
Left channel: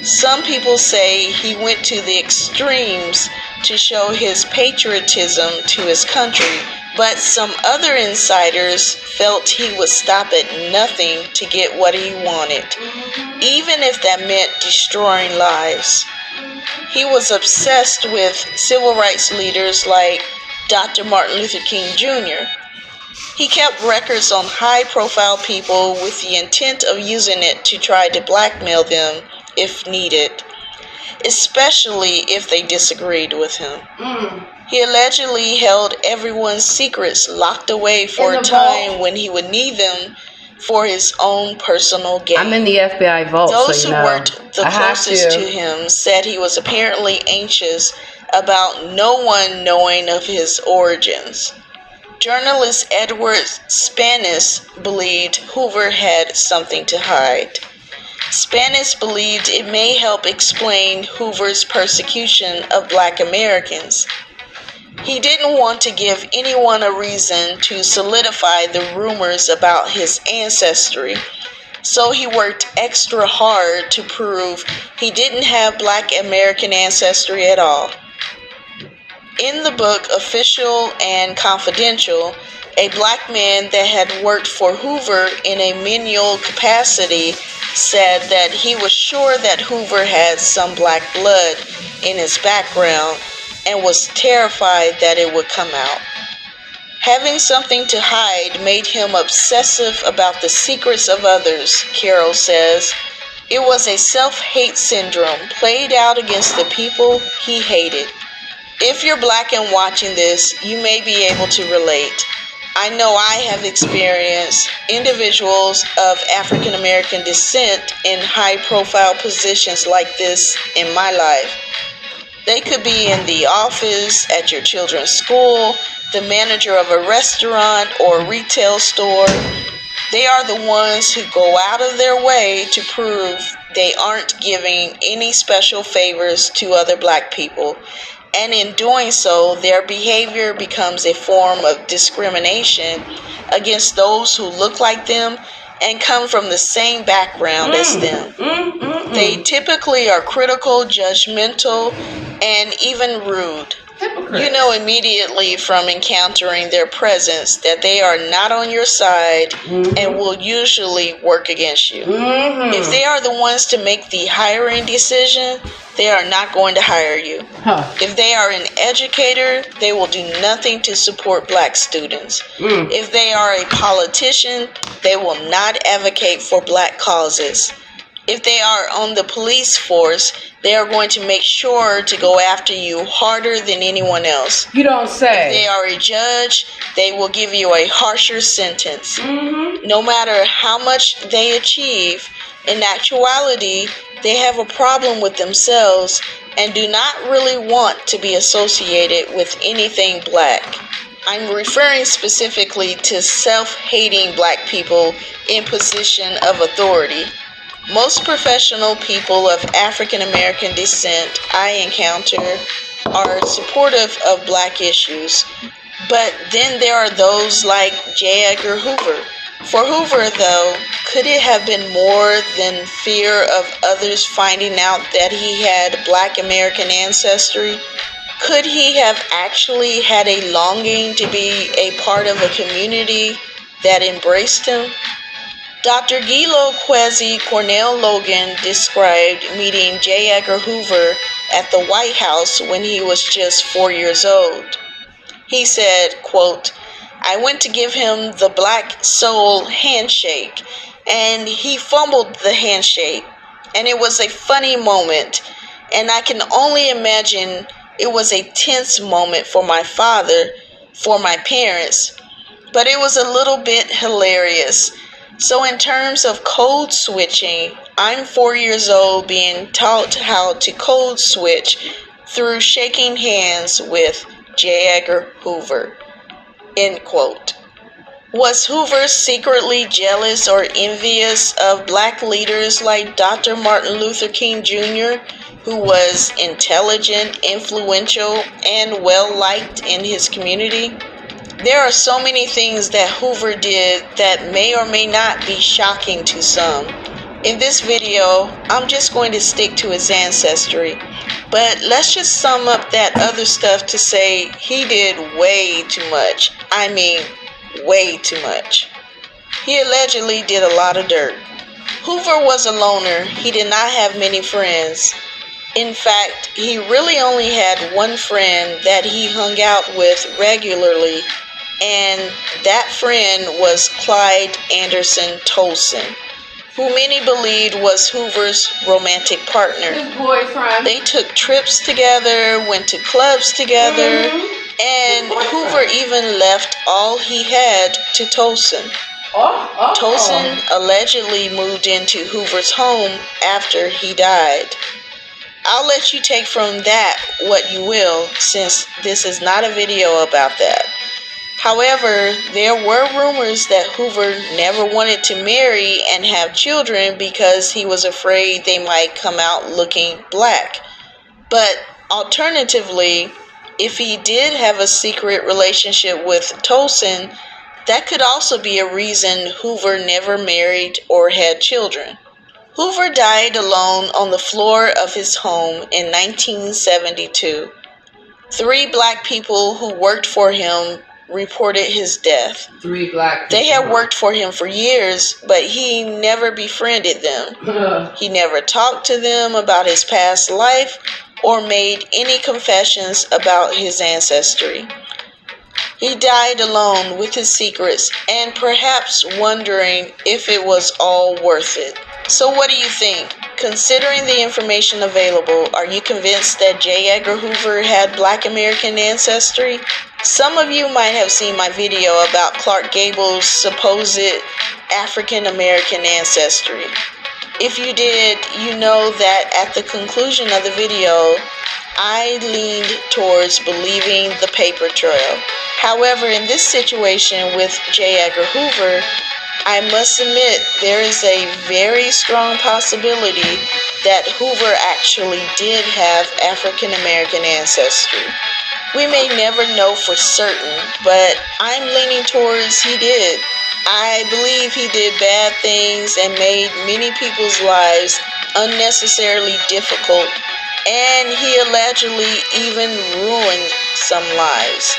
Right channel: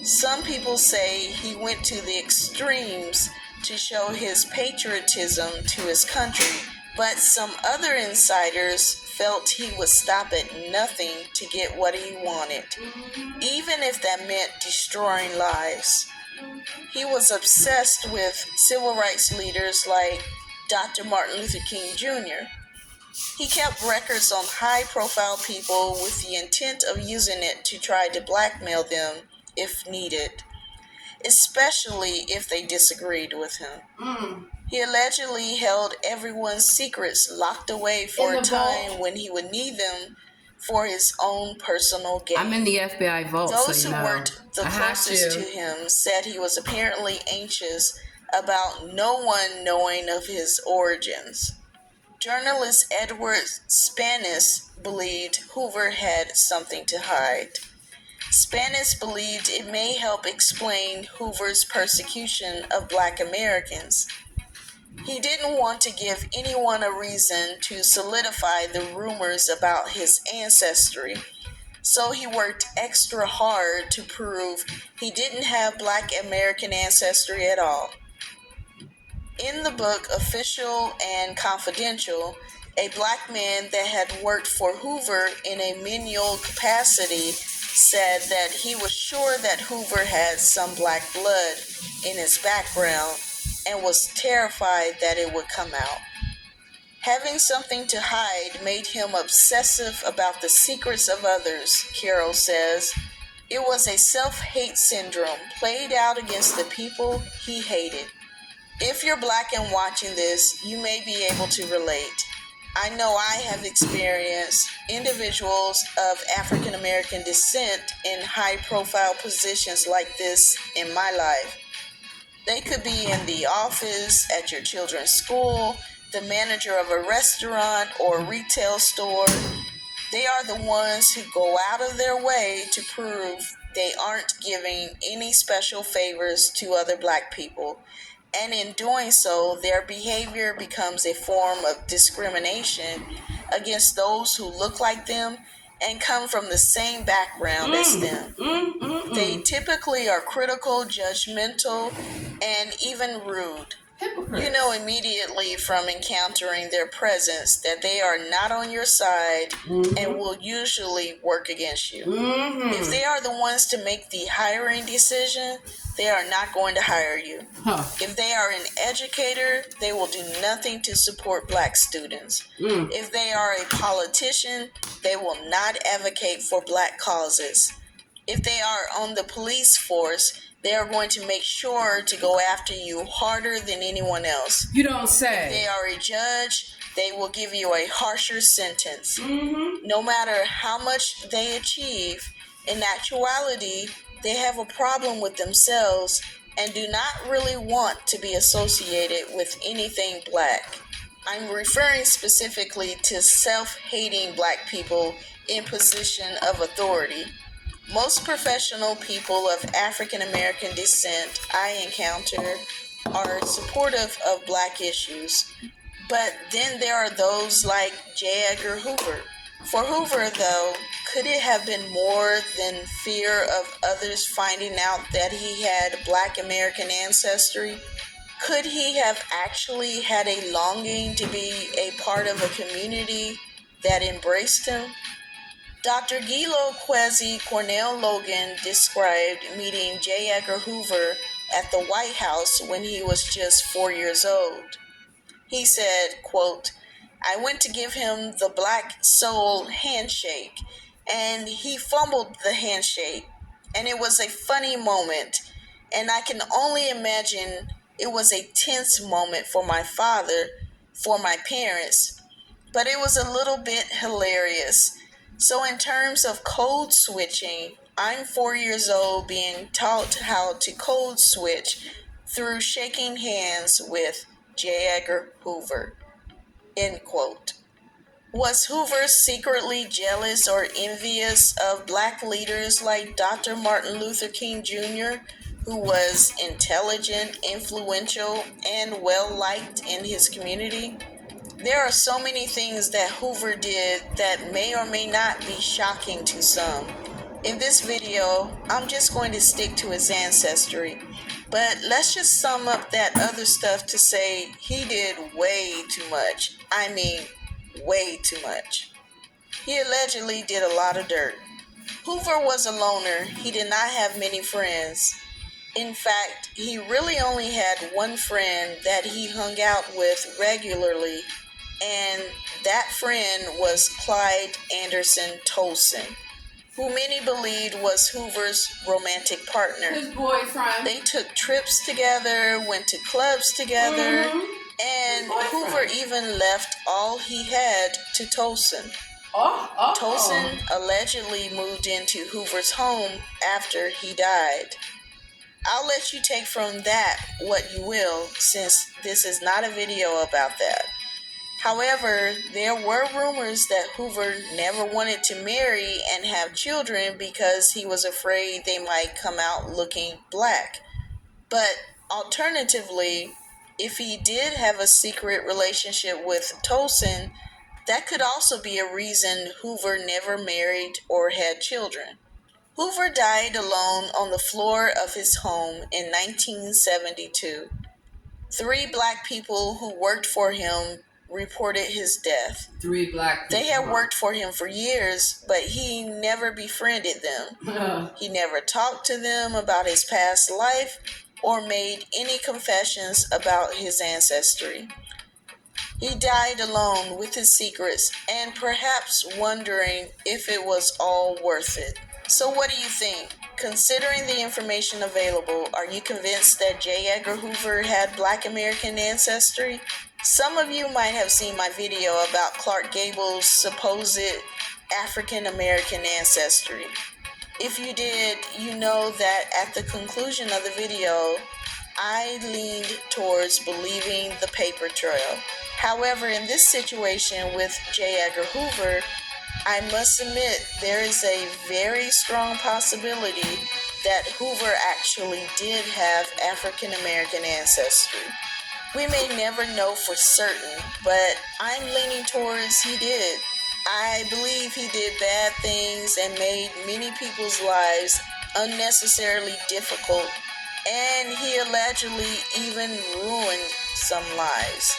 Some people say he went to the extremes to show his patriotism to his country, but some other insiders felt he would stop at nothing to get what he wanted, even if that meant destroying lives. He was obsessed with civil rights leaders like Dr. Martin Luther King Jr. He kept records on high-profile people with the intent of using it to try to blackmail them if needed, especially if they disagreed with him. He allegedly held everyone's secrets locked away for a time when he would need them for his own personal gain. I'm in the FBI vault, Those so who you know. worked the I have closest to to. him said he was apparently anxious about no one knowing of his origins. Journalist Edward Spanis believed Hoover had something to hide. Spanis believed it may help explain Hoover's persecution of Black Americans. He didn't want to give anyone a reason to solidify the rumors about his ancestry, so he worked extra hard to prove he didn't have Black American ancestry at all. In the book Official and Confidential, a Black man that had worked for Hoover in a menial capacity said that he was sure that Hoover had some Black blood in his background and was terrified that it would come out. Having something to hide made him obsessive about the secrets of others, Carroll says. It was a self-hate syndrome played out against the people he hated. If you're Black and watching this, you may be able to relate. I know I have experienced individuals of African American descent in high-profile positions like this in my life. They could be in the office, at your children's school, the manager of a restaurant or retail store. They are the ones who go out of their way to prove they aren't giving any special favors to other Black people. And in doing so, their behavior becomes a form of discrimination against those who look like them and come from the same background as them. They typically are critical, judgmental, and even rude. You know immediately from encountering their presence that they are not on your side and will usually work against you. If they are the ones to make the hiring decision, they are not going to hire you. If they are an educator, they will do nothing to support Black students. If they are a politician, they will not advocate for Black causes. If they are on the police force, they are going to make sure to go after you harder than anyone else. You don't say. If they are a judge, they will give you a harsher sentence. No matter how much they achieve, in actuality, they have a problem with themselves and do not really want to be associated with anything Black. I'm referring specifically to self-hating Black people in position of authority. Most professional people of African American descent I encounter are supportive of Black issues, but then there are those like J. Edgar Hoover. For Hoover, though, could it have been more than fear of others finding out that he had Black American ancestry? Could he have actually had a longing to be a part of a community that embraced him? Dr. Gilo Kwesi Cornell Logan described meeting J. Edgar Hoover at the White House when he was just 4 years old. He said, quote, "I went to give him the Black soul handshake, and he fumbled the handshake. And it was a funny moment. And I can only imagine it was a tense moment for my father, for my parents, but it was a little bit hilarious. So, in terms of code switching, I'm 4 years old being taught how to code switch through shaking hands with J. Edgar Hoover. End quote. Was Hoover secretly jealous or envious of black leaders like Dr. Martin Luther King Jr., who was intelligent, influential, and well liked in his community? There are so many things that Hoover did that may or may not be shocking to some. In this video, I'm just going to stick to his ancestry, but let's just sum up that other stuff to say he did way too much. I mean, way too much. He allegedly did a lot of dirt. Hoover was a loner. He did not have many friends. In fact, he really only had one friend that he hung out with regularly, and that friend was Clyde Anderson Tolson, who many believed was Hoover's romantic partner. His boyfriend. They took trips together, went to clubs together, and Hoover even left all he had to Tolson. Tolson allegedly moved into Hoover's home after he died. I'll let you take from that what you will, since this is not a video about that. However, there were rumors that Hoover never wanted to marry and have children because he was afraid they might come out looking black. But alternatively, if he did have a secret relationship with Tolson, that could also be a reason Hoover never married or had children. Hoover died alone on the floor of his home in 1972. 3 black people who worked for him reported his death. 3 black people. They had worked for him for years, but he never befriended them. He never talked to them about his past life or made any confessions about his ancestry. He died alone with his secrets and perhaps wondering if it was all worth it. So what do you think? Considering the information available, are you convinced that J. Edgar Hoover had black American ancestry? Some of you might have seen my video about Clark Gable's supposed African American ancestry. If you did, you know that at the conclusion of the video, I leaned towards believing the paper trail. However, in this situation with J. Edgar Hoover, I must admit there is a very strong possibility that Hoover actually did have African American ancestry. We may never know for certain, but I'm leaning towards he did. I believe he did bad things and made many people's lives unnecessarily difficult, and he allegedly even ruined some lives.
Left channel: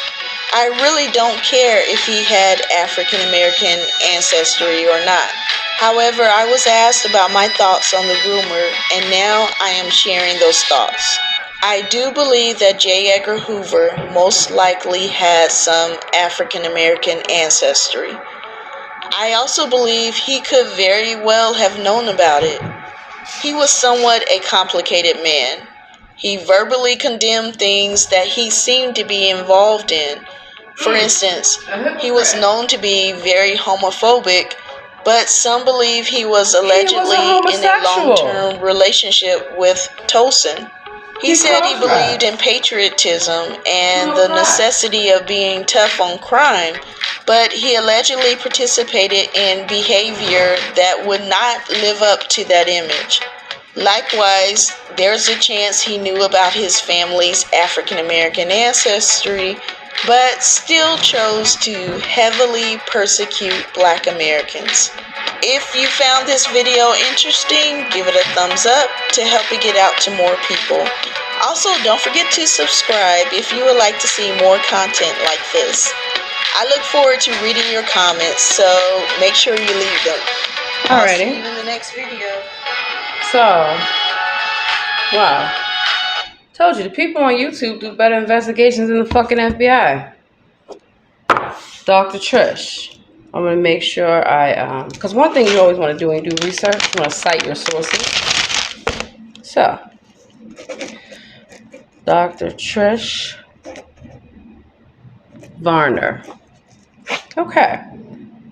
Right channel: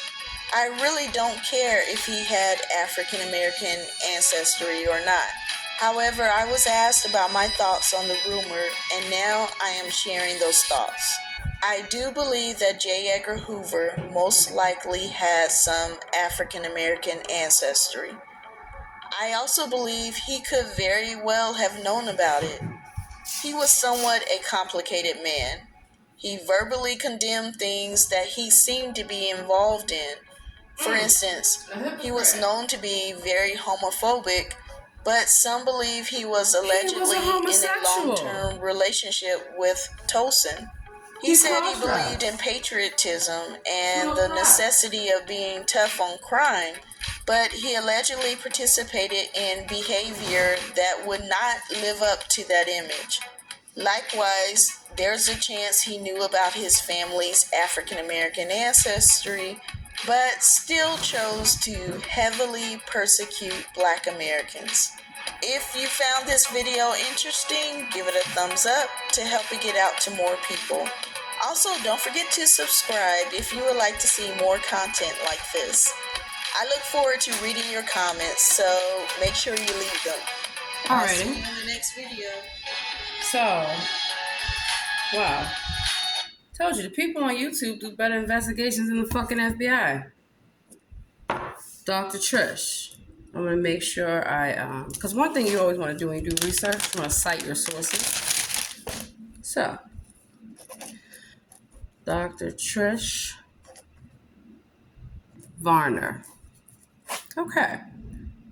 I really don't care if he had African American ancestry or not. However, I was asked about my thoughts on the rumor, and now I am sharing those thoughts. I do believe that J. Edgar Hoover most likely had some African American ancestry. I also believe he could very well have known about it. He was somewhat a complicated man. He verbally condemned things that he seemed to be involved in. For instance, he was known to be very homophobic, but some believe he was allegedly in a long-term relationship with Tolson. He said he believed in patriotism and the necessity of being tough on crime, but he allegedly participated in behavior that would not live up to that image. Likewise, there's a chance he knew about his family's African American ancestry, but still chose to heavily persecute Black Americans. If you found this video interesting, give it a thumbs up to help it get out to more people. Also, don't forget to subscribe if you would like to see more content like this. I look forward to reading your comments, so make sure you leave them. I'll see you in the next video. So, wow. Told you, the people on YouTube do better investigations than the fucking FBI. Dr. Trish. I'm going to make sure because one thing you always want to do when you do research, you want to cite your sources. So, Dr. Trish Varner. Okay.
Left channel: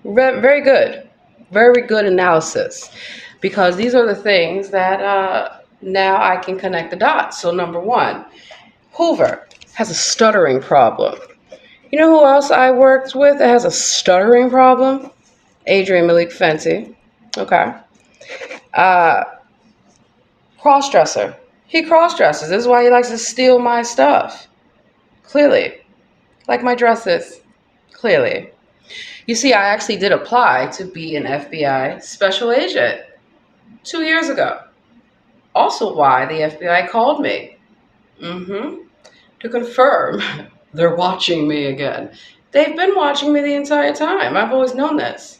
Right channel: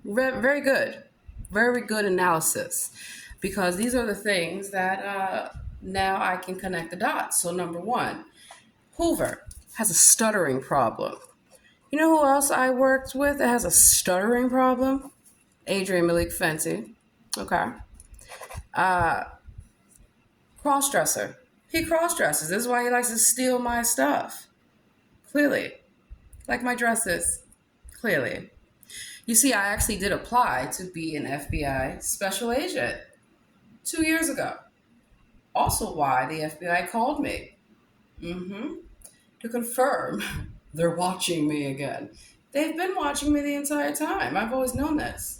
Very good. Very good analysis. Because these are the things that now I can connect the dots. So, number one, Hoover has a stuttering problem. You know who else I worked with that has a stuttering problem? Adrian Malik Fenty. Okay. Crossdresser. He cross-dresses. This is why he likes to steal my stuff. Clearly. Like my dresses. Clearly. You see, I actually did apply to be an FBI special agent 2 years ago. Also why the FBI called me. To confirm they're watching me again. They've been watching me the entire time. I've always known this.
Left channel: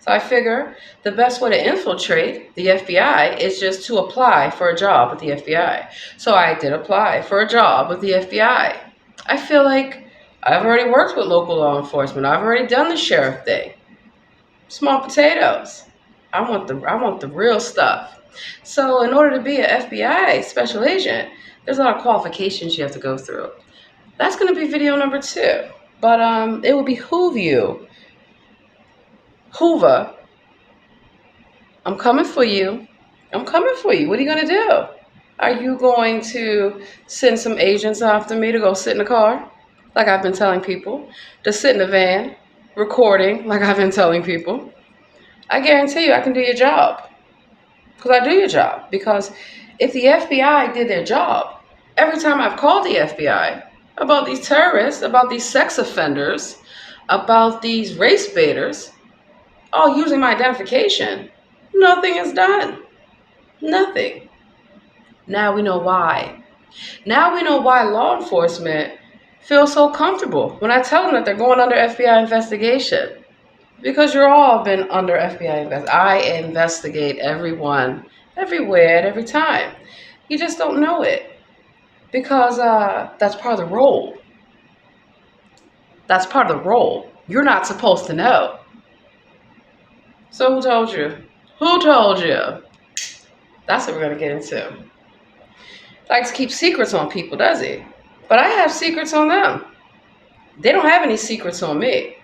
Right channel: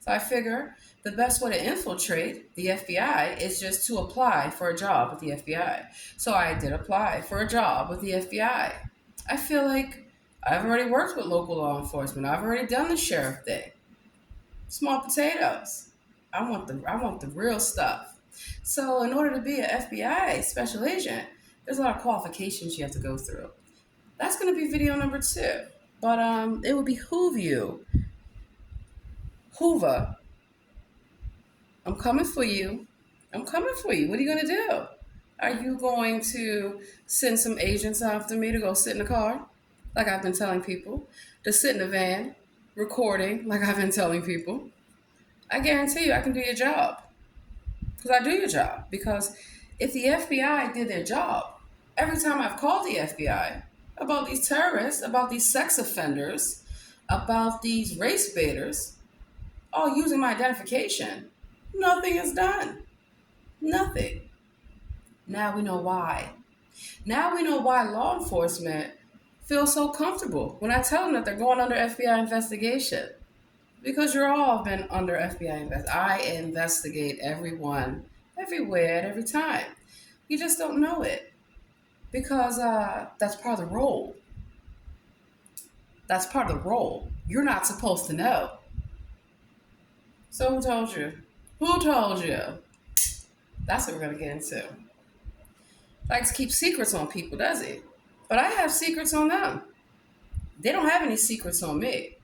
So I figure the best way to infiltrate the FBI is just to apply for a job with the FBI. So I did apply for a job with the FBI. I feel like I've already worked with local law enforcement. I've already done the sheriff thing. Small potatoes. I want the real stuff. So in order to be an FBI special agent, there's a lot of qualifications you have to go through. That's going to be video number 2. But it will behoove you. Hoover, I'm coming for you. I'm coming for you. What are you going to do? Are you going to send some agents after me to go sit in the car, like I've been telling people, to sit in the van, recording, like I've been telling people? I guarantee you I can do your job. Because I do your job. Because if the FBI did their job, every time I've called the FBI about these terrorists, about these sex offenders, about these race baiters, all using my identification, nothing is done. Nothing. Now we know why. Now we know why law enforcement feels so comfortable when I tell them that they're going under FBI investigation. Because you're all been under FBI investigation. I investigate everyone, everywhere, at every time. You just don't know it. Because that's part of the role. That's part of the role. You're not supposed to know. So who told you? Who told you? That's what we're going to get into. Likes to keep secrets on people, does he? But I have secrets on them. They don't have any secrets on me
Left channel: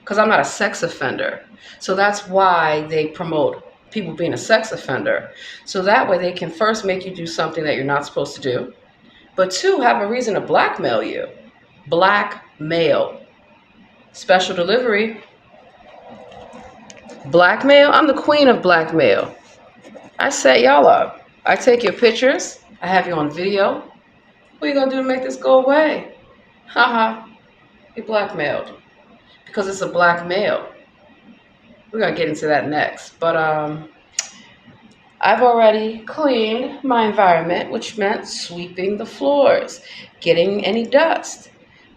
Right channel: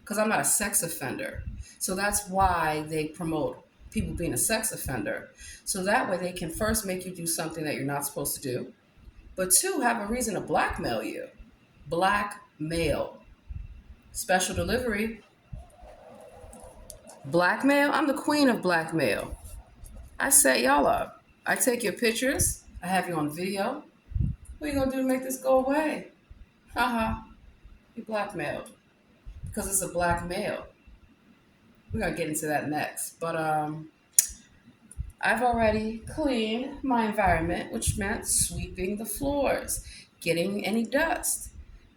because I'm not a sex offender. So that's why they promote people being a sex offender. So that way they can first make you do something that you're not supposed to do. But 2, have a reason to blackmail you. Blackmail. Special delivery. Blackmail? I'm the queen of blackmail. I set y'all up. I take your pictures. I have you on video. What are you going to do to make this go away? Haha. You're blackmailed. Because it's a blackmail. We're going to get into that next. But I've already cleaned my environment, which meant sweeping the floors, getting any dust.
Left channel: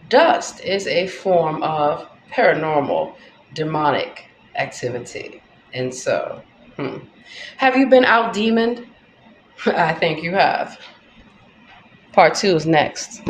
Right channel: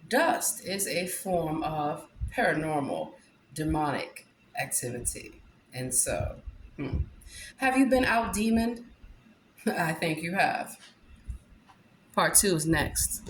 Dust is a form of paranormal, demonic activity. And so, have you been out demoned? I think you have. Part 2 is next.